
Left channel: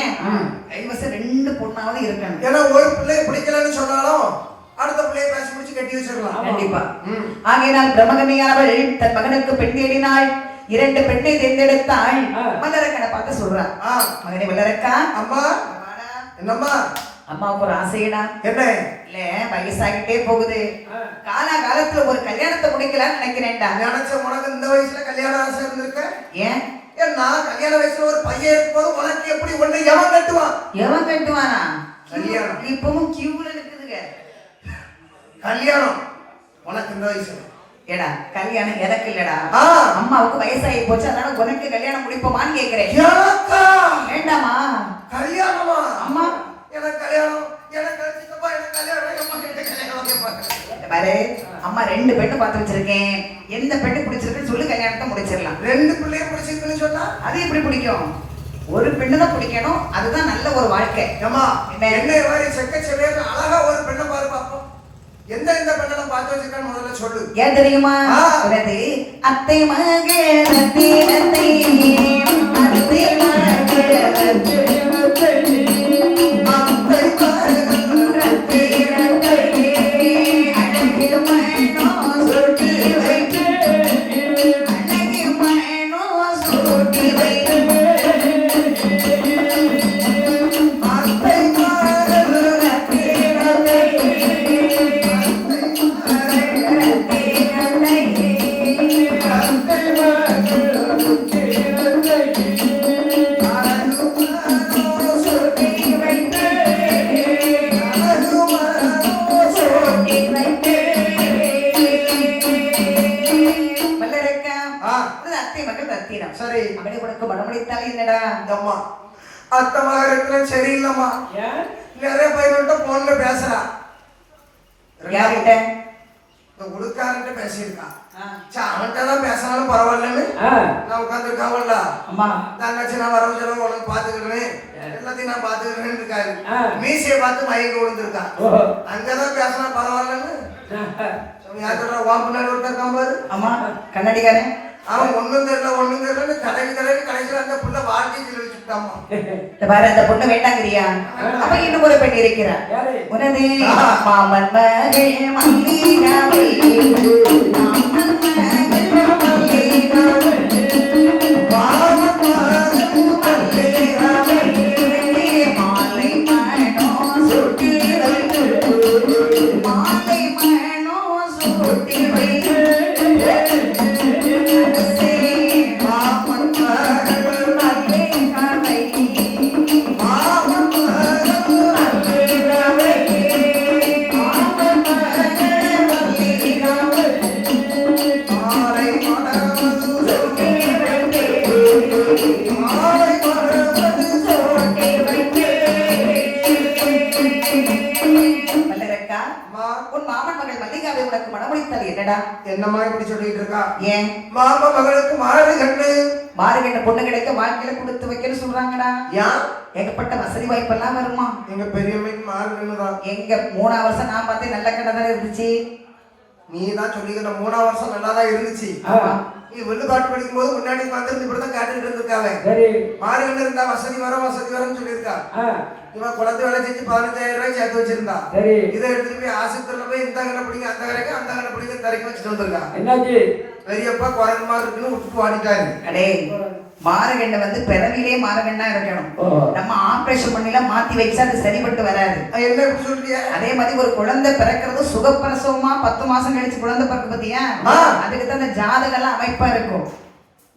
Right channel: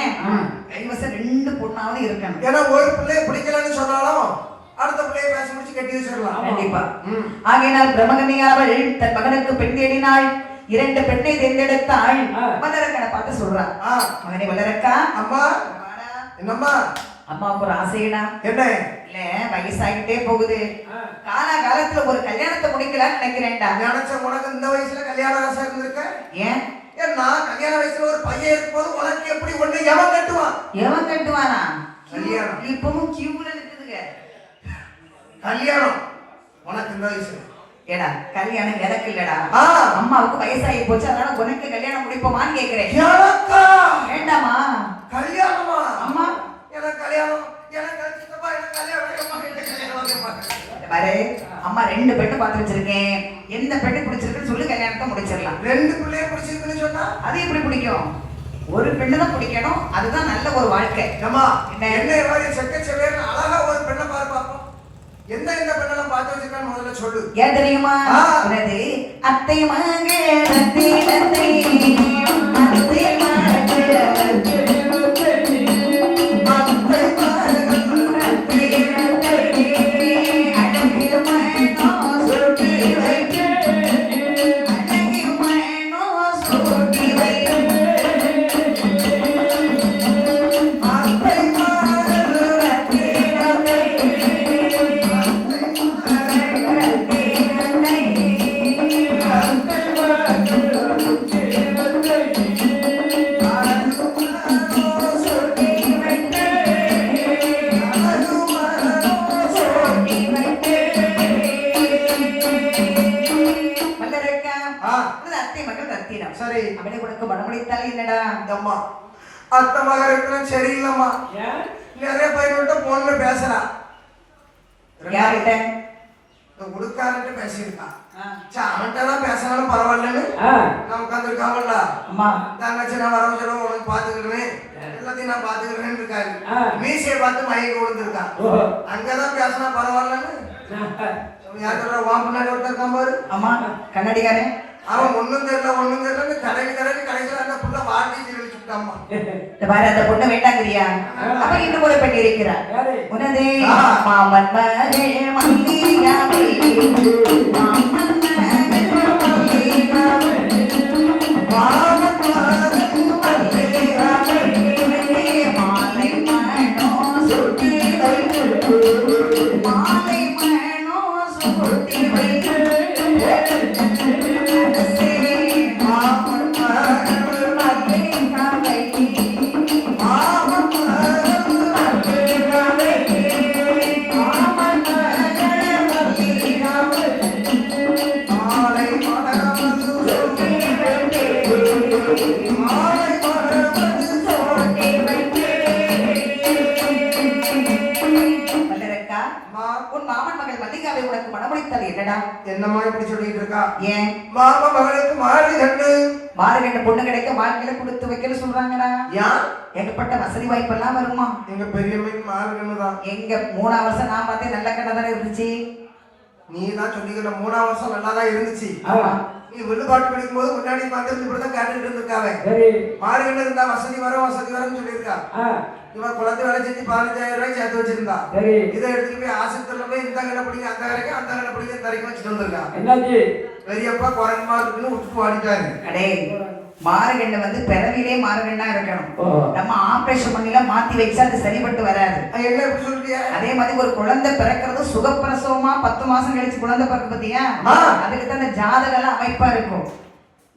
கைவசம் 2 பொண்ணாவது இருக்கணும். ஏன்னா ஒரு பிள்ளைய பிடிக்கலன்னு சொன்னாலும் அடுத்த பிள்ளையை பேசி முடிச்சு கட்டி வச்சிடலாம். கண்டிப்பா. ஆகையினால் பிரம்மகனியானவள் தன் மகனுக்கு பெண் தேடினாள். 2 பெண்ணை தேர்ந்தெடுத்தாள். வல்லரக்கனை பார்த்து சொல்றான், மகனே வல்லரக்கா, அம்மா என்னம்மா, அம்மாவுக்கு ஒரு ஆசைடா. என்ன? இல்ல வயசாகிட்டே போகுது, காலகாலத்துல ஒரு கல்யாணத்தை முடிக்கலாம்னு நினைக்கிறேன்டா. நினைச்ச உனக்கு இந்த வயசுல கல்யாண ஆசை இருந்திருக்க? ஏன்? நான் கல்யாண வயசுல ஒரு பையன் இருக்கும்போது உனக்கு எப்படி ஒண்ணு எவன் கட்டுவான்? எவன் கட்டுவானா? கல்யாணம் இப்பவும் கியூல இருக்குதுங்க. கல்யாணம் உனக்கு இந்த வயசுல? ஏடா கல்யாணம் எனக்கு இல்லடா, அம்மாவுக்கு வயசாகி போச்சு, அதனால உனக்கு கல்யாணம் முடிப்போமான்னு கேக்குறேன். வேண்டாமா? கல்யாணமா? அம்மா எனக்கு கல்யாணம், எனக்கு பாரு அம்மா 2 பெண்ணு பார்த்து வச்சிருக்கேன். எந்த பெண்ணு பிடிச்சிருக்குன்னு சொல்லி கல்யாணத்தை முடிச்சிடலாம். 2 பிள்ளைய பிடிச்சிருக்குன்னு சொன்னா அது எப்படி பிடிக்கும்? ஒரு பெண்ணு தான் பிடிக்கணும். அதுதான் நல்ல ஒரு வாழ்க்கை. அம்மா என்ன மாதிரி செக்கச்சவேன்னு அழகா ஒரு பெண்ணை பாரு பார்ப்போம். எந்த பெண்ணை பார்த்து வச்சிருக்கான்னு முதல்ல சொல்லு. ஏன் தெரியுமா? அத்தை மகே அத்தை அத்தை சரி அப்படி உனக்கு மனமுடித்தாலே என்னடா? அம்மா அத்தை மகரத்துல சரியில்லம்மா. நிறைய பையன்கிட்ட போன்ல பேசுறான். யார்கிட்ட? உடுக்காரன்ட்ட பேசியிருக்கான். அவன்கிட்ட தான் பேசினாலும் பரவாயில்லன்னு நான் உட்காந்துருக்காவல்ல. அம்மா தங்கச்சி நான் வரவு செலவு உனக்கு பாத்துக்கிறேன், எல்லாத்தையும் நான் பாத்துக்கிறேன்னு இருக்காரு. மீசையை பார்த்து மயங்கி விழுந்திருக்கான். அங்கதான் பேசினா பரவாயில்லன்னு யாரு வா முன்னாடி ஒருத்தர் இருக்கான் பாரு. அம்மா கண்ணாடிக்காரன் அவன் ஒண்ணும் தெரியல கடைசியில் அந்த புள்ள வாட்டி சொல்லிச்சுட்டாமா. பாரு அந்த பொண்ணை வேண்டாங்கிறியா? அப்ப இன்னும் ஒரு பெண் இருக்கிறார். உனதே மாமன் மகே மல்லிகாவை உனக்கு மனமுடித்தல் என்னடா? என்னம்மா இப்படி சொல்லிட்டு இருக்கா? ஏன் மாமா மகளுக்கு மாறு கண்ணு மாறுகின்ற பொண்ணு கிடைக்க வாழ்க்கையில கொடுத்து வைக்கன்னு சொல்றாங்கடா. ஏன் ஏகப்பட்ட வசதி வாய்ப்பெல்லாம் வருமா? எங்க பெரியம்மைக்கு மாறு கண்ணுதான். எங்க 3 வருஷம் நான் பார்த்தேன் நல்ல கண்ணை தானே இருந்துச்சு. நீ தான் சொல்லிக்கிற 3 வருஷம் நல்லாதான் இருந்துச்சு. ஆமா நீ வில்லுபாட்டு படிக்கும் போது முன்னாடி வந்து இப்படிதான் கேட்டுட்டு இருந்திருக்காவே. மாறு கண்ணு இருந்தா வசதி வரும்னு சொல்லியிருக்கா. இவன் குழந்தை வேலை செஞ்சு 15,000 ரூபாய் சேர்த்து வச்சிருந்தா. இதை எடுத்துட்டு போய் ஆஸ்பத்திரியில போய் இந்த கண்ணை பிடிங்க அந்த வரைக்கும் அந்த கண்ணை பிடிக்க இந்த வரைக்கும் வச்சுட்டு வந்திருக்கா. என்னாச்சு? பெரியப்பா குறைஞ்சமா இருக்குன்னு விட்டுட்டு வாடிட்டாரு. அடே மாறுகண்ணு வந்து பிறவிலே மாறுகண்ணா இருக்கணும். நம்ம ஆபரேஷன் பண்ணிலாம் மாத்தி வச்சா அது சரிபட்டு வராது. என்ன இப்படி சொல்றியா? அதே மாதிரி ஒரு குழந்தை பிறக்கிறது சுகப்பிரசவமா 10 மாசம் கழிச்சு குழந்தை பிறக்க பத்தியா, அதுக்கு தான் இந்த ஜாதகம் எல்லாம் அமைப்பா இருக்கும்.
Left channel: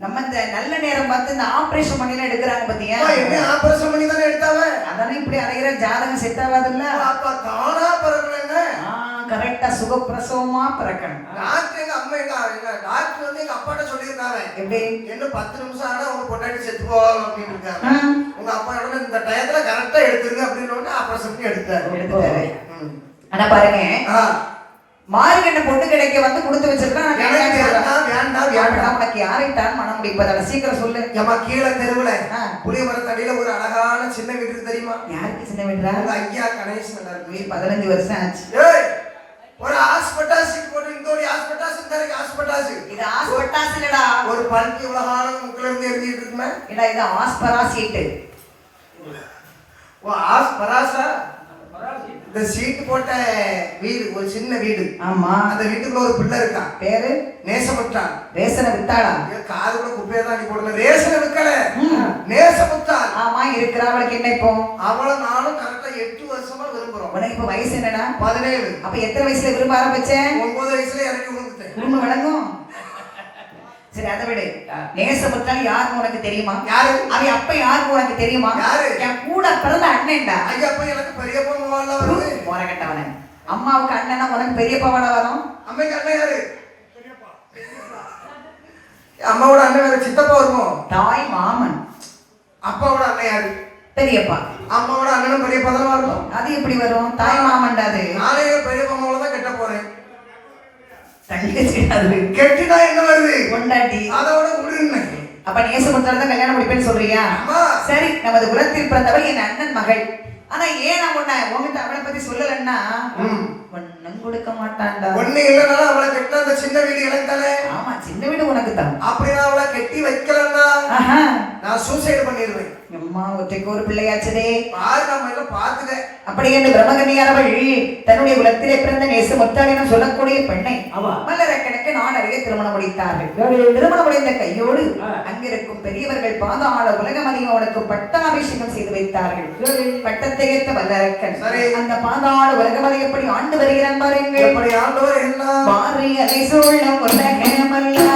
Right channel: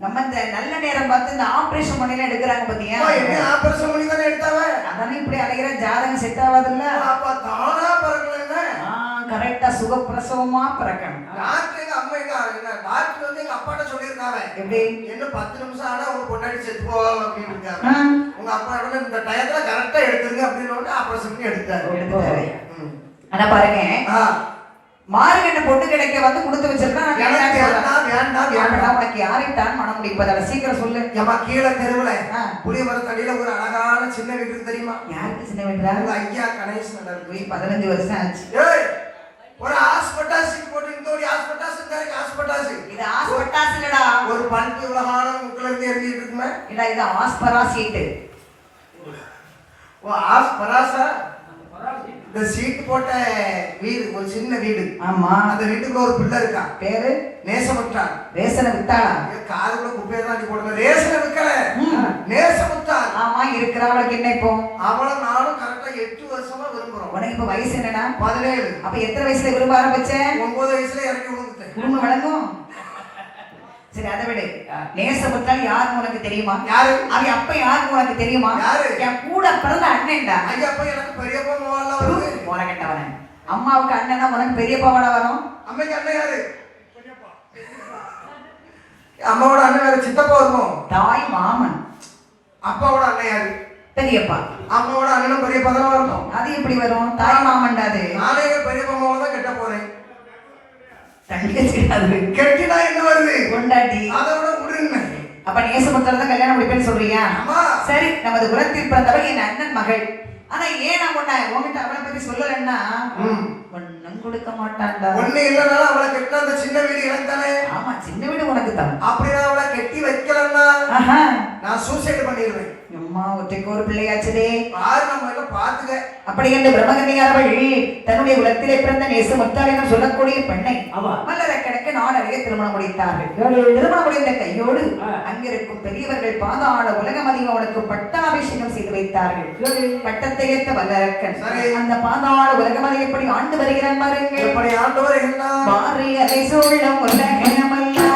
நம்ம இந்த நல்ல நேரம் பார்த்து இந்த ஆபரேஷன் பண்ணிலாம் எடுக்கிறாங்க பத்தியா. என்ன ஆபரேஷன் பண்ணி தானே எடுத்தாவ? அதானே இப்படி அலைகிற ஜாதகம் செட் ஆகாது இல்ல. அப்ப தானா பிறக்கணுங்க. கரெக்டா சுகப்பிரசவமா பிறக்கணும். டாக்டர் எங்க அம்மா எங்க டாக்டர் வந்து எங்க அப்பாட்ட சொல்லியிருந்தாங்க. எப்படி? என்ன 10 நிமிஷம் ஆனா உங்க பொண்டாட்டி செத்து போவாங்க அப்படின்னு இருக்காங்க. உங்க அப்பா இந்த டயத்துல கரெக்டா எடுத்துருங்க அப்படின்னு ஆபரேஷன் பண்ணி எடுத்தாரு. ஆனா பாருங்க மாறுகண்ட பொண்ணு கிடைக்க வந்து கொடுத்து வச்சிருக்கா. உனக்கு யாரைத்தான் மனம் முடிப்பதால சீக்கிரம் சொல்லு. ஏமா கீழே தெருவுல புளிய மரத்தடியில ஒரு அழகான சின்ன வீடு இருக்கு தெரியுமா? யாருக்கு சின்ன வீடுடா? உங்க ஐயா கணேசன் இருக்கு. 15 வருஷம் ஆச்சு. ஒரு ஹாஸ்பிட்டாஸ் போட்டு இந்த ஒரு ஹாஸ்பிட்டாஸ் இந்த ஹாஸ்பிட்டாஸ். இது ஹாஸ்பிட்டாஸ் இல்லடா. ஒரு பல்கி உலகான முக்குல இருந்து எரிஞ்சிட்டு இருக்குமே. இல்ல இது ஆஸ்பரா சீட். ஓ ஆஸ்பராஸா? இந்த சீட் போட்ட வீடு ஒரு சின்ன வீடு. ஆமா அந்த வீட்டுக்குள்ள ஒரு பிள்ளை இருக்கா. பேரு நேசமுத்தான். ரேசனை வித்தாளா? காதுக்குள்ள குப்பையை தான் அடி போடுங்க. ரேசனை விக்கல, நேசமுத்தான். ஆமா இருக்கிற அவளுக்கு என்ன இப்போ? அவளை நானும் கரெக்டா 8 வருஷமா விரும்புறோம். உனக்கு இப்ப வயசு என்னடா? 17. அப்ப எத்தனை வயசுல விரும்ப ஆரம்பிச்சேன்? 9 வயசுல இறங்கி விழுந்துட்டேன். குடும்பம் வழங்கும். சரி அதை விடு. நேசமுத்தால் யாருன்னு உனக்கு தெரியுமா? யாரு? அவன் அப்ப யாருன்னு உனக்கு தெரியுமா? யாரு? என் கூட பிறந்த அண்ணன்டா. ஐயா அப்ப எனக்கு பெரியப்பா மோகன்ல வருது. மோரகட்டவன. அம்மாவுக்கு அண்ணனா உனக்கு பெரியப்பாவோட வரும். அம்மைக்கு அண்ணன் யாரு? பெரியப்பா. அம்மாவோட அண்ணன் வேற சித்தப்பா வருமோ? தாய் மாமன். அப்பாவோட அண்ணன் யாரு? பெரியப்பா. அம்மாவோட அண்ணனும் பெரியப்பா தானே வரணும். அது எப்படி வரும்? தாய் மாமன்டா அது. நானே பெரியப்பா மோகன் தான் கெட்ட போறேன். கெட்டினா என்ன வருது? கொண்டாடி. அதோட உடுங்க. அப்ப நேசமுத்தர் தான் கல்யாணம் முடிப்பேன்னு சொல்றியா? சரி நமது குலத்தில் பிறந்தவள் என் அண்ணன் மகள். ஆனா ஏன் நான் உன்கிட்ட அவளை பத்தி சொல்லலன்னா ஒன்னும் கொடுக்க மாட்டான்டா. ஒண்ணு இல்லனால அவளை கெட்ட அந்த சின்ன வீடு எனக்கு தானே. ஆமா சின்ன வீடு உனக்கு தான். அப்படியே அவளை கெட்டி வைக்கலன்னா நான் சூசைடு பண்ணிடுவேன். அம்மா ஒற்றைக்கு ஒரு பிள்ளையாச்சதே. பாரு நம்ம எல்லாம் பாத்துக்க. அப்படி என்று பிரம்மகன்னியாரவள் தன்னுடைய குலத்திலே பிறந்த நேசமுத்தாள் சொல்லக்கூடிய பெண்ணை மல்லரக்கணக்கு நாடறிய திருமணம் முடித்தார்கள். திருமணம் முடிந்த கையோடு அங்கிருக்கும் பெரியவர்கள் பாதாள உலகம் அவனுக்கு பட்டாபிஷேகம் செய்து வைத்தார்கள். பட்டத்தை ஏற்ற வல்லரக்கன் அந்த பாதாள உலகமதி எப்படி ஆண்டு வருகிறான் பாருங்க. எப்படி ஆண்டு வருகிறான் பாரு அதை சொல்லும் உலகமல்லா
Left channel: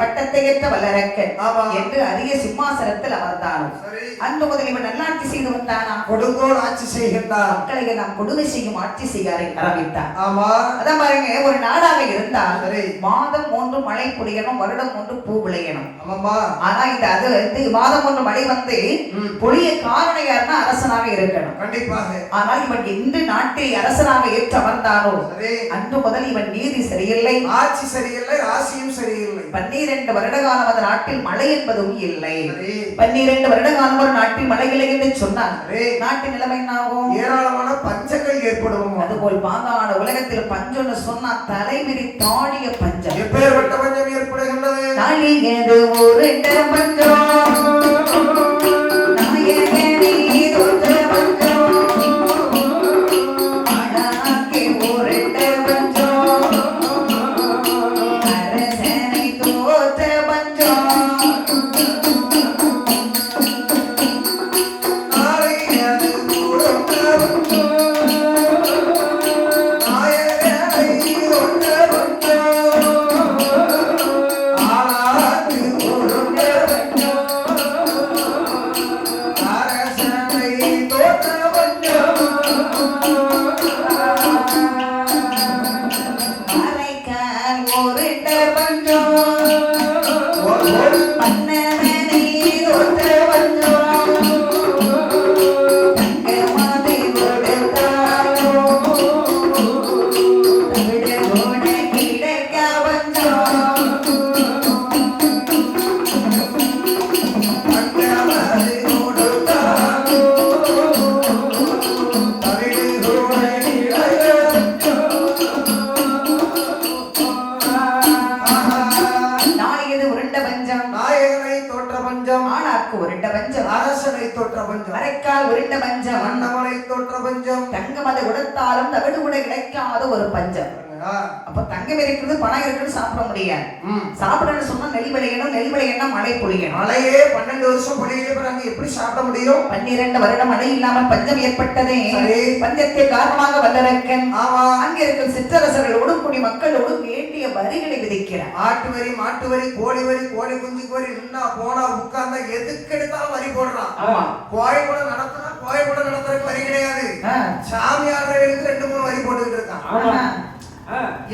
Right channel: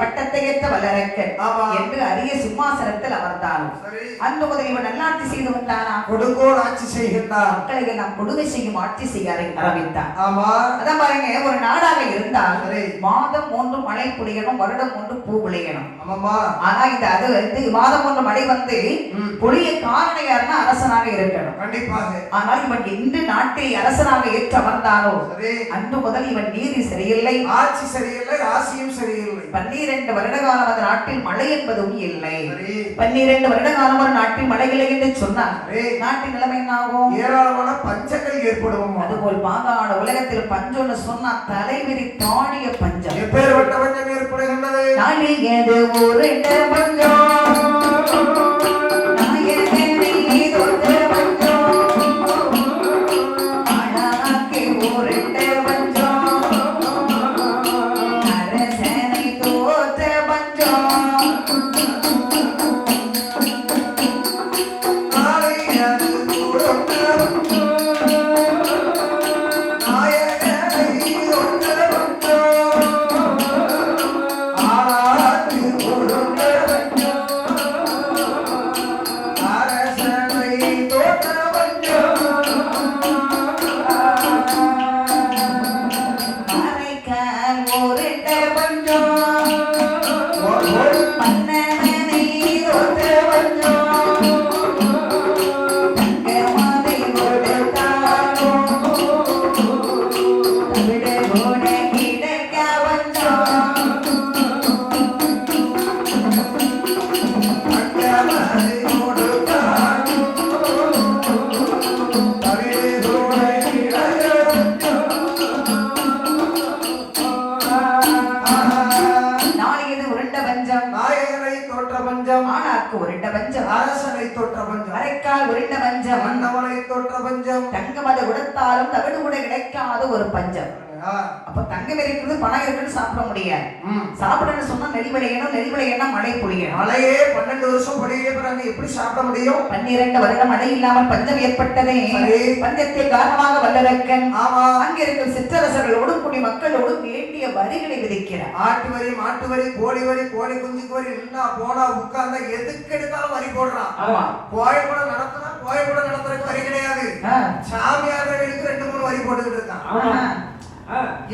பட்டத்தை ஏற்ற வல்லரக்கன் என்று அரிய சிம்மாசனத்தில் அமர்ந்தான். அன்பு முதல் இவன் நல்லாட்சி செய்து வந்தானா? கொடுங்கோல் ஆட்சி செய்கின்றான். மக்களை எல்லாம் கொடுமை செய்யும் ஆட்சி செய்ய ஆரம்பித்தான். ஆமா அதான் பாருங்க ஒரு நாடாக இருந்தால் மாதம் 3 மழை பொழியணும், வருடம் 1 பூ விளையணும். ஆமாமா. ஆனா இது அது வந்து மாதம் 1 மழை வந்து பொழிய காரணம் யாருன்னா அரசனாக இருக்கணும். கண்டிப்பாக. ஆனால் இவன் இன்று நாட்டை அரசனாக ஏற்று அமர்ந்தானோ அன்று முதல் இவன் நீதி சரியில்லை, ஆட்சி சரியில்லை, ராசியும் சரியில்லை. 12 வருட காலம் அந்த நாட்டில் மழை என்பதும் இல்லை. 12 வருட காலம் ஒரு நாட்டில் மழை இல்லை என்று சொன்னார். நாட்டின் நிலைமை என்ன ஆகும்? ஏராளமான பஞ்சங்கள் ஏற்படும். அதுபோல் பாதாள உலகத்தில் பஞ்சம்னு சொன்னா தலைவிரி தாடிய பஞ்சம். எப்பேற்பட்ட பஞ்சம் ஏற்படுகின்றது? நாளில் ஏது ஒரு பஞ்சம் அரைக்கால் உருண்ட பஞ்சம் அன்னமலை தோற்ற பஞ்சம் தங்கம் அதை உடுத்தாலும் தவிடு கூட கிடைக்காத ஒரு பஞ்சம். அப்ப தங்கம் இருக்குது பணம் இருக்குன்னு சாப்பிட முடியாது. சாப்பிடணும்னு சொன்னா நெல் விளையணும், நெல் விளையணும் மழை பொழியணும். மழையே 12 வருஷம் பொழியறாங்க, எப்படி சாப்பிட முடியும்? 12 வருடம் மழை இல்லாமல் பஞ்சம் ஏற்பட்டதே. பஞ்சத்தை காரணமாக வல்லரக்கன் அங்க இருக்கும் சிற்றரசர்களோடு குடி மக்களோடு வேண்டிய வரிகளை விதிக்கிறார். ஆட்டு வரி, மாட்டு வரி, கோழி வரி, கோழி குஞ்சு வரி, நின்னா போனா உட்கார்ந்தா எதுக்கு எடுத்தாலும் வரி போடுறான். கோயில் கூட நடத்துனா கோயில் கூட நடத்துறதுக்கு வரி கிடையாது. சாமியார்களுக்கு 2-3 வரி போட்டுட்டு இருக்கான்.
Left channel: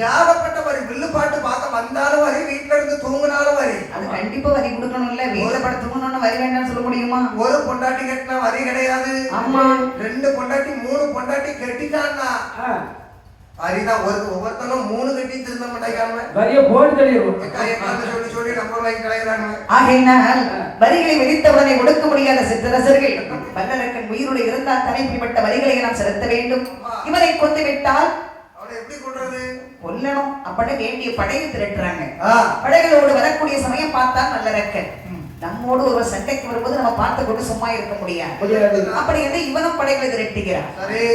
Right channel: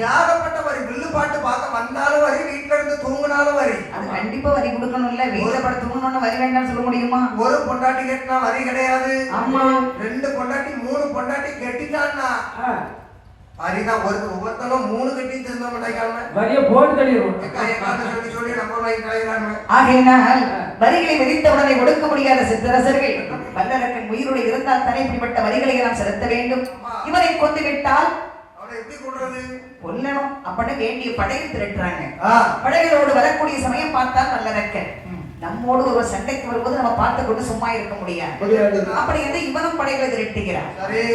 யாகப்பட்ட வரி, வில்லு பாட்டு பார்க்க வந்தாலும் வரி, வீட்டுல இருந்து தூங்கினாலும் வரி. அது கண்டிப்பா வரி கொடுக்கணும்ல. வீட்டுல பட தூங்கணும்னு வரி வேண்டாம்னு சொல்ல முடியுமா? ஒரு பொண்டாட்டி கட்டினா வரி கிடையாது. ஆமா, 2 பொண்டாட்டி 3 பொண்டாட்டி கட்டிட்டான்னா வரிதான். ஒவ்வொருத்தனும் 3 கட்டி திரும்ப மாட்டாங்க, வரிய போட்டு தள்ளிடுவோம். சொல்லி சொல்லி நம்ம வாங்கி கிடைக்கிறாங்க. ஆகையினால் வரிகளை விதித்தவுடனே கொடுக்க முடியாத சிற்றரசர்கள் வல்லரக்கன் உயிரோடு இருந்தால் தனிப்பட்ட வரிகளை நாம் செலுத்த வேண்டும். இவரை கொண்டு விட்டால் எப்படி கொள்றது? கொல்லணும். அப்படி வேண்டிய படையை திரட்டுறாங்க. படைகளோடு வரக்கூடிய சமயம் பார்த்தா நல்லரக்கன் நம்மோடு ஒரு சண்டைக்கு வரும்போது நம்ம பார்த்து கொண்டு சும்மா இருக்க முடியாது. அப்படி வந்து இவனும் படைகளை திரட்டுகிறார்.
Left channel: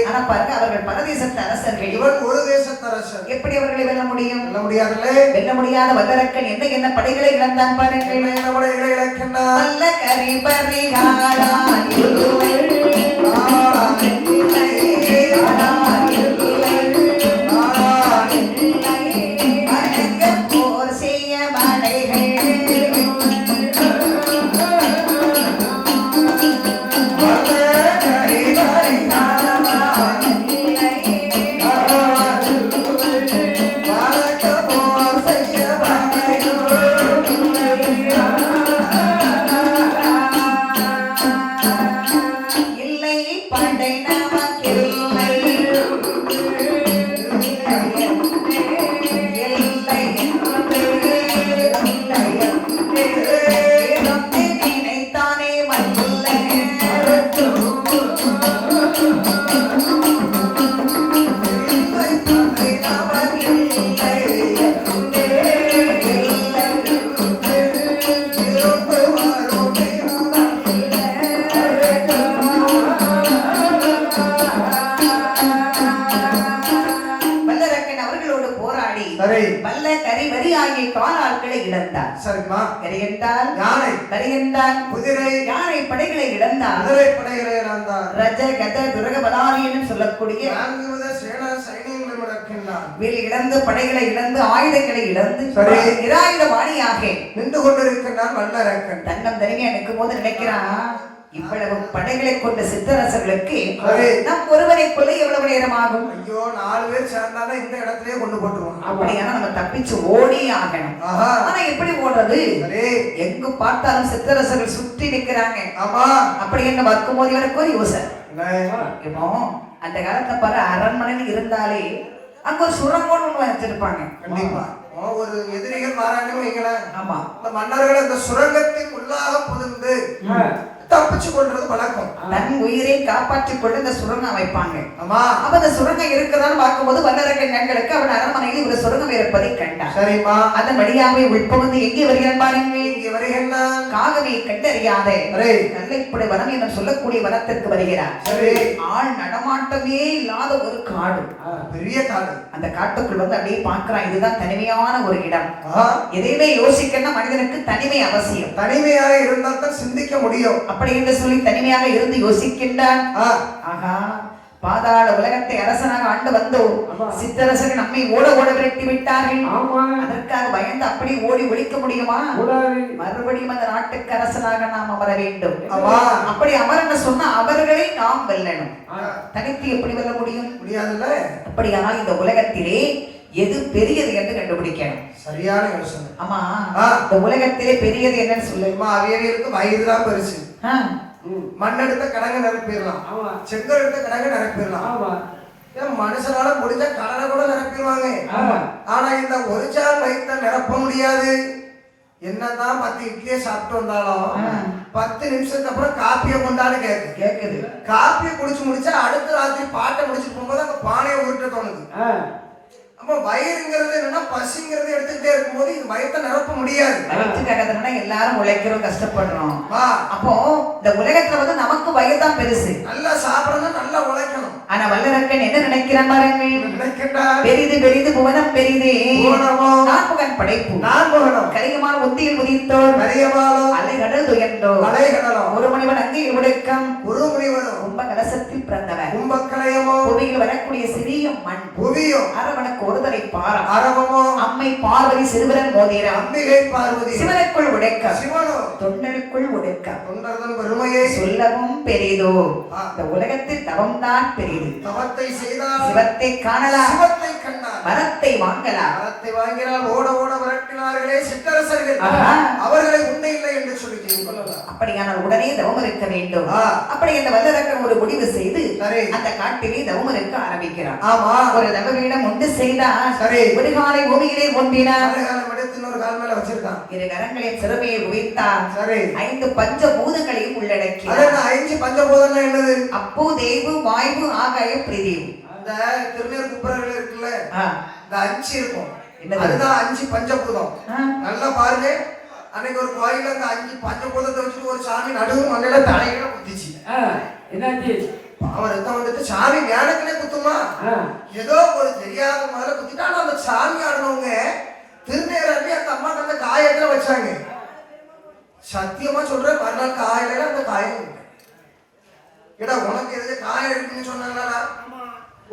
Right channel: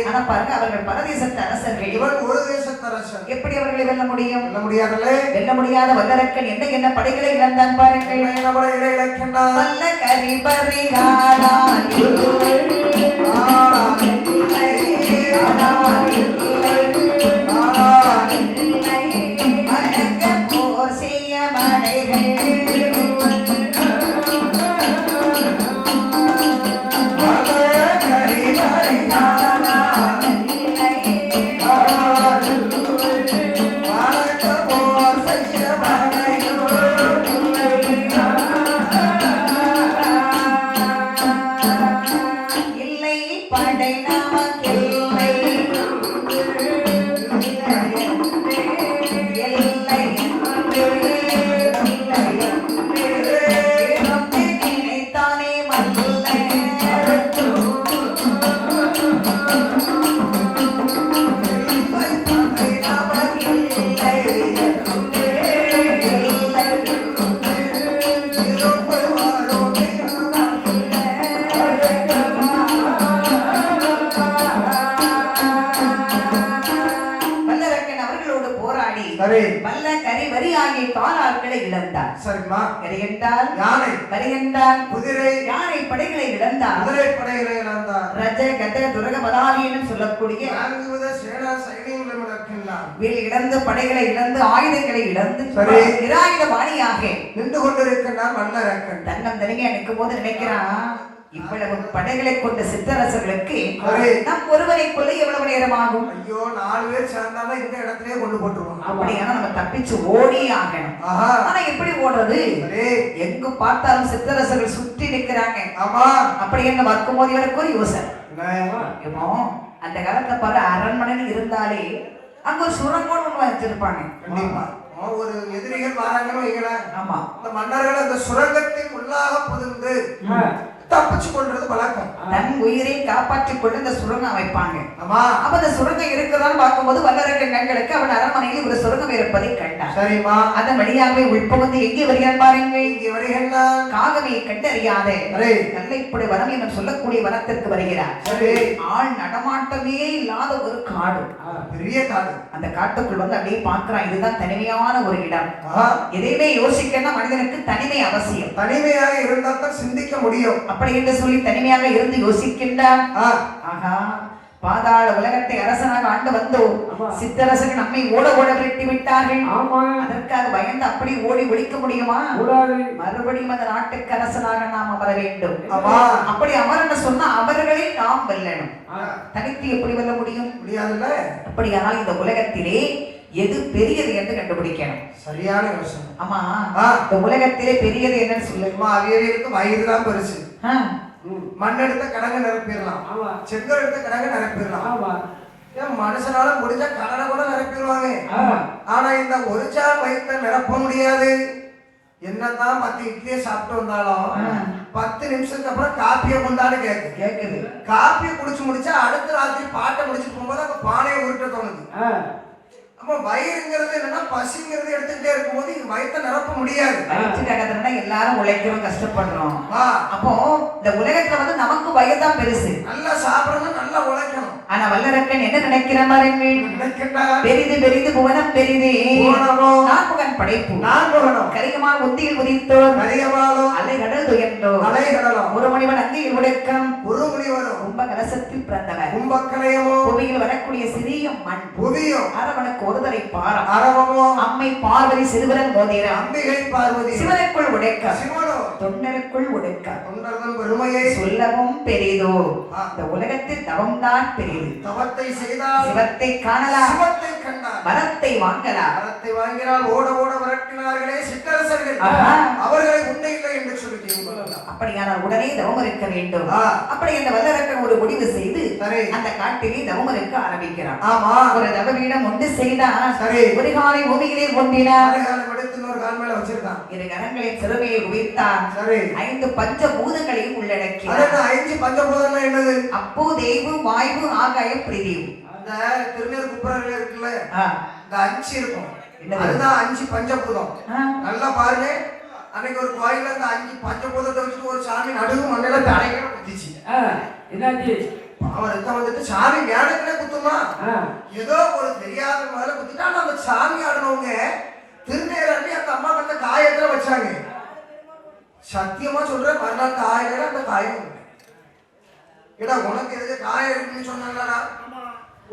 ஆனா பாருங்க, அவர்கள் பரதேசத்து அரசர்கள், இவன் ஒரு தேசத்து அரசர். எப்படி அவர்களை வெல்ல முடியும்? வெல்ல முடியாதுல்ல. வெல்ல முடியாத வல்லரக்கன் என்ன படைகளை இழந்தான் பாருங்கள். என்ன படைகளை இழக்கின்றான்? வல்ல கரி பரிகாரா வல்ல கரி வரி ஆகிய காலாட்களை இழந்தார். சரிமா. கரி என்றால் யானை, வரி என்றால் குதிரை, யானை படைகளை இழந்தார். குதிரை படைகளை இழந்தார். ரஜ கஜ துரக பதாலி என்று சொல்லக்கூடிய 4 வித சேனா சைனியங்களை இழக்கின்றார். வில் இழந்து படைகளை இழந்து ஆயுதங்களை இழந்து நிராயுத பாணியாக நின்று கொண்டிருக்கிறார் வல்லரக்கன். தன்னம் தனிமையா நிற்கும் போது நினைக்கிறான், இவ்வளவு படைகளை கொண்ட சிற்றரசர்களுக்கு நம் ஒருவரை கொள்ள எவ்வளவு நேரம் ஆகும்? ஐயோ, 4 பேர் சேர்ந்தாலும் இந்த இடத்திலேயே கொண்டு போட்டுருவோம். அப்படியான நம்ம தப்பிச்சு ஓடி ஆகணும். ஆனா எப்படி ஓடுறது? எங்கு பார்த்தாலும் சிற்றரசர்கள் சுற்றி நிற்கிறாங்க. ஆமா, அப்படி என்ன வர்க்கும் போது இவருக்கு ஒரு யோசனை. அந்த காலத்துல பாரு, அரண்மனைன்னு இருந்தாலே அங்க ஒரு சுரங்கோன்னு ஒண்ணு வச்சிருப்பாங்க. கண்டிப்பா ஒரு எதிரிகள் வராங்கன்னு வைங்களேன். ஆமா, இந்த மன்னர்கள் அந்த சுரங்கத்தின் உள்ளாக புகுந்து தப்பிச்சு கொள்றது வழக்கம். தன் உயிரை காப்பாற்றிக் கொண்டு இந்த சுரங்கம் அமைப்பாங்க. ஆமா, அப்ப அந்த சுரங்கம் இருக்குதான்னு பார்க்கும்போது வல்லரக்கன் கண்களுக்கு அவன் அரண்மனையில் ஒரு சுரங்கம் இருப்பதை கண்டான். சரிமா. அதன் வழியாகவே உள்பகுந்து எங்கே வருகிறான் பாருங்கள். இங்கே வருகிறான். காகவை கண்டறியாத கல்லைப்படை வனம் என்று சொல்லக்கூடிய வனத்திற்கு வருகிறான். ஆள் நடமாட்டமே இல்லாத ஒரு காடு, பெரிய காடு. அந்த காட்டுக்குள் வந்து அப்படியே பார்க்கிறான். இதுதான் தனிமையான ஒரு இடம். எதையுமே யோசிக்கணும், மனிதனுக்கு தனிமை அவசியம். தனிமையாக இருந்தால் தான் சிந்திக்க முடியும். அப்படி என்று சொல்லி தனிமையாக இருந்து யோசிக்கின்றான். ஆகா, பாதாள உலகத்தை அரசனாக ஆண்டு வந்தோம். சித்தரசர்கள் நம்மை ஓட விரட்டி விட்டார்கள். அதற்காக பயந்து அப்படி ஓடி ஒழிக்க முடியுமா? மறுபடியும் அந்த நாட்டுக்கு அரசனாக நாம் அமர வேண்டும். அப்படி அமரன்னு சொன்னா அவர்களை நாம் வெல்லணும். தனித்து எப்படி வெல்ல முடியும்? முடியாதுல்ல. அப்படியானால் இந்த உலகத்திலே எது பெரியது என்று கண்டுபிடிக்கணும். சரியான யோசனை. ஆமா, இந்த உலகத்திலே பெரியது என்னன்னு சொல்லுமா? அவியவியலுக்கு வயிறுதான் பெருசு. மண்ணெடுத்த கடங்க நிரப்பிடலாம், செங்கல் எடுத்த கடங்க நிரப்பிடலாம். மனுஷனால முடிஞ்ச கடனை கூட நிரப்பிடுவாங்க. ஆனா இந்த ஒரு சால் வயிற்ற நிரப்ப முடியாது. என்னதான் 10 இட்லியை சாப்பிட்டு வந்தாலும் 10 நிமிஷத்துக்கு அப்புறம் காப்பியை கொண்டாடு கேக்குது. காப்பியை குடிச்சு முடிச்சா அடுத்த ராத்திரி பாட்டை முடிச்சு போகும்போது அந்த பானையை உருட்ட தோணுது. அப்ப வயிறுங்கிறது என்னன்னா பசிங்கிறது எடுத்துக்கிட்டே இருக்கும்போது இது வயித்தை நிரப்ப முடியாது. வயிற்றுக்காக எல்லாரும் உழைக்கிறோம், கஷ்டப்படுறோம். அப்போ இந்த உலகத்துல வந்து நமக்கு வயிறு தான் பெருசு. நல்லா சாப்பிடணும், நல்லா உழைக்கணும். ஆனா வல்லரக்கன் என்ன நினைக்கிறான் பாருங்கள். நினைக்கின்றார் பெரிது பெரிது புவனம் பெரிதே, நான்முகன் படைப்பு நான்முகனும் கரிகமால் ஒத்தியில் உதித்தோர் கரிகமாலும் அலைகடல் துயர்ந்தோர் அலைகடலும் ஒரு மணிவன் அங்கே உடைக்கம் ஒரு முனிவரும் கும்ப கலசத்தில் பிறந்தவர் கும்பக்கலையமோ புவியில் வரக்கூடிய சிறிய மண் புவியும் அரவனுக்கு ஒருதலை பாரம் அரவமோ அம்மை பார்வதி சிறுவரன் மோதிரம் அம்பிகை பார்வதி சிவனுக்குள் உடைக்க சிவனோ தொண்டருக்குள் உடைக்க தொண்டர்தன் பெருமையை சொல்லவும் பெரிதோ. இந்த உலகத்தில் தவம் தான் பெரிது. தவத்தை செய்தால் சிவத்தை காணலாம், சிவத்தை கண்டார். வரத்தை வாங்கலாம். வரத்தை வாங்கினால் ஓட ஓட விரட்டினார்களே சிற்றரசர்கள், அவர்களை உண்டை இல்லை என்று சொல்லி அப்படியானால் உடனே தவம் இருக்க வேண்டும். அப்படி அந்த வல்லரக்கன் ஒரு முடிவு செய்து அந்த காட்டிலே தவம் இருக்க ஆரம்பிக்கிறான். ஆமா, ஒரு தவவீடம் ஒன்று செய்தான். சரி, ஒரு காலை பூமியிலே ஒன்றினார், இன்னொரு கால் மேல வச்சிருக்கான். இரு கரங்களின் சிறுமையை குவித்தான். சரி, 5 பஞ்சபூதங்களையும் உள்ளடக்கி. 5 பஞ்சபூதங்கள் என்னது? அப்போ தேவு வாயு ஆகாயம் பிரிதிவு. அந்த திருநீர் குப்புறர்கள் இருக்குல்ல, இந்த 5 இருக்கும், அதுதான் 5 பஞ்சபூதம். நல்லா பாருங்க, அன்னைக்கு ஒரு கோயில்ல அந்த 5 பஞ்சபூதத்தை வச்சு ஒரு சாமி நடுவு மண்ணில தலைகளை குத்திச்சு. என்னாச்சு? அவருக்கு வந்துட்டு சாமி மேலக்கிலே குத்துமா, ஏதோ ஒரு தெரியாத முதல்ல குத்திட்டா. அந்த சாமி ஆடினவங்க திருநேராண்டி அந்த அம்மா அந்த காயத்துல வச்சாங்க. சத்தியமா சொல்றேன், மறுநாள் காயில அந்த காயம் ஏடா உனக்கு எதுக்கு காயம் இருக்குன்னு சொன்னாங்களா?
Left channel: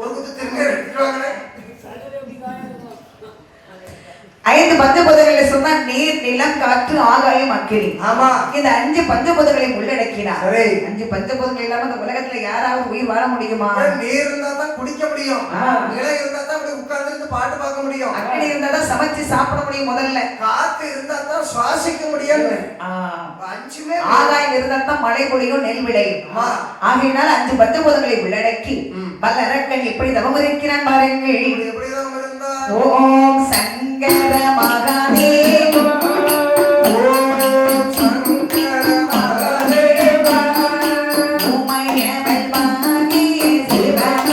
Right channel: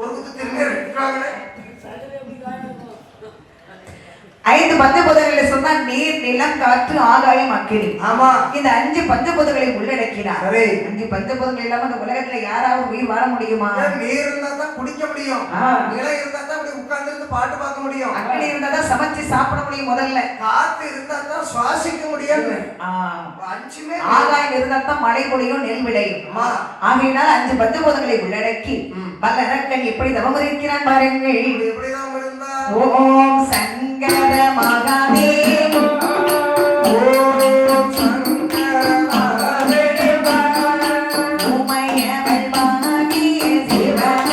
ஒரு குத்து திருநீர் எடுத்துவாங்களே. 5 பஞ்சபூதங்களை சொன்னா நீர், நிலம், காற்று, ஆகாயம், அக்கினி. ஆமா, இந்த 5 பஞ்சபூதங்களை உள்ளடக்கினார். 5 பஞ்சபூதங்கள் இல்லாம இந்த உலகத்துல யாராவது உயிர் வாழ முடியுமா? நீர் இருந்தா தான் குடிக்க முடியும், நிலம் இருந்தா தான் அப்படி உட்கார்ந்து இருந்து பாட்டு பார்க்க முடியும், அக்கினி இருந்தா தான் சமைச்சு சாப்பிட முடியும், முதல்ல காத்து இருந்தா தான் சுவாசிக்க முடியும், 5மே ஆகாயம் இருந்தா தான் மழை பொழியும், நெல் விளையும். ஆகையினால் 5 பஞ்சபூதங்களை உள்ளடக்கி வல்லரக்கன் எப்படி தவம் இருக்கிறான் பாருங்கள். எப்படி தவம் இருந்தா? ஓம் சங்கர மகாதேவ, ஓம் சங்கர மகாதேவ, உமையவள் மகே சிவன,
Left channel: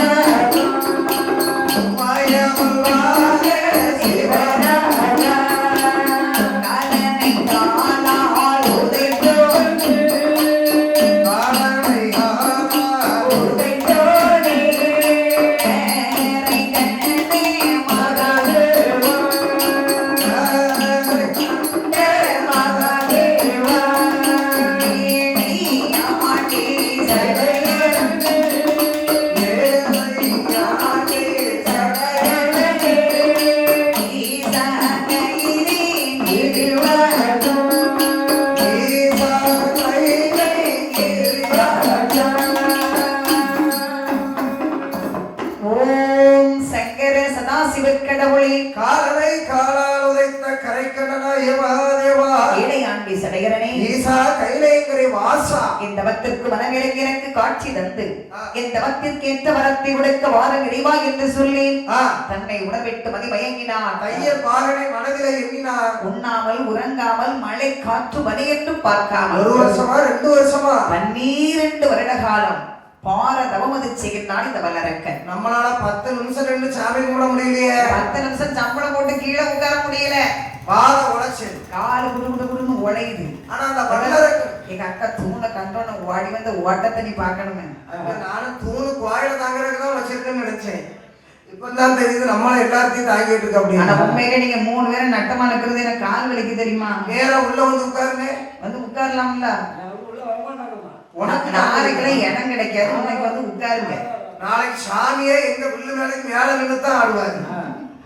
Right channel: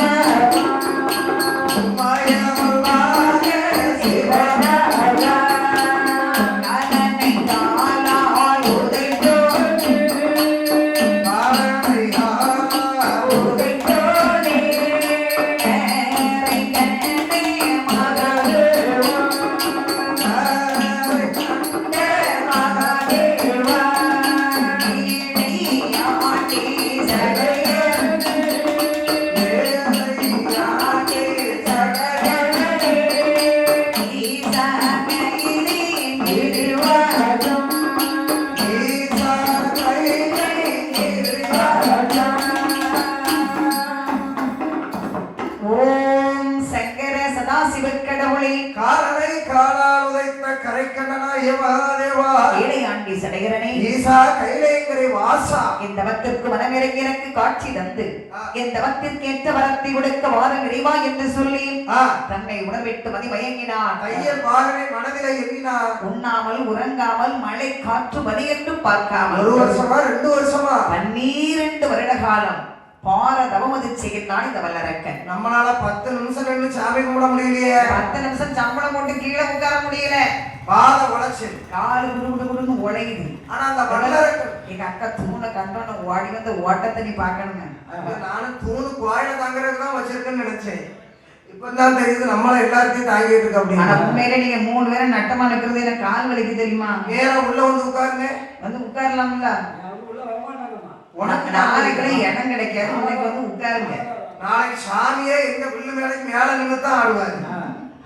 உமையவளாக சிவன, கலனை காலால் உதைத்தோன், காலனை காலால் உதைத்தோனே, நேரை கண்டே மகாதேவ, ஓம் சங்கர சதாசிவக்கடவுளே, காலனை காலால் உதைத்த கரைக்கண்ணனாய மகாதேவா, ஏழையாண்டி சடையரனே, ஈசா கைலேங்கரை வாசா, இந்த தவத்திற்கு மனமிறங்கி எனக்கு காட்சி தந்து இந்த தவத்திற்கு ஏற்ற வரத்தை உடைக்க வார நிறைவா என்று சொல்லி தன்னை உணர்விட்டு மதிமயங்கினான். தையல் பாகனை மனதிலே எண்ணினார். உண்ணாமல் உறங்காமல் மழை காற்று மணி என்று பார்க்காமல் 1 வருஷமா 2 வருஷமா 12 வருட காலம் பார தவமது செய்கிறான் இந்த வல்லரக்கன். நம்மளால 10 நிமிஷம் நின்று சாமி கும்பிட முடியலையே. 10 நிமிஷம் சம்பளம் போட்டு கீழே உட்கார முடியல. பாத உழைச்சு காலு குடுகுடுன்னு உழையுது. ஆனா அந்த வல்லரக்கன், எங்க அக்கா தூணை கண்டோன்னு ஓடி வந்து ஓட்டத்தை நீ பார்க்கணுமே. நானும் தூணு கோயில தாங்கிறதுக்கு தான் வச்சிருக்கேன்னு நினைச்சேன். இப்பதான் தெரியுது நம்மள எல்லாத்தையும் தாங்கிட்டு இருக்கு அப்படின்னு. ஆனா உண்மையிலே நீங்க 3 பேரும் நட்டமா இருக்கிறது எனக்கு கால் வலிக்கு தெரியுமா? நேரா உள்ள வந்து உட்காருங்க. வந்து உட்காரலாம்ல. உள்ள வரமாட்டாங்கம்மா. உனக்கு நாளைக்கு இடம் கிடைக்காது, உனக்கு வந்து உட்காருங்க. நாளைக்கு சாமியே எங்க வில்லு மேலைக்கு மேல நின்று தான் ஆடுவாரு.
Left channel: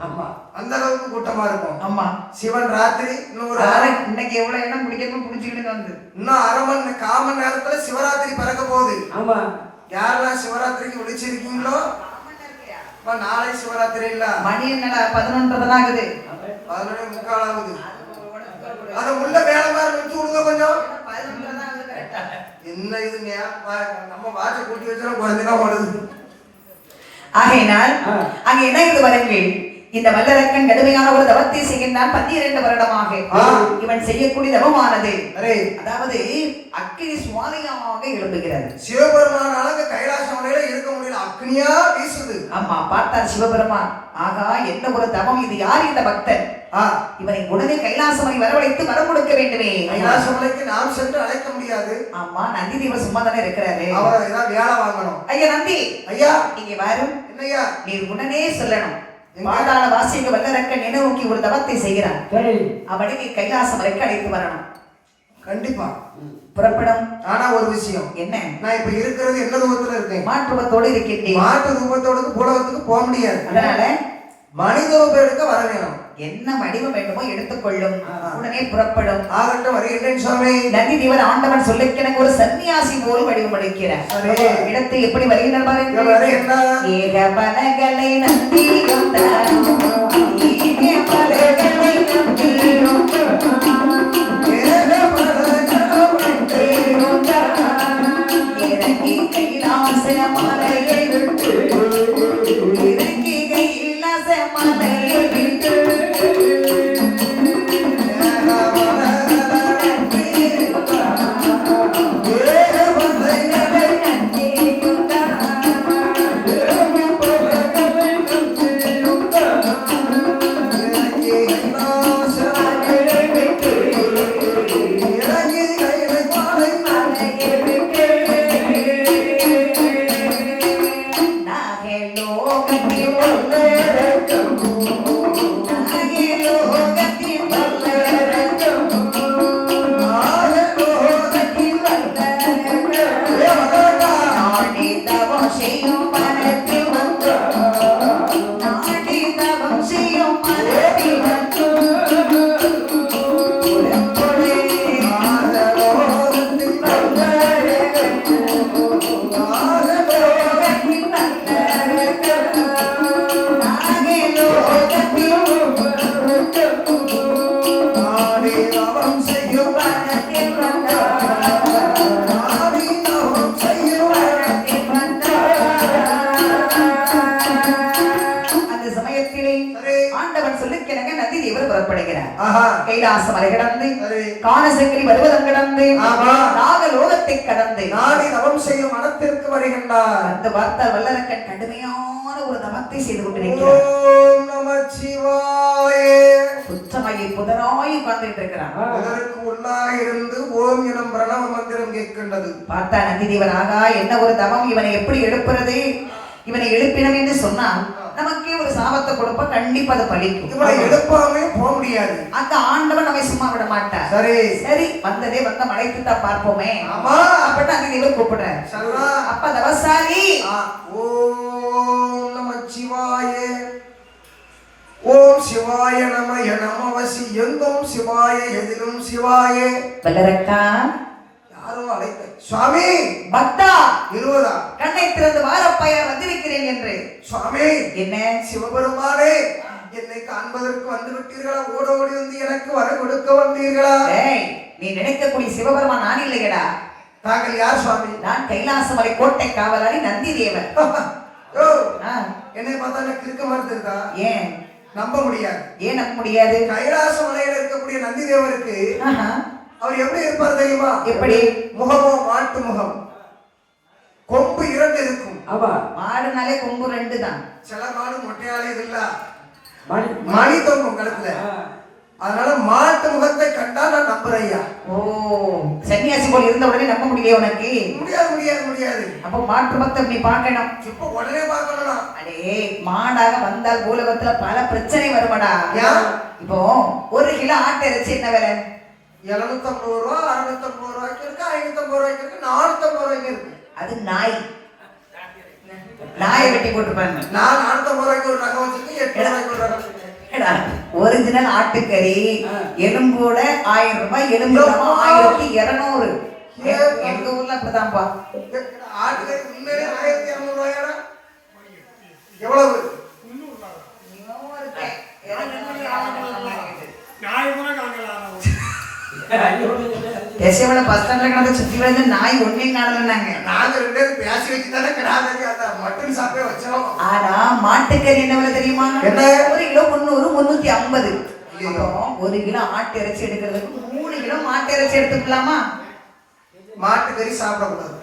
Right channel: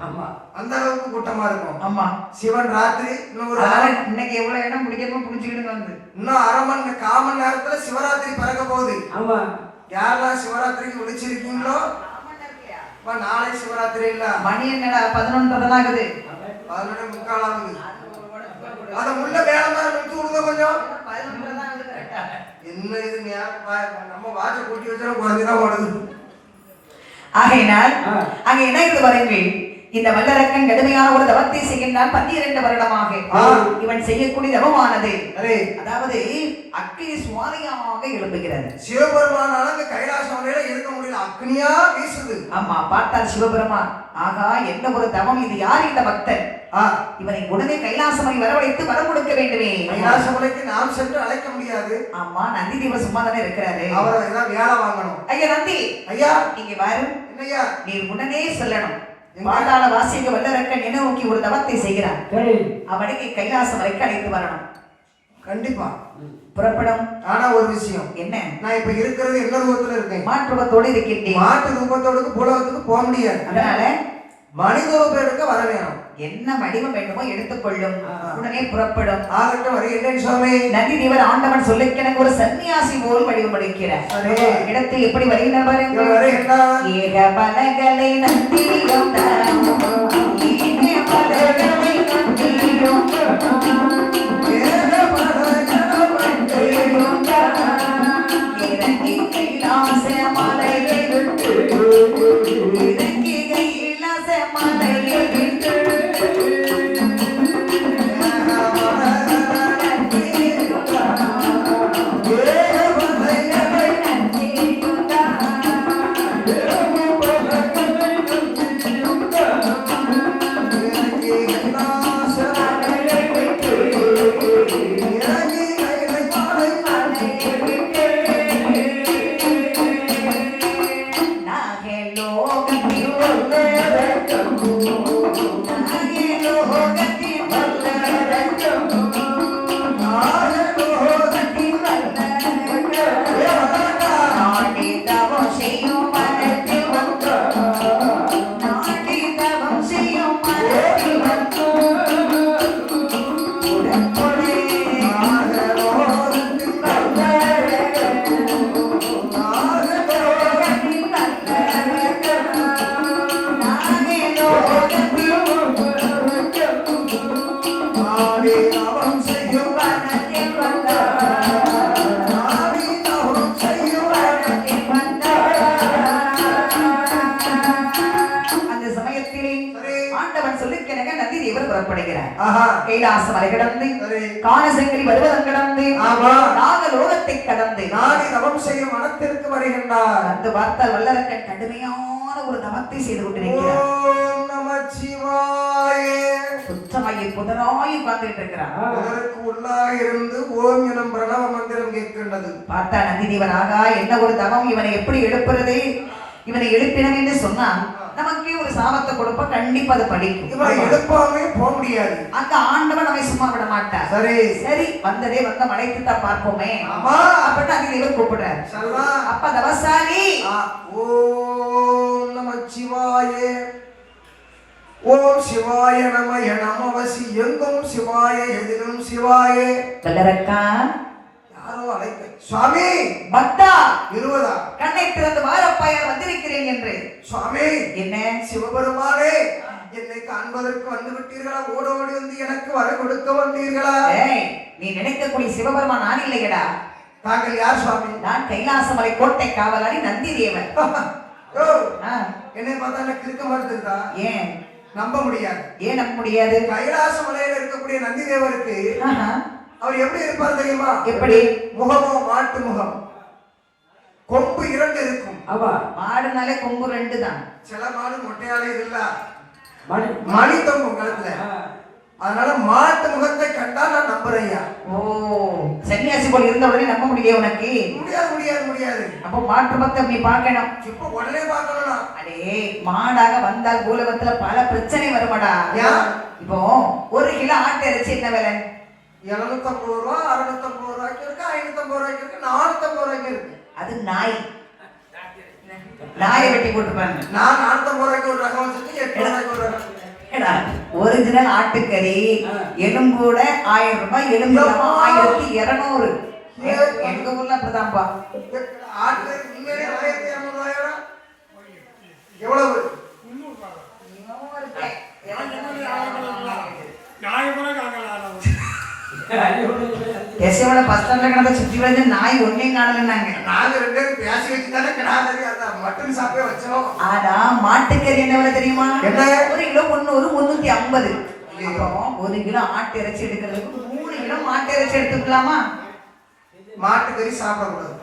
ஆமா, அந்த அளவுக்கு கூட்டமா இருக்கும். ஆமா, சிவன் ராத்திரி இன்னொரு இன்னைக்கு எவ்வளவு இடம் பிடிக்காம பிடிச்சிக்கிட்டு வந்து இன்னும் 1/2 மணி நேரத்துல சிவராத்திரி பிறக்க போகுது. ஆமா, யாரெல்லாம் சிவராத்திரிக்கு விழிச்சிருக்கீங்களோ நாளை சிவராத்திரி இல்ல. மணி என்னடா 11 ஆகுது. 11:45 ஆகுது. அத முள்ள வேலை மாதிரி நிறுத்தி விடுங்க கொஞ்சம். 11 ஆகுது. என்ன இது நம்ம வாட்ச கூட்டி வச்சா குழந்தைதான் ஓடுது. ஆகையினால் அங்க என்ன இது வரங்கள் இந்த வல்லரக்கன் கடுமையான ஒரு தவத்தை செய்கின்றான் 12 வருடமாக. இவன் செய்யக்கூடிய தவமானது அதாவது அக்கினி சுவாலையாக எழுப்புகிறது. சிவபெருமானால கைலாச மலையில இருக்க முடியல, அக்னியா வீசுது. ஆமா, பார்த்தார் சிவபெருமான், ஆகா என்ன ஒரு தவம் இது, யார் இந்த பக்தன், இவனை உடனே கைலாசமலை வரவழைத்து வரம் கொடுக்க வேண்டுமே. கைலாசமலைக்கு நாம் சென்று அழைக்க முடியாது. ஆமா, நந்தி தேவர் சும்மா தானே இருக்கிறாரு, அவரை ஏதாவது வேலை வாங்கணும். ஐயா நந்தி, ஐயா நீங்க வரும், என்னையா நீ உடனே சொல்லணும், பாதாள வாசிக்க வல்லரக்கன் என்ன நோக்கி ஒரு தவத்தை செய்கிறான், அவனை நீ கைலாசமலைக்கு அழைத்து வரணும். கண்டிப்பா புறப்படும். ஆனா ஒரு விஷயம் என்ன, நான் இப்ப இருக்கிறது என்ன ரூபத்துல இருக்கேன், மாற்றுவத்தோடு இருக்கின்றேன். மாட்டு ரூபத்தோடு பூலகத்துக்கு போக முடியாது, அதனால மனித ரூபம் எடுக்க வர வேணும். என்ன வடிவம் வேண்டுமோ எடுத்துக்கொள்ளும், உடனே புறப்படும். ஆகட்டும், வருகின்றேன் சுவாமி. நந்தி தேவர் ஆண்டவன் சொல்ல எனக்கு ஒரு சன்னியாசி போல் வடிவம் எடுக்கிறார். இடத்தை எப்படி வருகின்றார் பாருங்கள். ஏக பலகலை நந்தியும் இறங்கி கைலாச மலையை விட்டு, இறங்கி கைலாச மலையை விட்டு, கைலாச மலை கடந்து காணசங்கிரி பர்வதம் கடந்து நாகலோகத்தை கடந்து நாடி தவம் செய்யும் மனத்திற்கு வருகின்றார். அந்த பார்த்தால் வல்லரக்கன் கடுமையான ஒரு தவத்தை செய்து கொண்டிருக்கிறார். ஓம் நமச்சிவாய. புத்தமையை புதராய் உட்கார்ந்துட்டு இருக்கிறார். அதற்கு உள்ளாக இருந்து ஓம் எனும் பிரணவ மந்திரம் கேட்கின்றது. பார்த்தா நந்தி தேவன், ஆகா என்ன ஒரு தவம், இவனை எப்படி எழுப்புறது, இவனை எழுப்பினம் என்று சொன்னா நமக்கே ஒரு சாபத்தை கொடுப்ப, கண்டிப்பா அது படிக்கும். இவனை எழுப்பாமே போக முடியாது. அந்த ஆண்டவன் நம்மை சும்மா விட மாட்டார். சரி சரி, வந்ததே வந்த மழைத்து தான் பார்ப்போமே. அப்ப அந்த தேவர் கூப்பிடுறாரு. அப்ப தவசாலி ஓம் நமச்சிவாய. ஓம் சிவாய நமய நமவசி எங்கும் சிவாய எதிலும் சிவாய. வல்லரக்கா, யாரோ அழைத்த சுவாமி. பக்தா, 20 கண்ணை திறந்து வாரப்பாயார் வந்திருக்கிறேன் என்று. சுவாமி, என்ன சிவபெருமானே, என்னை காண்பதற்கு வந்து விட்டீர்களா? ஓடோடி வந்து எனக்கு வர கொடுக்க வந்தீர்களா? நீ நினைக்கக்கூடிய சிவபெருமான் நான் இல்லையடா. தாங்கள் யார் சுவாமி? நான் கைலாசமலை கோட்டை காவலாளி நந்தி தேவன். என்னை பார்த்தா எனக்கு இருக்க மறுத்துதா? ஏன் நம்ப முடியாது. ஏன் நம்ப முடியாது? கைலாச மலையில இருக்கக்கூடிய நந்தி தேவருக்கு அவர் எப்படி இருப்பார் தெரியுமா? எப்படி? முகமோ மாட்டு முகம், கொம்பு 2 இருக்கும். ஆமா, மாடுனாலே கொம்பு 2 தான். சில மாடு மொட்டையாலே இல்ல, மணி தொங்கும் கழுத்துல. அதனால மாட்டு முகத்தை கண்டா நான் நம்புறையா. ஓ, சன்னியாசி போல இருந்த உடனே நம்ப முடியல உனக்கு? முடியாது முடியாது முடியாது. அப்போ மாட்டு பக்தம் நீ பார்க்கணும். இப்ப உடனே பார்க்கணும். அடே, மாடாக வந்தால் பூலகத்துல பல பிரச்சனை வருமாடா. இப்போ 1 கிலோ ஆட்டு இறைச்சி என்ன விலை? 750 ரூபா, 650 ரூபாய்க்கு இருக்கு, 550 ரூபாய்க்கு இருக்கு, 450 ரூபாய்க்கு இருக்கு. அது நாயை வெட்டி போட்டுப்பாங்க. நான் 450 ரூபாய்க்கு ஒரு ரகம் வச்சிருக்கேன், 8 ரூபாய்க்கு ஒரு ரகம். ஒரிஜினல் ஆட்டுக்கறி எலும்போட 1000 ரூபாய், எலும்பு 1200. எங்க ஊர்ல அப்படிதான்ப்பா. ஆட்டுக்கறி உண்மையிலே 1200 ரூபாயா? எவ்வளவு? யசோவனை பஸ் ஸ்டாண்ட்ல கடந்த சுற்றி வந்து நாய் ஒன்னே காணலன்னாங்க. நாங்க 2 பேரும் பேசி வச்சுதானே கிடாதே அந்த மட்டன் சாப்பிட்டே வச்சோம். ஆனா மாட்டுக்கறி என்ன விலை தெரியுமா? என்ன? 1 கிலோ 300, 350. அப்போ 1 கிலோ ஆட்டு இறைச்சி எடுக்கிறதுக்கு 3 கிலோ மாட்டு இறைச்சி எடுத்துக்கலாமா? மாட்டுக்கறி சாப்பிடக்கூடாது.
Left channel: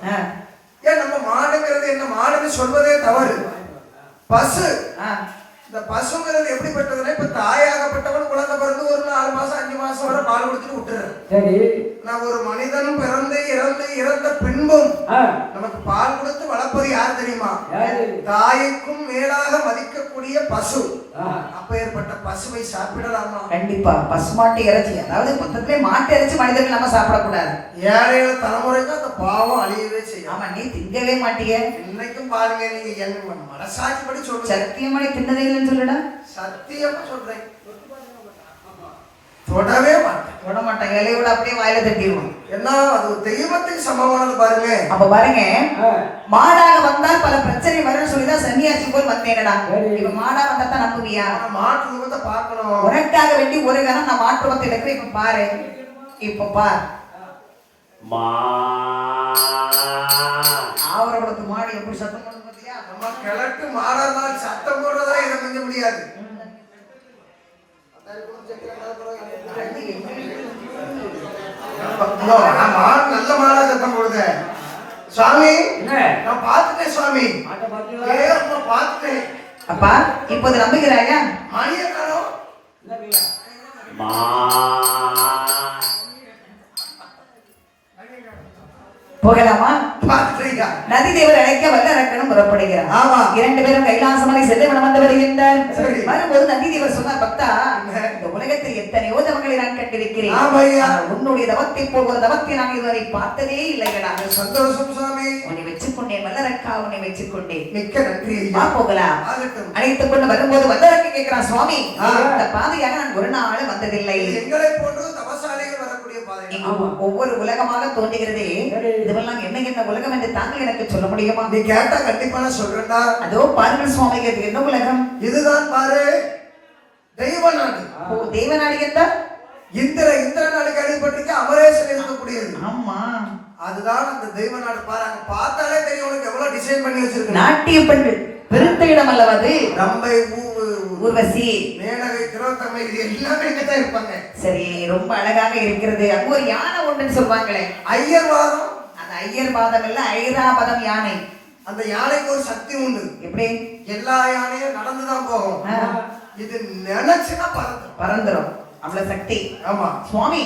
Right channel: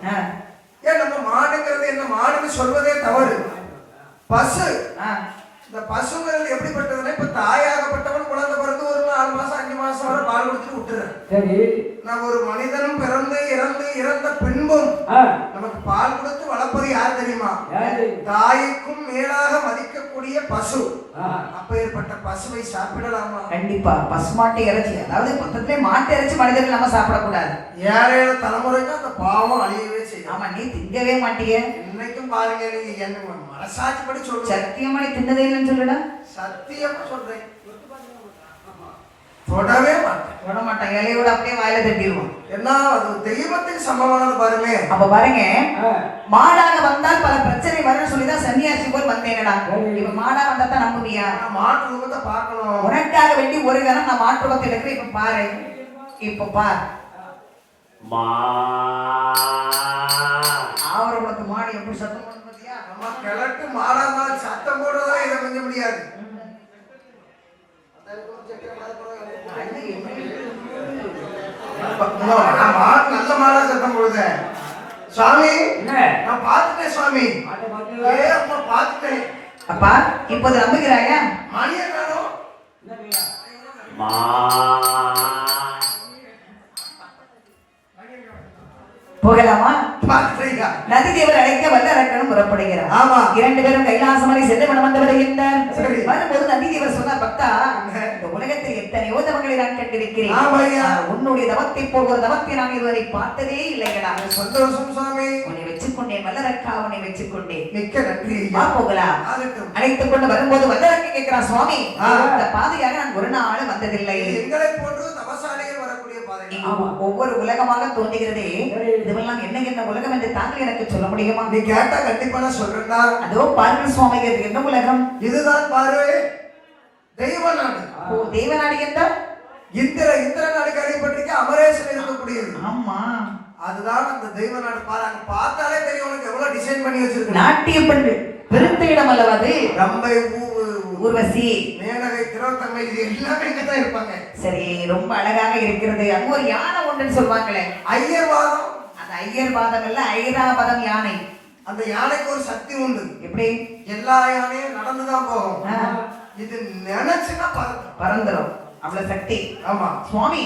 ஏன் நம்ம மாடுங்கிறது என்ன, மாடுன்னு சொல்வதே தவறு. பசு, இந்த பசுங்கிறது எப்படிப்பட்டதுன்னா, இப்ப தாயாகப்பட்டவன் குழந்தை பிறந்து ஒரு 4 மாசம் 5 மாசம் வரை பால் கொடுத்துட்டு விட்டுறேன். சரி. நான் ஒரு மனிதனும் பிறந்து இறந்த பின்பும் நமக்கு பால் கொடுத்து வளர்ப்பது யார் தெரியுமா? தாய்க்கும் மேலாக மதிக்கக்கூடிய பசு. அப்ப ஏற்பட்ட பசுவை சாப்பிடலாமா? கண்டிப்பா. பசுமாட்டு இறைச்சி, அதாவது மொத்தத்திலே மாட்டு இறைச்சி மனிதர்கள் நம்ம சாப்பிடக்கூடாது. 7 தலைமுறைக்கு அந்த பாவம் அழியவே செய்யும். ஆமா, நீ திங்கவே மாட்டிய. இன்னைக்கும் பாருங்க, நீங்க என்ன மனசாட்சி படி சொல்லுங்க. சத்தியமா நீ தின்னதே இல்லைன்னு சொல்லுடா. சத்தியமா சொல்றேன், தொடவே மாட்டேன். தொட மாட்டேன். இலையோட அப்படியே வாயில தட்டிடுவோம். ஏன்னா அது தெய்வத்துக்கு சமமானது பாருங்க. அப்ப பாருங்க, மாடாக வந்தால் பல பிரச்சனை வரும்னு சொல்லிதான் சன்னியாசி போல் வந்தேனடா. இப்ப மாடா வந்தா தான் நம்புவியா? மாட்டு ரூபத்தை பார்க்கணும். உனக்காக வேண்டி ஒரு கணம் நான் மாட்டு ரூபத்தை எடுக்கிறேன். இப்ப பாரு, இப்ப பார். ஆவரகுளத்து மாடு எப்படி சத்தம் போடுது பாத்தியா? நம்ம கிழக்கு மாடா தான் சத்தம் போடுறதா இதை கொஞ்ச முடியாது. நல்ல மாடா சத்தம் போடுது. சுவாமி, நான் பார்த்துட்டேன் சுவாமி. அம்மா பார்த்துட்டேன். அப்பா, இப்போது நம்புகிறாயா? மணியை காணோம். போகலாமா? பார்த்துட்டீங்க. நதி தேவர் அழைக்க வல்லரக்கனும் புறப்படுகிறார். ஆமா. 2 பேரும் கைலாசமலை செல்ல மனம் வந்து வருகின்றார். சரி. வரும்போது நதி தேவர் சொன்னார், பக்தா, இந்த உலகத்தில் எத்தனையோ தவங்களை நான் கண்டிருக்கிறேன். ஆமையா. உன்னுடைய தவத்தை போல் ஒரு தவத்தை நான் இதுவரை பார்த்ததே இல்லைங்களா. சந்தோஷம் சுவாமி. உன்னை வச்சுக்கொண்டேன் வல்லரக்கா, உன்னை வச்சுக்கொண்டேன். மிக்க நன்றி. போகலாம். ஆகட்டும். அழைத்துக் கொண்டு வரும்போது வல்லரக்கை கேட்கிறான், சுவாமி, இந்த பாதையாக நான் ஒரு நாள் வந்ததில்லை. எங்களை போன்று தவசாலையில் வரக்கூடிய பாதை. ஒவ்வொரு உலகமாக தோன்றுகிறதே, இதுவெல்லாம் என்ன என்ன உலகம் என்று தாங்கள் எனக்கு சொல்ல முடியுமா? நீ கேட்டா கண்டிப்பா நான் சொல்றேன்டா. அதோ பாருங்கள் சுவாமி, இது என்ன உலகம்? இதுதான் பாரு தெய்வ நாடு. தெய்வ நாடு என்றால் இந்திர நாடு கேள்விப்பட்டிருக்க, அமரேசன் இருக்கக்கூடியது. ஆமா, அதுதான் அந்த தெய்வ நாடு. பாரு, அங்க பார்த்தாலே தெரியும் உனக்கு எவ்வளவு டிசைன் பண்ணி வச்சிருக்கு. நாட்டிய பெண்கள் பெருத்த இடம் அல்லவா அது? ரம்பை, ஊர்வசி, மேனகை, திரோத்தமை, இது எல்லாமே இங்கதான் இருப்பாங்க. சரி, ரொம்ப அழகாக இருக்கிறது. அங்க ஒரு யானை ஒன்றுன்னு சொல்வாங்களே, ஐயர்வாதம். அந்த ஐயர்வாதம் இல்ல, ஐராபதம் யானை. அந்த யானைக்கு ஒரு சக்தி உண்டு. எப்படி? எல்லா யானையும் நடந்துதான் போகும். இது நினைச்சுன்னா பறந்துரும், அவ்வளவு சக்தி. ஆமா சுவாமி,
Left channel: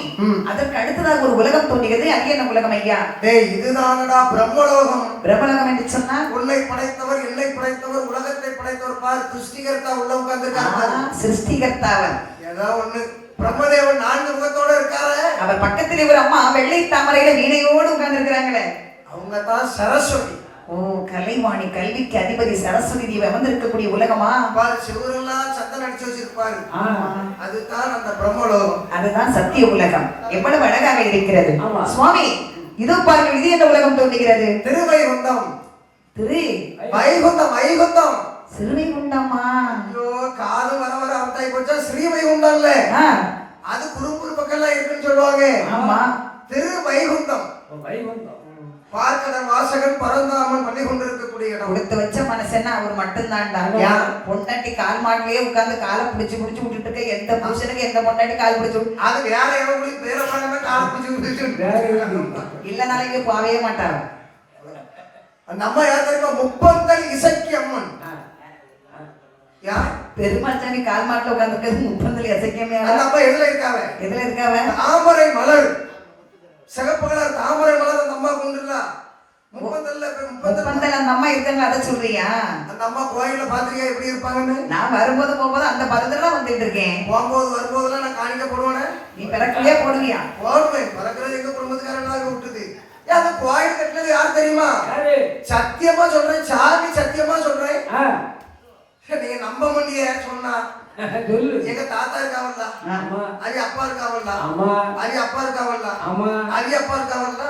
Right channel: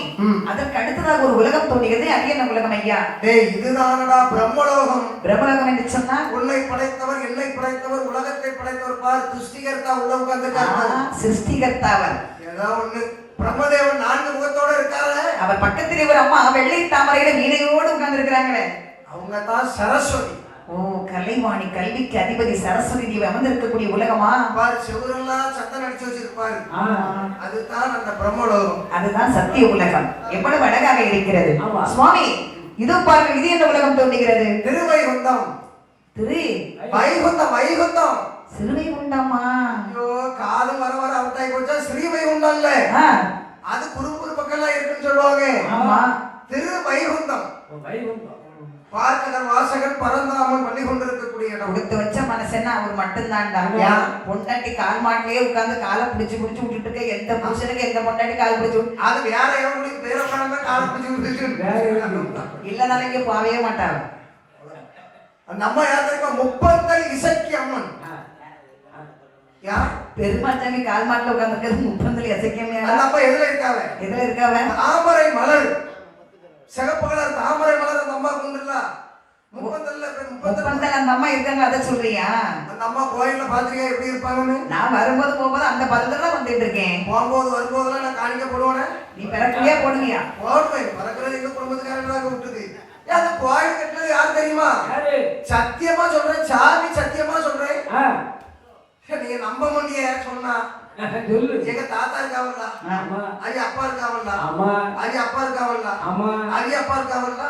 அதற்கு அடுத்ததாக ஒரு உலகம் தோன்றுகிறது. அது என்ன உலகம் ஐயா? டேய், இதுதானடா பிரம்மலோகம். பிரம்மலோகம் என்று சொன்னா, உன்னை படைத்தவர், என்னை படைத்தவர், உலகத்தை படைத்தவர். பாரு, சிருஷ்டிகர்த்தா உள்ள உட்கார்ந்துருக்காரு. சிருஷ்டிகர்த்தாவர் ஏதோ ஒண்ணு. பிரம்மதேவன் 4 முகத்தோட இருக்காரு. அவர் பக்கத்திலே ஒரு அம்மா வெள்ளை தாமரையில வீணையோடு உட்கார்ந்து இருக்கிறாங்களே, அவங்க தான் சரஸ்வதி. ஓ, கலைவாணி, கல்விக்கு அதிபதி சரஸ்வதி தேவி அமர்ந்திருக்கக்கூடிய உலகமா? பாரு, சிவரெல்லாம் சத்தம் அடிச்சு வச்சிருப்பாரு. அதுதான் அந்த பிரம்மலோகம். அதுதான் சத்திய உலகம். எவ்வளவு அழகாக இருக்கிறது. சுவாமி, இதோ பாருங்கள், இது என்ன உலகம் தோன்றுகிறது? திருவைகுண்டம். வைகுண்டம். வைகுண்டம். சிறுவைகுண்டமா? ஐயோ, காது வர வர அவுட்டாய் போச்சா. ஸ்ரீவைகுண்டம்ல அது குறும்புறு பக்கம்லாம் இருக்குன்னு சொல்லுவாங்க. ஆமா, திருவைகுண்டம். பார்க்கடல் வாசகன் பரந்தாமன் பண்ணி கொண்டிருக்கக்கூடிய இடம். கொடுத்து வச்ச மனசன்னா அவர் மட்டும்தான்டா. பொண்டாட்டி கால் மாட்டிலேயே உட்கார்ந்து காலை பிடிச்சு விட்டுட்டு இருக்க. எந்த புருஷனுக்கு எந்த பொண்டாட்டி கால் பிடிச்சு அது வேற எவங்களும் பேர பாருங்க, காலை பிடிச்சு இல்லைனாலும் இங்க போகவே மாட்டாங்க. அந்த அம்மா யார் தெரியுமா? முப்பந்தல் இசக்கி அம்மன். யார்? பெருமாள் சாமி கால் மாட்டில உட்கார்ந்து முப்பந்தல் இசைக்கமே. அந்த அம்மா எதுல இருக்காவ? எதுல இருக்காவ? தாமரை மலர், சிகப்பு கலர் தாமரை மலர் அந்த அம்மா கொண்டுல முப்பந்தல் அந்த அம்மா இருக்காங்க. அதை சொல்றியா? அந்த அம்மா கோயில்ல பாத்திரிக்கா எப்படி இருப்பாங்கன்னு? நான் வரும்போது போகும்போது அந்த பதத்துல வந்துட்டு இருக்கேன். போகும்போது வரும்போதெல்லாம் நான் காணிக்க போடுவானே. நீ பிறக்கலையா? போடுவியா? போடுவேன். பறக்கிறது எங்க குடும்பத்துக்காரங்க தான் விட்டுது. அது கோயில் கட்டினது யார் தெரியுமா? சத்தியமா சொல்றேன், சாமி சத்தியமா சொல்றேன். நீங்க நம்ப முடிய சொன்னா, எங்க தாத்தா இருக்காவல்ல, அவி அப்பா இருக்காவல்ல, அவி அப்பா இருக்காவல்ல, அவி அப்பா இருக்காவல்ல,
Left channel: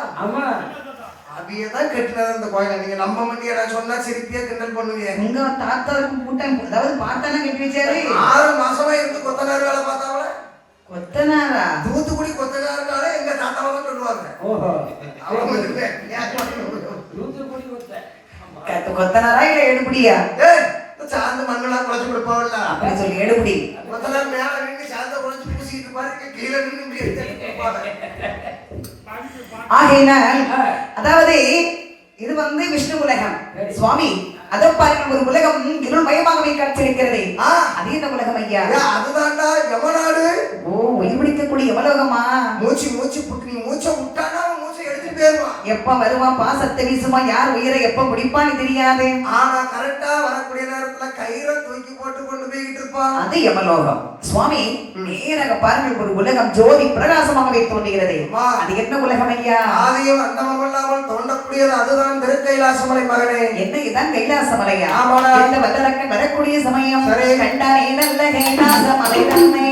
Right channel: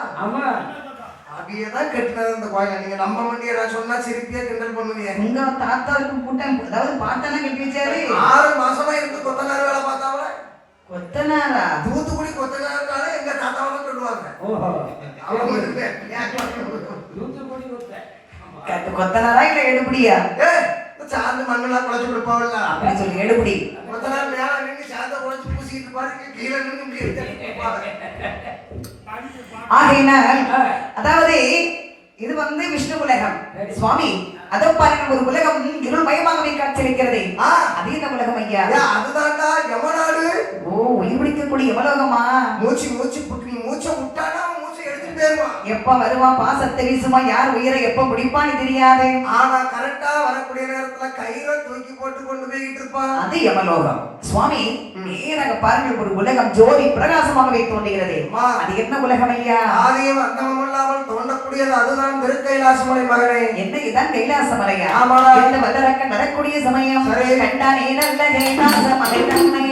அவியதான் கட்டினது அந்த கோயில. நீங்க நம்ப முடிய சொன்னா சிரிப்பியா கிண்டல் பண்ணுவீங்க. உங்க தாத்தாவுக்கு கூட்டம், அதாவது பாட்டெல்லாம் கட்டி வச்சாரு. 6 மாசமா இருந்து கொத்தனார் வேலை பார்த்தாவல. கொத்தனாரா? தூத்துக்குடி கொத்தனாருனால எங்க தாத்தாவை சொல்லுவாங்க. ஓஹோ. அவங்க வந்து, தூத்துக்குடி கொத்த. கொத்தனாரா இல்ல எடுபடியா? ஏய், இந்த சாந்த மண்ணெல்லாம் குழச்சு கொடுப்பாங்கல்ல, அப்படி சொல்லி எடுபடி. கொத்தனார் மேல நின்று சாந்த குழச்சு பூசிட்டு பாருங்க, கீழே நின்று இப்படி எடுத்து கொடுப்பாங்க. ஆகையினால் அதாவது இது வந்து விஷ்ணு உலகம் சுவாமி. அதை பாருங்க, ஒரு உலகம் இருள்மயமாகவே காட்சியளிக்கிறது. அது என்ன உலகம் ஐயா? அதுதான்டா யமநாடு. ஓ, உயிர் பிடிக்கக்கூடிய யமலோகமா? மூச்சு மூச்சு புட்டு நீ மூச்சை விட்டானா மூச்சை எடுத்துட்டு போயிருவான். எப்ப வருவான், பாசத்தை வீசுமா, யார் உயிரை எப்ப முடிப்பான்னு தெரியாது. ஆனா கரெக்டா வரக்கூடிய நேரத்துல கயிறை தூக்கி போட்டு கொண்டு போய்கிட்டு இருப்பான். அது யமலோகம் சுவாமி. நேராக பாருங்கள், ஒரு உலகம் ஜோதி பிரகாசமாகவே தோன்றுகிறது. அது என்ன உலகம் ஐயா? ஆதியும் அந்தமும் இல்லாமல் தோன்றக்கூடியது அதுதான் திருக்கைலாசமலை மகனே. என்ன இதுதான் கைலாசமலையா? ஆமாடா. இந்த வல்லரக்கன் வரக்கூடிய சமயம் சரி. கண்டானே நல்ல கைலாசமலை தன்னை.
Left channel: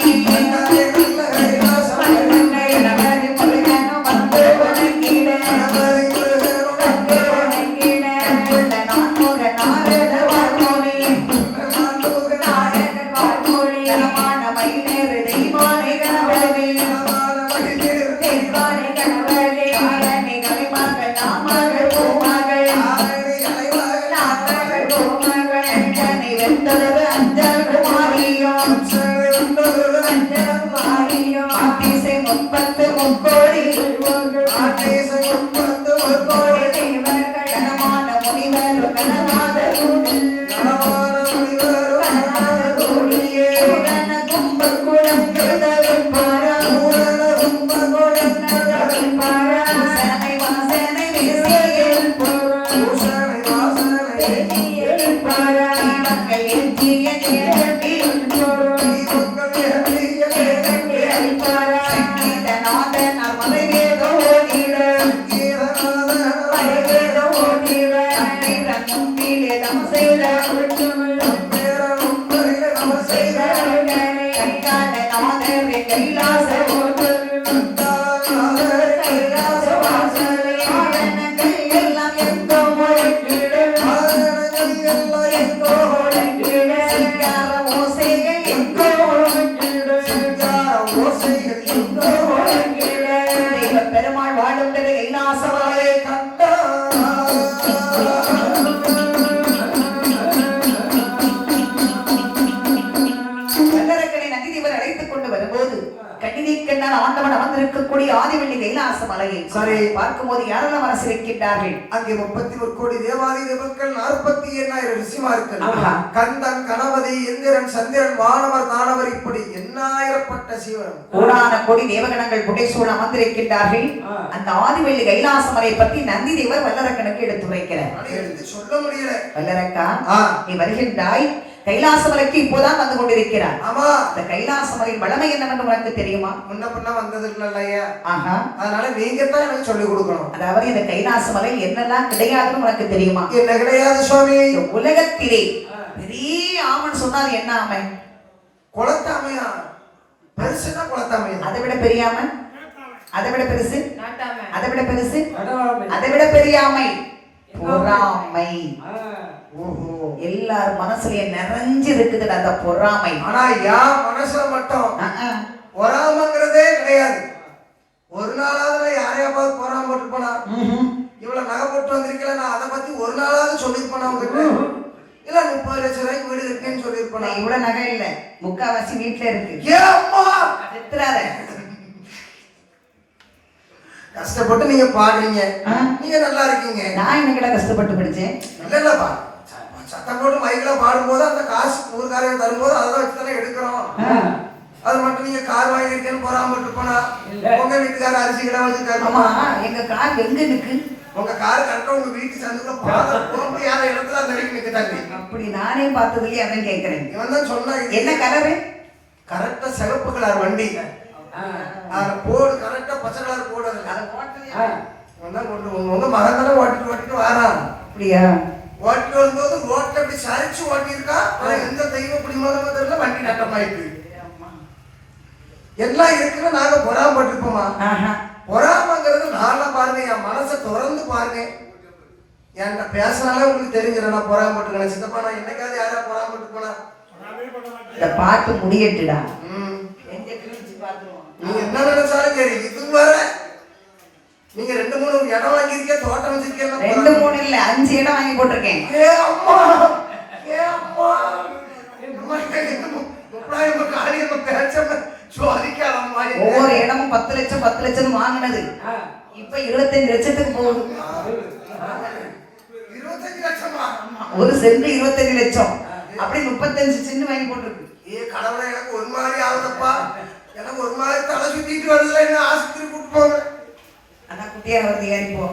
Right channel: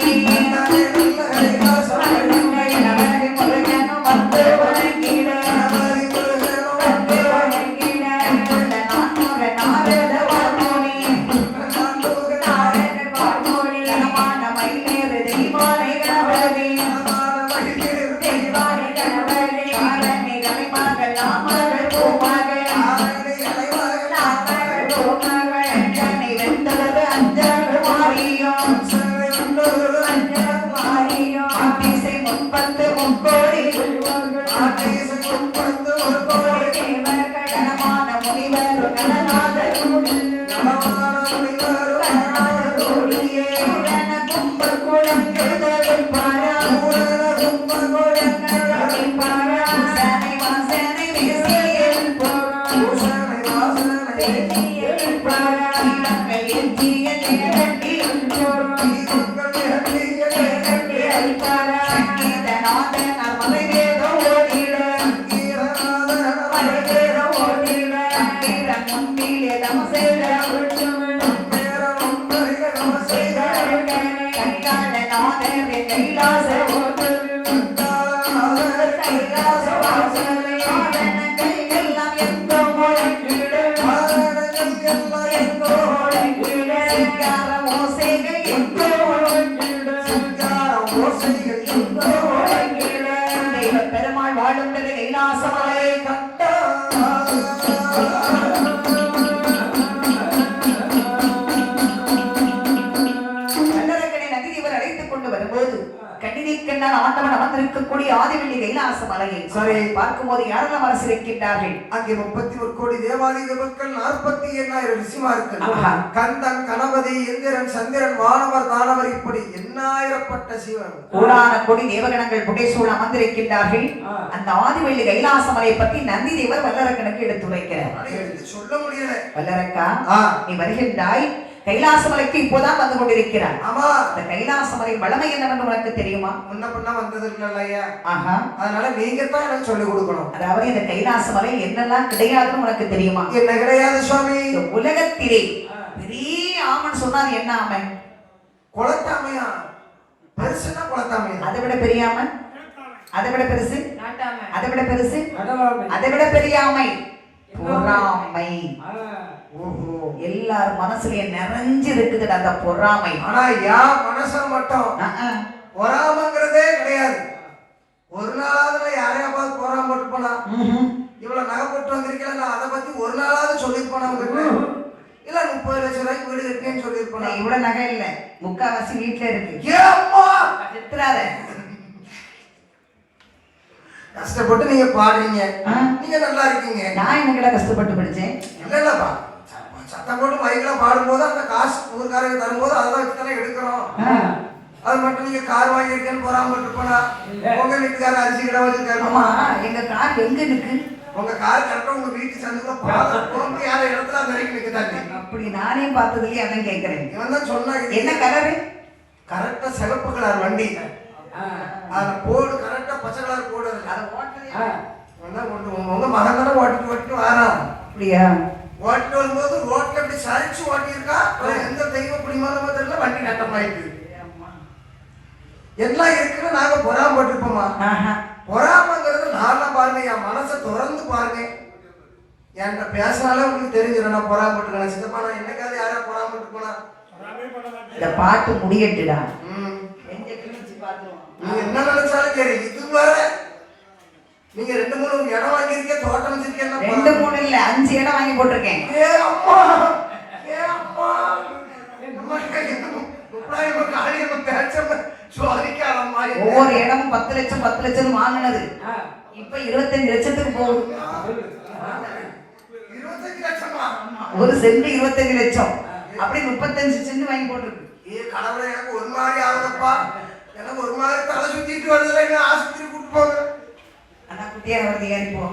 பெருமாள் வாழும் கைலாசமலை கண்டா. ஆண்டவன் அமர்ந்திருக்கக்கூடிய ஆதிவெள்ளி கைலாச மலையை சரி பார்க்கும்போது யாரெல்லாம் மனசு வைக்கின்றார்கள்? அங்கே 31 கோடி தேவாதி தேவர்கள் 48,000 ரிஷிமார்கள் கந்தன் கணபதி இந்திரன் சந்திரன் வானவர் தானவர் இப்படி எண்ணாயிரப்பட்ட சிவன் கோடான கோடி தேவகணங்கள் புடைசூழ அமர்ந்திருக்கின்றார்கள். அந்த ஆதிவெள்ளி கைலாச மலையை பற்றி நந்தி தேவர் வல்லரக்கனுக்கு எடுத்துரைக்கிறார். எடுத்து சொல்ல முடியல. வல்லரக்கா, நீ வருகின்றாய், கைலாசமலைக்கு இப்போதான் வந்து கொண்டிருக்கிறார். ஆமா, அந்த கைலாசமலையின் வளமை என்னவென்று உனக்கு தெரியுமா? முன்ன பின்ன வந்தது இல்லையா? ஆஹா, அதனால நீங்க தான் எனக்கு சொல்லிக் கொடுக்கணும். அதாவது இந்த கைலாசமலை என்னெல்லாம் கிடையாதுன்னு உனக்கு தெரியுமா? என்ன கிடையாது சுவாமி? உலகத்திலே பெரிய ஆமன் சொன்னார். என்ன ஆமன்? குளத்தாமையா? பெருசுன்னா குளத்தாமையா? அதை விட பெரிய ஆமன், அதை விட பெருசு, அதை விட பெருசு, அதை விட பெரிய ஆமை பொறாமை. ஓஹோ, எல்லாரும் மனசுலயே நிறைஞ்சு இருக்குது அந்த பொறாமை. ஆனா யார் மனசுல மட்டும் பொறாமைங்கிறதே கிடையாது. ஒரு நாளாவது நான் யாரையா பார்த்து பொறாம போட்டு போனா, இவ்வளவு நகை போட்டு வந்திருக்கேன், நான் அதை பத்தி ஒரு நாளாவது சொல்லிருப்பேனா உங்ககிட்ட? இல்ல 30 லட்சம் ரூபாய்க்கு வீடு இருக்குன்னு சொல்லிருப்பேன். இவ்வளவு நகை இல்ல, முக்காவாசி வீட்டுல இருக்கு. கஷ்டப்பட்டு நீங்க பாடுறீங்க, நீங்க நல்லா இருக்கீங்க. நான் என்ன கஷ்டப்பட்டு படிச்சேன்? இல்லப்பா, சத்தம் போட்டு மைக்ல பாடும்போது அந்த காசு ஊருக்காரங்க தரும்போது அதெல்லாம் வச்சுதானே எடுக்கிறோம். அது மட்டும் நீங்க கார் வாங்கியிருக்கேன்னு போறாம போனா உங்க வீட்டுக்கார அரிசி கிட வச்சிருக்காரு. ஆமா, எங்க கார் எங்க இருக்கு? உங்க கார் கரெக்டா உங்க வீட்டு சந்துக்குள்ள போகும்போது யார இடத்துல அந்த வரைக்கும் நிக்க தண்ணி. அப்படி நானே பார்த்ததுலயே அதான் கேட்கிறேன். இவன் தான் சொன்னா என்ன கலரு? கரெக்டா சிவப்பு கலர் வண்டி, அதுல போடு கரெக்டா பச்சை கலர் போடு. உங்க மகன் தானே ஓட்டிட்டு வாரான். அப்படியா? ஓட்டிட்டு வரும்போது ரோட்ல இப்படி சரிச்சு ஓட்டியிருக்கா. எந்த தெய்வம் குடிமகனோ தெரியல, வண்டி நட்டமாயிட்டு எல்லாம் இருக்குன்னு நாங்க பொறாமப்பட்டிருப்போமா? பொறாமங்கிறது நான்லாம் பாருங்க, என் மனசை திறந்து பாருங்க. என்கிட்ட பேசினாலே உங்களுக்கு தெரிஞ்சிடும் நான் பொறாமப்பட்டு. சித்தப்பா, நான் என்னைக்காவது யாரா பொறாமப்பட்டு போனா? இந்த பாட்டு முடியட்டுடா. ம், எங்க கிழிச்சு பார்த்து நீங்க என்ன நினைச்சாலும் சரி இது வர நீங்க 2-3 இடம் வாங்கியிருக்கீங்க, தோட்டம் வச்சிருக்கீங்க. 2-3 இல்ல 5 இடம் வாங்கி போட்டிருக்கேன். ஏ அம்மா ஏ அம்மா நம்ம கைக்கு முப்படாயமா காரியமா பேச்சமா சோதிக்காதம்மா. ஒவ்வொரு இடமும் 10 லட்சம் 10 லட்சம் வாங்கினது இப்ப 25 லட்சத்துக்கு போகுது. 25 லட்சமா? ஒரு சென்ட் 25 லட்சம், அப்படி 35 சென்ட் வாங்கி போட்டிருக்கு. ஏ கடவுளே, எனக்கு ஒரு மாதிரி ஆகுதப்பா, எனக்கு ஒரு மாதிரி தலை சுத்திட்டு வருதுல, என்ன ஆஸ்பத்திரி கூட்டு போங்க. ஆனா குட்டியா வருது ஏறிப்போ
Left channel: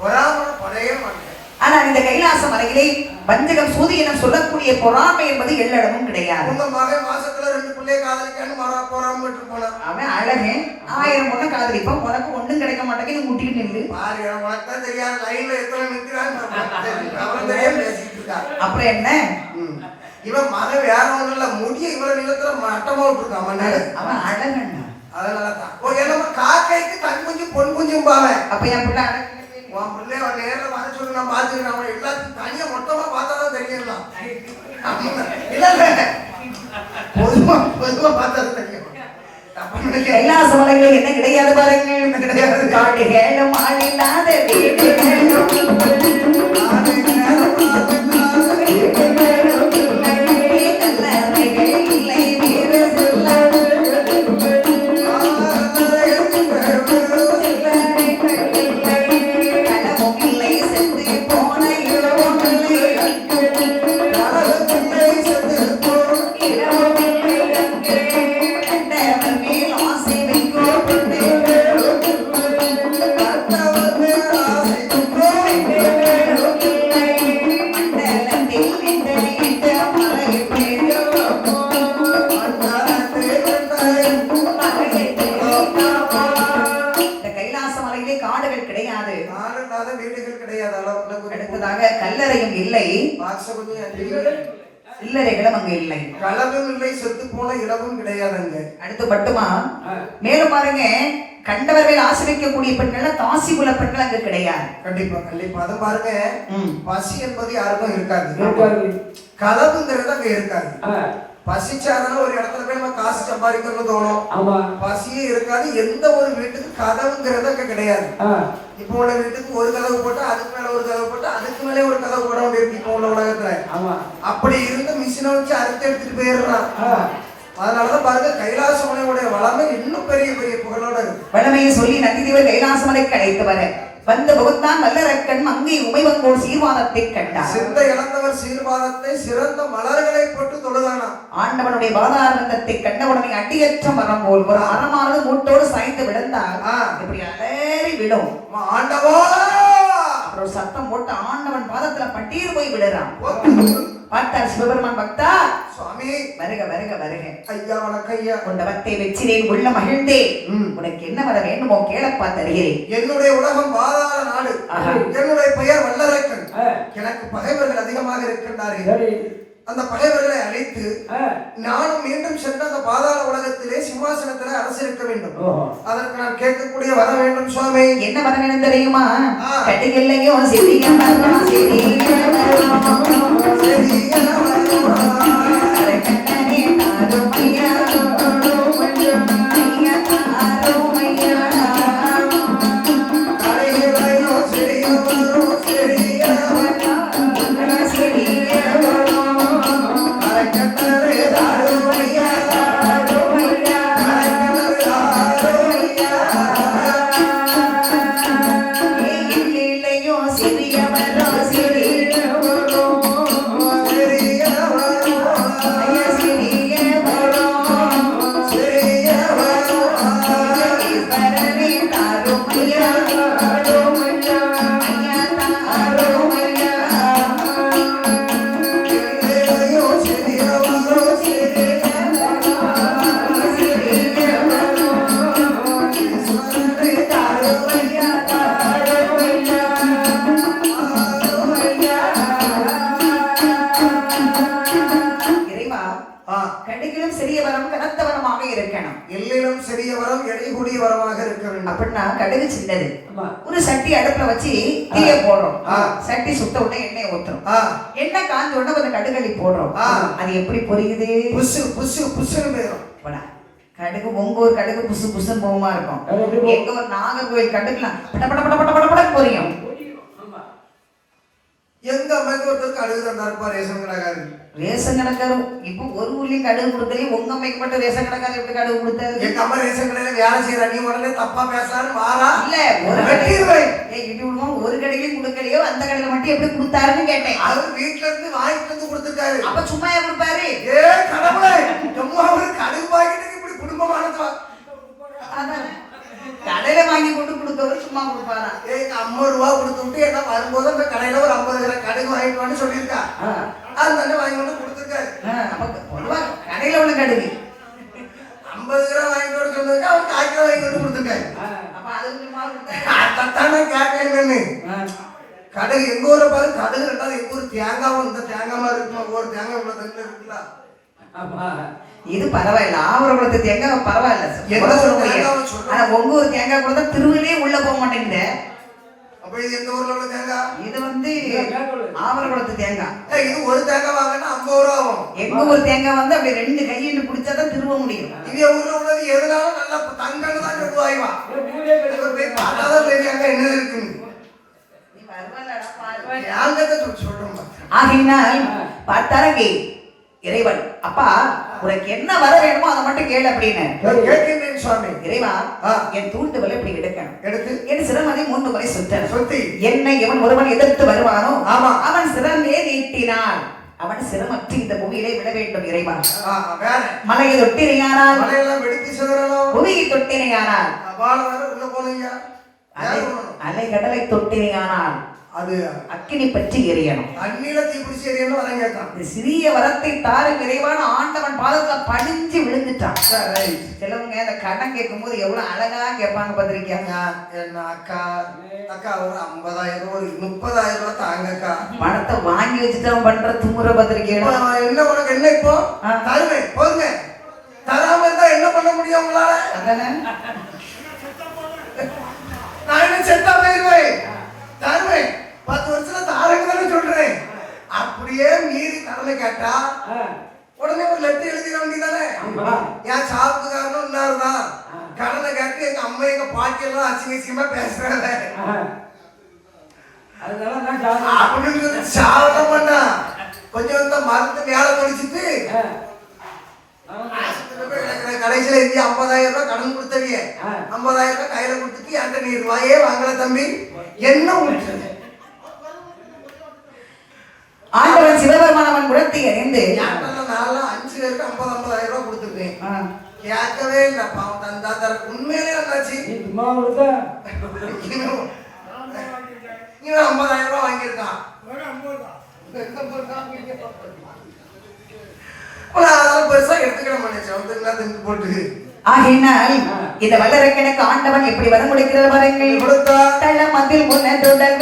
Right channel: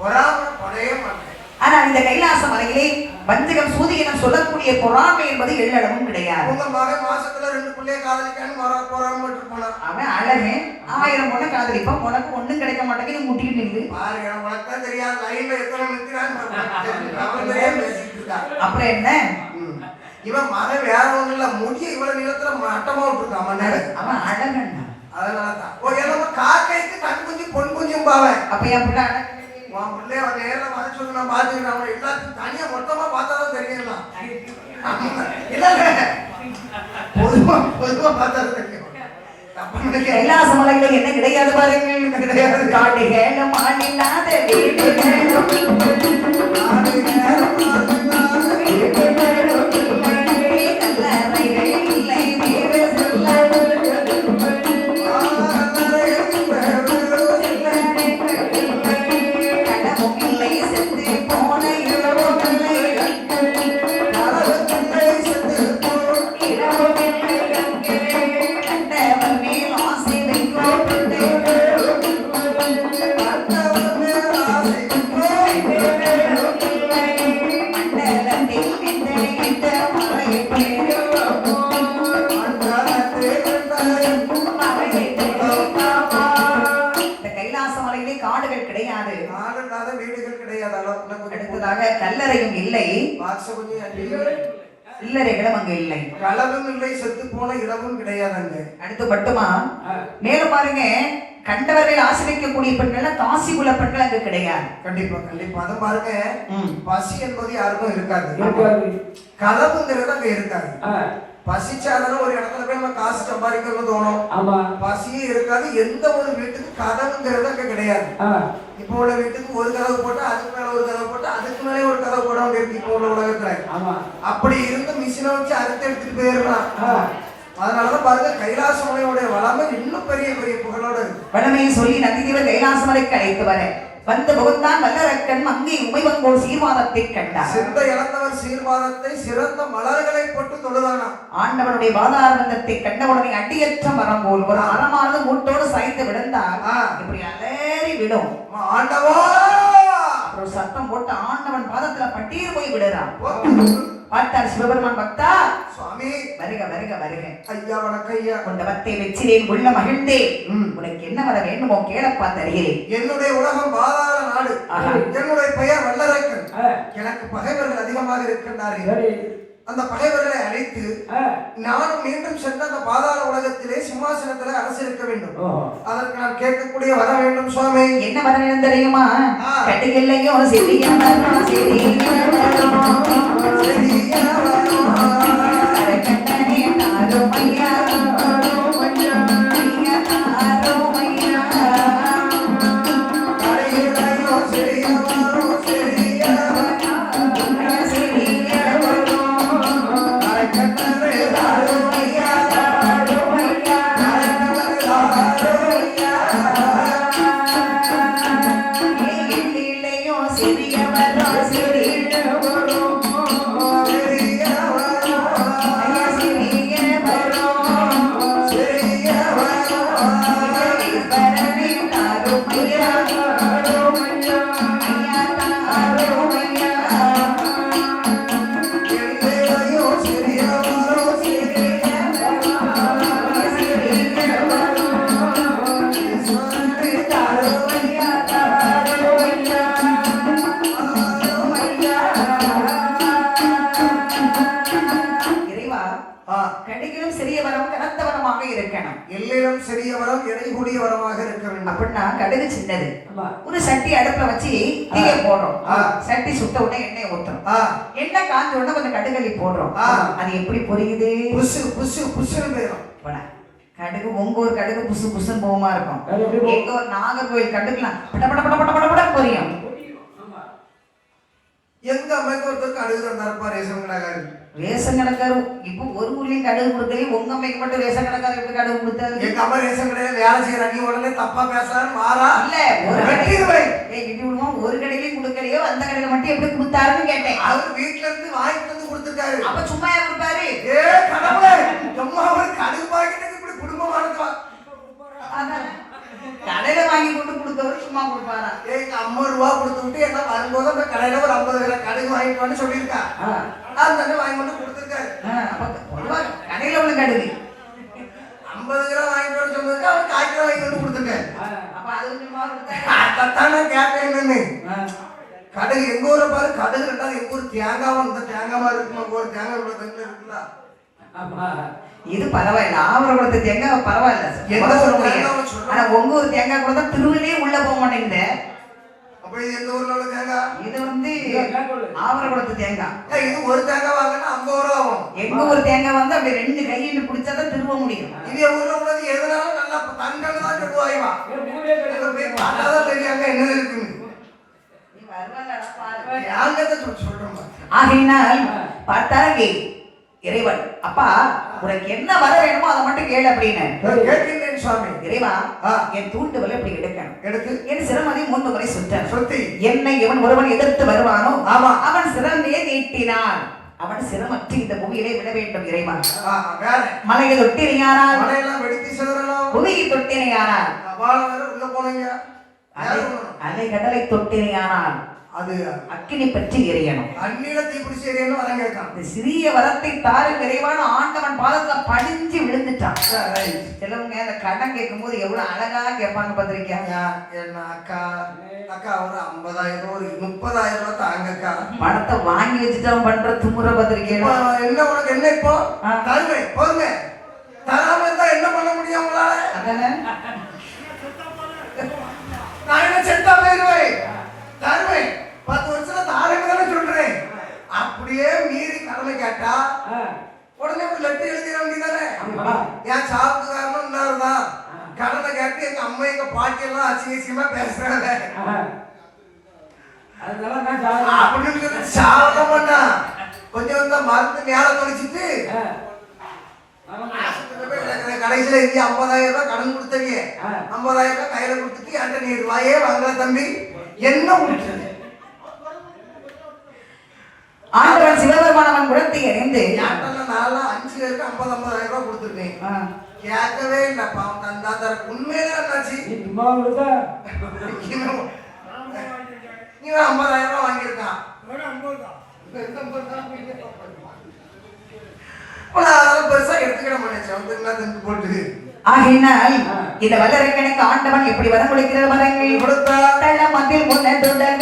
பொறாம பழைய மாட்டேன். ஆனா இந்த கைலாச மலையிலே வஞ்சகம் சூதியனம் சொல்லக்கூடிய பொறாமை என்பது எள்ளளவும் கிடையாது. உங்க மகன் மாசத்துல 2 பிள்ளைய காதலிக்கான்னு பொறாம விட்டு போனான். அவன் அழகே 1000 பொண்ணை காதலிப்பான், உனக்கு ஒண்ணும் கிடைக்க மாட்டேங்குது, முட்டிட்டு நில்லு. பாரு, உனக்கு தான் தெரியாது லைன்ல எத்தனை நிற்கிறான்னு. பேசிட்டு இருக்கா. அப்புறம் என்ன, இவன் மகன் வேற ஒண்ணும் இல்ல, முடிய இவ்வளவு நிலத்துல மட்டமா விட்டுருக்கான் மண்ணாடு. அவன் அழகண்ணா. அதனாலதான் என்னமா காக்கைக்கு தன் குஞ்சு பொன் குஞ்சும் பாவேன். அப்ப என் பிள்ளை அழகு உன் பிள்ளைய அவன் நேரில் வர சொல்லி நான் பார்த்துக்கிறேன். அவன் எல்லாத்தையும் தனியா மொத்தமா பார்த்தாதான் தெரியலாம். இல்ல பொதுவா பார்த்தா தெரியும். கைலாச மலைகள் என்ன கிடையாது பாருங்க, கிடையாது. காடுகளும் ஆளில்லாத காடுகள் கிடையாது, வீடுகள் கிடையாது. அடுத்ததாக கல்லறையும் இல்லை, இல்லறைகளும் அங்க இல்லை, களவும் இல்லை, செத்து போன இடமும் கிடையாது அங்க. அடுத்து மட்டுமா மேலும் பாருங்க, கண்டவர்கள் ஆசிரியக்கக்கூடிய பெண்கள் காசிபுல பெண்கள் அங்க கிடையாது. கண்டிப்பா கண்டிப்பா. அதை பாருங்க, பசி என்பது யாருக்கும் இருக்காது, கலவுங்கிறது அங்க இருக்காது. பசிச்சாதான ஒரு இடத்துல போய் நம்ம காசு சம்பாதிக்கணும்னு தோணும். பசியே இருக்காது. எந்த ஒரு வீட்டுக்கு கதவுங்கிறது அங்க கிடையாது. இப்போ உள்ள வீட்டுக்கு ஒரு கதவு போட்டு அதுக்கு மேல ஒரு கதவு போட்டு அதுக்கு மேலே ஒரு கதவு போட வேண்டியிருக்கு இப்போ உள்ள உலகத்துல. அப்படி இருந்து மிஷினை வச்சு அறுத்து எடுத்துட்டு போயிடுறான். அதனாலதான் பாருங்க, கைலாச மலையோட வளமை இன்னும் பெரிய பெரிய புகழோட இருக்கு. வளமையை சொல்லி நந்திதேவர் கைலாச மலைக்கு அழைத்து வர வந்த முகத்தான் வல்லரக்கன் அங்கே உமைவங்கோர் சீர்வாதத்தை கண்டார். சிந்த இழந்தவர் சீர்வாதத்தை சிறந்த மலர்களை போட்டு தொழுதானா. ஆண்டவனுடைய பாதாரந்தத்தை கண்டவுடனே அடியற்ற மரம் போல் ஒரு மரமானது மூட்டோடு சாய்ந்து விழுந்தார். இப்படி அலறி விடும். ஆண்டவா அப்புறம் சத்தம் போட்டு ஆண்டவன் பாதத்துல பட்டீர் போய் விடுறான். பார்த்தார் சிவபெருமான், பக்தா சுவாமி வருக வருக வருக. ஐயா வணக்கம் ஐயா. உன் பக்தை வெச்சிரேன், உள்ள மகிழ்ந்தேன். உனக்கு என்ன வர வேண்டுமோ கேளப்பா தருகிறேன். என்னுடைய உலகம் பாதாள நாடு. என்னுடைய பெயர் வல்லரக்கன். எனக்கு பகைவர்கள் அதிகமாக இருக்கின்றார்கள். அந்த பகைவர்களை அழைத்து நானும் மீண்டும் சென்று அந்த பாதாள உலகத்திலே சிம்மாசனத்திலே அரசிருக்க வேண்டும். அதற்கு நான் கேட்கக்கூடிய வர வேண்டும் சுவாமி. என்ன வர வேண்டும் தெரியுமா? கட்டுகில்லையோ சிறிய மரம் சிறிய கடிகளும் சிறிய வரம் கனத்த வரமாக இருக்கணும். எல்லிலும் சிறிய வரம் எடைகூடிய வரமாக இருக்க வேண்டும். அப்படின்னா கடுகு சின்னது. ஒரு சட்டி அடுப்புல வச்சு தீயை போடுறோம். சட்டி சுத்த உடனே எண்ணெய் ஊத்துறோம். எண்ணெய் காஞ்ச உடனே கொஞ்சம் கடுகள்ளி போடுறோம். அது எப்படி பொரியுது? புசு புசு புசுன்னு போயிடும். கடுகு உங்க ஒரு கடுகு புசு புசுன்னு போகுமா இருக்கும். அது எப்படி போகும்? எங்க ஒரு நாகர்கோயில் கடுகுலாம் பட பட பட பட பட பட பொரியும். ஆமா. எங்க அம்மைக்கு ஒருத்தருக்கு கடுகு தந்தாருப்பா ரேஷன் கடைக்காரர். ரேஷன் கடைக்காரு இப்ப ஒரு ஊர்லயும் கடுகு கொடுக்கலையும் உங்க அம்மைக்கு மட்டும் ரேஷன் கடைக்காரர் எப்படி கடுகு கொடுத்தாரு? எங்க அம்மா ரேஷன் கடையில வேலை செய்யற நீ உடனே தப்பா பேசாரு மாறா இல்ல ஒரு வெட்டிடுவேன். இடி விடுவோம் ஒரு கடையிலையும் கொடுக்கலையோ அந்த கடையில மட்டும் எப்படி கொடுத்தாருன்னு கேட்டேன். அவர் வீட்டுல இருந்து வாங்கிட்டு வந்து கொடுத்துருக்காரு. அப்ப சும்மா ஏன் கொடுப்பாரு? ஏ கடவுளே எம்மா ஒரு கடுகு பாக்கிட்டு இப்படி குடும்பமானது அதானே. கடையில வாங்கி கொண்டு கொடுக்கறது சும்மா கொடுப்பாரா? ஏங்க 50 ரூபா கொடுத்து விட்டு என்ன வரும்போது அந்த கடையில ஒரு 50 கிராம் கடுகு வாங்கிட்டு வந்து சொல்லியிருக்கா. அது தண்ணி வாங்கி கொண்டு கொடுத்துருக்காரு. அப்ப பொதுவா கடையில உள்ள கடுகு 50 கிராம் வாங்கிட்டு வர சொன்னதுக்கு அவர் 1 கிலோ வாங்கி கொண்டு கொடுத்துருக்காரு. அப்ப அதுக்கு சும்மா கொடுத்தாரு. அதான் நான் கேட்டேன். கடுகு எங்க ஊரை பாரு கடுகு ரெண்டாவது எங்க ஊர் தேங்காவும் இந்த தேங்காய் மாதிரி இருக்குமா ஒரு தேங்காய் இவ்வளவு தண்ணில இருக்குல்ல. ஆமா. இது பரவாயில்ல ஆவரகுளத்து தேங்காய் பரவாயில்ல எந்த சொல்ல ஒரு முடியாது. தேங்காவை சொல்றோம். ஆனா உங்க ஒரு தேங்காய் கூட தான் திருவிலே உள்ள போக மாட்டேங்குது. அப்ப இது எங்க ஊர்ல உள்ள தேங்காய்? இது வந்து ஆவரகுளத்து தேங்காய். ஏய், இது ஒரு தேங்காய் வாங்கினா 50 ரூபா ஆகும். எங்க ஒரு தேங்காய் வந்து அப்படி 2 கையில பிடிச்சாதான் திரும்ப முடியும். இங்க ஊர்ல உள்ளது எதுனாலும் நல்லா தங்கன்னு தான் சொல்லுவாய்வா. மூணே பேர் அங்க போய் பார்த்தாதான் தெரியும் அங்க என்ன இருக்குன்னு. நீ வருவாளடா பாரு. யாங்கத்தை சொல்றோம். ஆகையினால் பார்த்தாரே இறைவன் அப்பா உனக்கு என்ன வர வேணுமோ அதை மட்டும் கேளு அப்படின்னு கேட்கின்றேன் சுவாமி. இறைவா என் தூண்டுதலை இப்படி எடுக்கணும் எடுத்து என் சிரமதை 3 முறை சுற்றணும். சுத்தி என்னை எவன் ஒருவன் எதிர்த்து வருவானோ ஆமா அவன் சிரமே நீட்டினான் அவன் சிரமற்றி இந்த பூமியிலே விட வேண்டும் இறைவா. வேற மலையை தொட்டினையானால் மலையெல்லாம் வெடித்து சிதறணும். புவியை தொட்டினையானால் வாழ வேற உள்ள போனீங்க. அலை கடலை தொட்டினையானால் அது அக்கினி பற்றி எரியணும். அந்நில தீப்பிடிச்சு எரியணும் வரம் கேட்கான். இந்த சிறிய வரத்தை தாரு நிறைவான ஆண்டவன் பாதத்துல படிஞ்சு விழுந்துட்டான். சிலவங்க அந்த கடன் கேட்கும் போது எவ்வளவு அழகா கேட்பாங்க பார்த்திருக்கீங்க. என்ன அக்கா அக்கா ஒரு 50,000 ஒரு 30,000 ரூபாய் தாங்கக்கா. பணத்தை வாங்கி வச்சுட்டு அவன் பண்ற துமுறை பார்த்திருக்கீங்க. என்ன உனக்கு என்ன இப்போ தருவேன் போங்க. தராம இருந்தா என்ன பண்ண முடியும் உங்களால? அதானே நான் என்ன செத்தா போயிருவேன். தருவேன் 10 வருஷத்துல தாரங்க தானே சொல்றேன். அப்படியே மீறி கடனை கேட்டா உடனே ஒரு லெட்டர் எழுதிட வேண்டியதானே. என் சாவுக்கு காரணம் இன்னாருதான் கடனை கேட்டு எங்க அம்மா எங்க பாட்டி எல்லாம் அசிங்கமா பேசுறாங்க அப்படின்னு சொல்லி சாவதான் பண்ணா. கொஞ்சம் இந்த மருந்து மேல தொழிச்சிட்டு கடைசியில இருந்து 50,000 ரூபாய் கடன் கொடுத்தீங்க. 50,000 ரூபாய் கையில கொடுத்துட்டு என்கிட்ட நீ ரூபாயே வாங்கல தம்பி என்ன முடிச்சது. ஆண்டவன் சிவபெருமானவன் குணத்தை அறிந்து 5 பேருக்கு 50,000 ரூபாய் கொடுத்துருக்கேன். கேட்கவே இல்லை பாவம் தந்தா தர உண்மையிலே என்னாச்சு. சும்மா கொடுத்தா இவன் 50,000 ரூபாய் வாங்கியிருக்கான். அதெல்லாம் பெருசா எடுத்துக்கிட மாட்டேன் போட்டு. ஆகையினால் இந்த வல்லரைக்கணக்கு ஆண்டவன் எப்படி வரம் கொடுக்கிறது பாருங்கள். கொடுத்தா தளமத்தில் முன்னதுடன்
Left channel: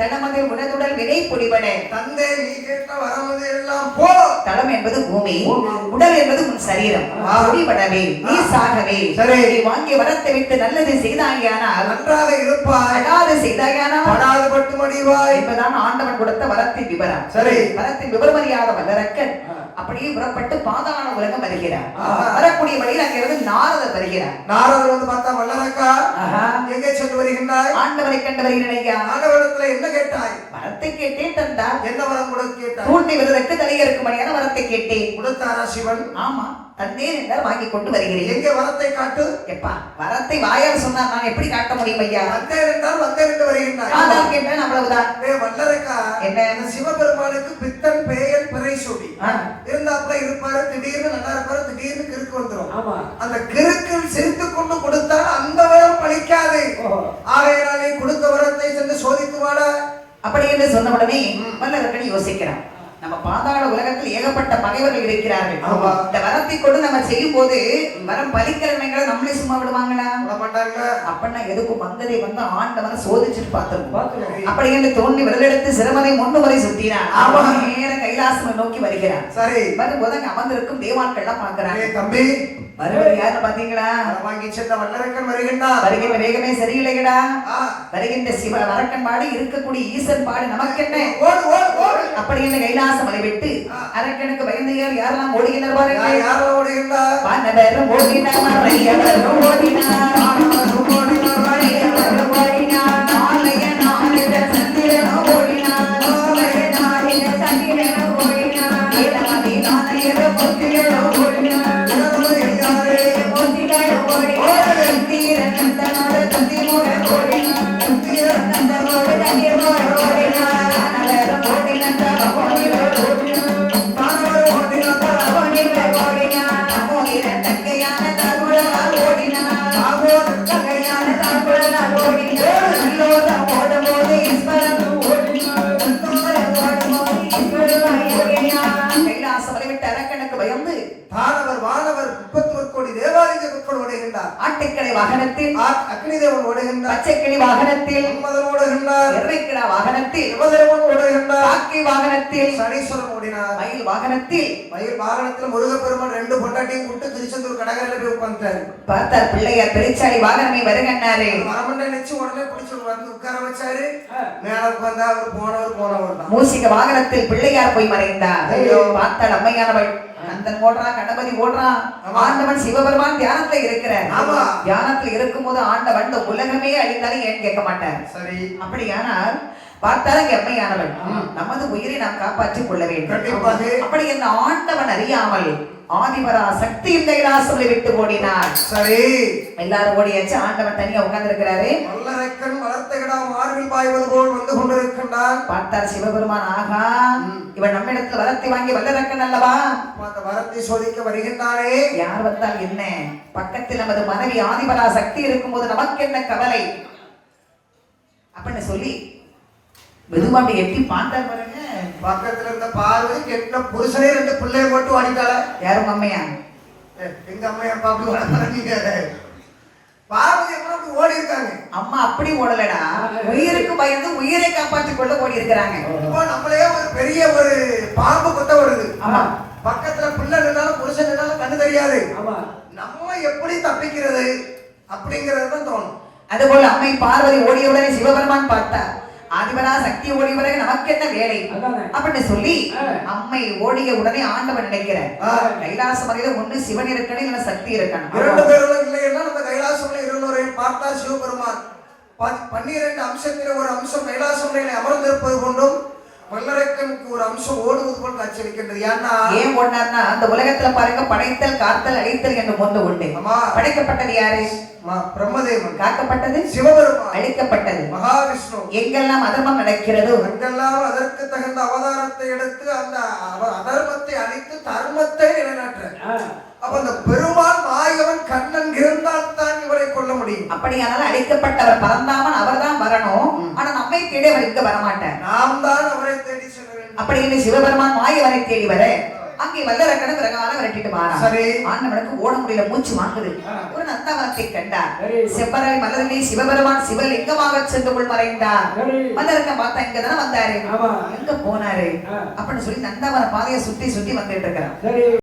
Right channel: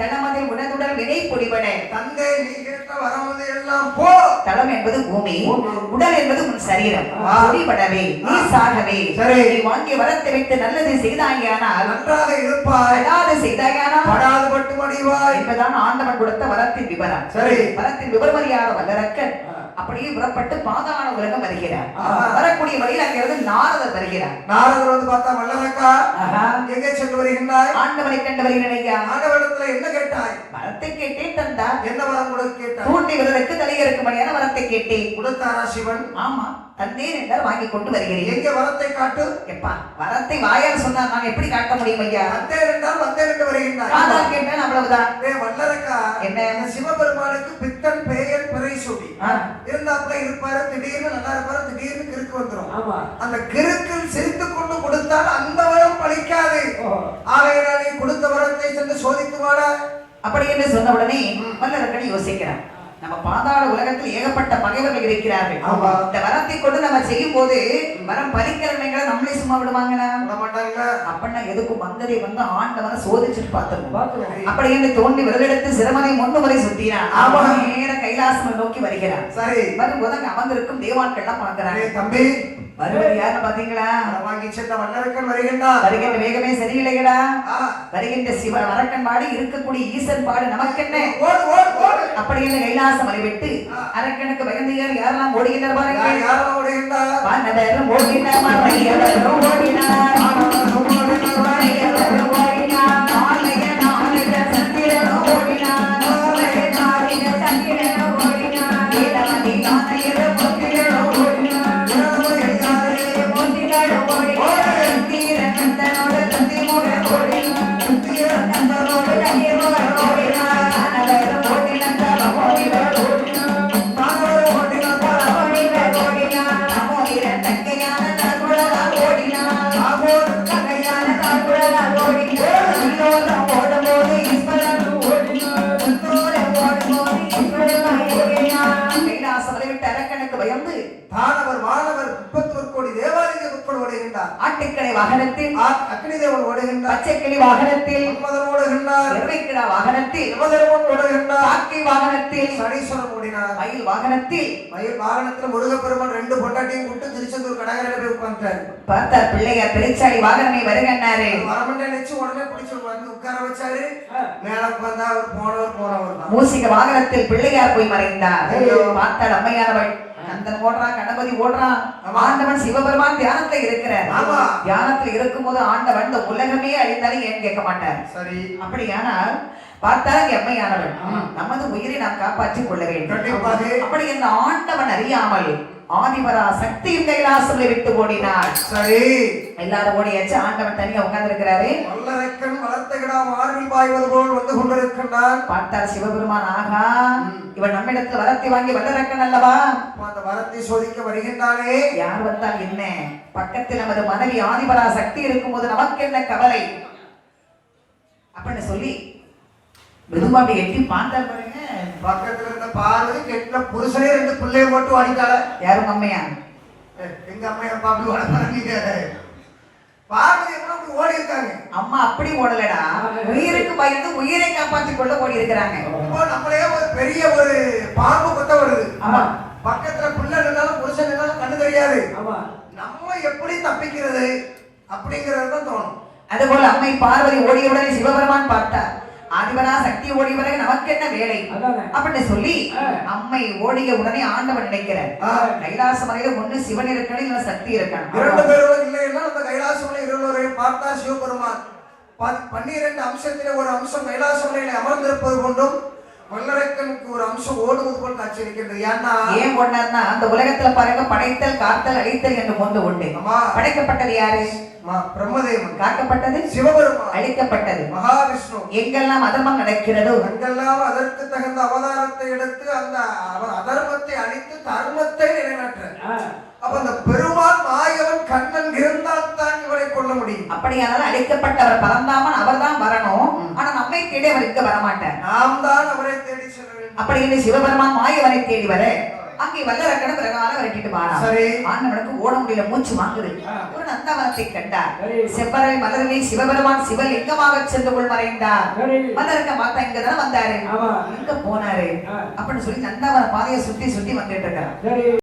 தளமதில் உனதுடன் வினை பொடிபட தந்தை நீ கேட்ட வரமுதை எல்லாம் போ. தளம் என்பது பூமி, உடல் என்பது உன் சரீரம். பொடிபடவே நீ சாகவே சரி. நீ வாங்கிய வரத்தை விட்டு நல்லது செய்தாயானால் நன்றாக இருப்பாய், அடாது செய்தாயானால் படாது பட்டு மடிவாய் என்பதான் ஆண்டவன் கொடுத்த வரத்தின் விவரம். சரி. வரத்தின் விவரமறியாத வல்லரக்கன் அப்படியே புறப்பட்டு பாதாள உலகம் வருகிறார். வரக்கூடிய வழியில் அங்கிருந்து நாரதர் வருகிறார். நாரதர் வந்து பார்த்தா வல்லரக்கா எங்கே சென்று வருகின்றாய்? ஆண்டவனை கண்டு வருகிறேன் ஐயா. ஆண்டவரிடத்துல என்ன கேட்டாய்? வரத்தை கேட்டேன் தந்தார். என்ன வரம் கொடுக்க கேட்டாய்? தூண்டி விருதுக்கு தலையறுக்கும்படியான வரத்தை கேட்டேன். கொடுத்தாரா சிவன்? ஆமா தந்தேன் என்றால் வாங்கி கொண்டு வருகிறேன். எங்கே வரத்தை காட்டு? எப்பா வரத்தை வாயால் சொன்னா நான் எப்படி காட்ட முடியும் ஐயா? வந்தேன் என்றால் வந்தேன் என்று வருகின்றாய். ஆதார் கேட்டேன் அவ்வளவுதான். வல்லரக்கா என்ன சிவபெருமானுக்கு பித்தன் பெயர் பிறை சூடி இருந்தாப்புல இருப்பாரு. திடீர்னு நல்லா இருப்பாரு, திடீர்னு கிறுக்கு வந்துடும். அந்த கிறுக்கில் சிரித்து கொண்டு கொடுத்தால் அந்த வரம் பலிக்காது. ஆகையினாலே கொடுத்த வரத்தை சென்று சோதித்து வாட. அப்படி என்று சொன்ன உடனே வல்லரக்கன் யோசிக்கிறான். நம்ம பாதாள உலகத்தில் ஏகப்பட்ட பகைவர்கள் இருக்கிறார்கள். ஆமா. இந்த வரத்தை கொண்டு நம்ம செய்யும் போது வரம் பலிக்கிழமைகளை நம்மளே சும்மா விடுவாங்களா? விட மாட்டாங்க. அப்படின்னா எதுக்கும் வந்ததை வந்து ஆண்டவரை சோதிச்சுட்டு பார்த்துருவோம். பார்த்துருவோம். அப்படி என்று தோண்டி விரலெடுத்து சிறுமனை 3 முறை சுத்தினான். ஆமா. நேர கைலாசம் நோக்கி வருகிறான். சரி வரும்போது அங்க அமர்ந்திருக்கும் தேவான்கள்லாம் பார்க்கிறாங்க. ஏய் தம்பி, வருவது யாருன்னு பாத்தீங்களா? வாங்கி சென்ற வல்லரக்கன் வருகின்றான். வருகின்ற வேகமே சரியில்லைங்கடா. ஆ, வருகின்ற சிவ அரக்கன் பாடு இருக்கக்கூடிய ஈசன் பாடு நமக்கென்ன? ஓடு ஓடு ஓடு. அப்படி என்று கைலாசம் வழிவிட்டு அரக்கனுக்கு பயந்து யாரெல்லாம் ஓடுகின்றனர் பாருங்க. யாரெல்லாம் ஓடுகின்றார்? வானவரும் ஓடினார், மறையவரும் ஓடினார், மாணவரும் ஓடினார், மறையவரும் ஓடினார், மாலைய நாளில சந்திரனும் ஓடினார், மாலைய நாளில சந்திரனும் ஓடினார், நீலமதி நாணயரும் முத்திகளும் ஓடினார், நீலமதி முத்திகளும் ஓடினார், தீரநந்தனோடு தந்திமூடன் ஓடினார், தீரநந்தனோடு தந்திமூடன் ஓடினார், வானவரும் ஓடினார், ஓடினார், மாணவரும் ஓடினார், ஓடினார், ஓடினார், அமோதிரன் தங்கையான தகுழலால் ஓடினார், அமோதிரன் தங்கையான தகுழலால் ஓடினார், எல்லோரும் ஓடும்போது ஈஸ்வரன் ஓடினார், எல்லோரும் ஓடும்போது ஈஸ்வரன் ஓடினார். கைலாசம் வரைவிட்டு அரக்கனுக்கு பயந்து தானவர் வானவர் 31 கோடி தேவாலய மக்கள் ஓடுகின்றார். ஆட்டுக்கடை வாகனத்தில், அக்னி தேவன் ஓடுகின்றார். பச்சைக்கிளி வாகனத்தில், மன்மதன் ஓடுகின்றார். எருமைக்கிடா வாகனத்தில், யமதர்மன் ஓடுகின்றார். காக்கை வாகனத்தில், சனீஸ்வரன் ஓடினார். மயில் வாகனத்தில் மயில் வாகனத்துல முருகப்பெருமான் 2 பொண்டாட்டியும் கூட்டு திருச்செந்தூர் கடற்கரையில போய் உட்கார்ந்தாரு. பார்த்தார் பிள்ளையார் பெருச்சாளி வாகனமே வருகன்னாரு. வரமண்ட நினைச்சு உடனே பிடிச்சு வந்து உட்கார வச்சாரு. மேல உட்கார்ந்தா அவர் போனவர் தான். மூசிக வாகனத்தில் பிள்ளையார் போய் மறைந்தார். ஐயோ. பார்த்தாள் அம்மையானவள். கந்தன் ஓடுறான், கணபதி ஓடுறான். ஆமா. ஆண்டவன் சிவபெருமான் தியானத்துல இருக்கிறார். ஆமா. தியானத்துல இருக்கும்போது ஆண்டவன் இந்த உலகமே அழிந்தாலும் ஏன் கேட்க மாட்டார். சரி அப்படியானால் பார்த்தாலும் எம்மையானவள் நமது உயிரை நாம் காப்பாற்றிக் கொள்ள வேண்டும். கண்டிப்பாக. அப்படி என்ன ஆண்டவன் அறியாமல் ஆதிவரா சக்தியின் கைலாசத்தை விட்டு ஓடினார். சரி எல்லாரும் ஓடியாச்சு. ஆண்டவன் தனியா உட்கார்ந்து இருக்கிறாரு. வல்லரக்கன் வளர்த்த கிடா மார்பில் பாய்வது போல் வந்து கொண்டிருக்கின்றான். பார்த்தார் சிவபெருமான், ஆகா இவன் நம்மிடத்தில் வரத்தை வாங்கி வல்லரக்கன் அல்லவா? அந்த வரத்தை சோதிக்க வருகின்றானே. யார் வந்தால் என்ன? பக்கத்தில் நமது மனைவி ஆதிபரா சக்தி இருக்கும்போது நமக்கு என்ன கவலை அப்படின்னு சொல்லி மெதுவா அப்படி எட்டி பார்த்தார் பாருங்க. பக்கத்துல இருந்த பார்வை கெட்ட புருஷனே 2 பிள்ளைய மட்டும் வாடிட்டாள. யாரும் அம்மையா? எங்க அம்மையா பாக்குவாங்க. பார்வை எவ்வளவு ஓடி இருக்காங்க. அம்மா அப்படி ஓடலடா, உயிருக்கு பயந்து உயிரை காப்பாற்றிக் கொள்ள ஓடி இருக்கிறாங்க. இப்போ நம்மளே ஒரு பெரிய ஒரு பாம்பு கொத்த வருது. ஆமா. பக்கத்துல பிள்ளை இருந்தாலும் புருஷன் இருந்தாலும் கண்ணு தெரியாது. ஆமா. நம்ம எப்படி தப்பிக்கிறது அப்படிங்கறது தான் தோணும். அதுபோல அம்மை பார்வதி ஓடியவுடனே சிவபெருமான் பார்த்தார். ஆதிபரா சக்தி ஓடி வரை நமக்கு என்ன வேலை அப்படின்னு சொல்லி அம்மை ஓடிய உடனே ஆண்டவன் நினைக்கிறார், கைலாச மலையில ஒண்ணு சிவன் இருக்கணும், இல்ல சக்தி இருக்கணும். 2 பேரும் இல்லைன்னா நம்ம கைலாசமலை இருவரையும் பார்த்தார் சிவபெருமான். 12 அம்சத்திலே ஒரு அம்சம் கைலாசமலையில அமர்ந்திருப்பது போன்றும் வல்லரக்கனுக்கு ஒரு அம்சம் ஓடுவது போல் காட்சியளிக்கின்றது. ஏன் ஓடினார்னா அந்த உலகத்துல பாருங்க, படைத்தல் காத்தல் அழித்தல் என்று ஒன்று உண்டு. படைக்கப்பட்டது யாரு? பிரம்மதேவன். காக்கப்பட்டது சிவபெருமான். அழிக்கப்பட்டது மகாவிஷ்ணு. எங்கெல்லாம் அதர்மம் நடக்கிறதோ அங்கெல்லாம் அதற்கு தகுந்த அவதாரத்தை எடுத்து அந்த அதர்மத்தை அழித்து தர்மத்தை நிலைநாட்ட. அப்ப அந்த பெருமான் மாயவன் கண்ணன் இருந்தால் தான் இவரை கொள்ள முடியும். அப்படியானால் அழிக்கப்பட்டவர் பரந்தாமன் அவர் தான் வரணும். ஆனா நம்மை தேடி அவர் இங்க வரமாட்டார், நாம் தான் அவரை தேடி செல்ல வேண்டும். அப்படி என்று சிவபெருமான் மாயவனை தேடி வர அங்கே வல்லரக்கனை பிரகால விரட்டிட்டு வாரான். சரி. ஆண்டவனுக்கு ஓட முடியல, மூச்சு வாங்குது. ஒரு நந்தவனத்தை கண்டார். செவ்வரை மலர்களை சிவபெருமான் சிவலிங்கமாக சென்று கொள் மறைந்தார். வல்லரக்கன் பார்த்தா இங்கதானே வந்தாரு, எங்க போனாரு அப்படின்னு சொல்லி நந்தவன பாதையை சுத்தி சுத்தி வந்துட்டு இருக்கிறார்.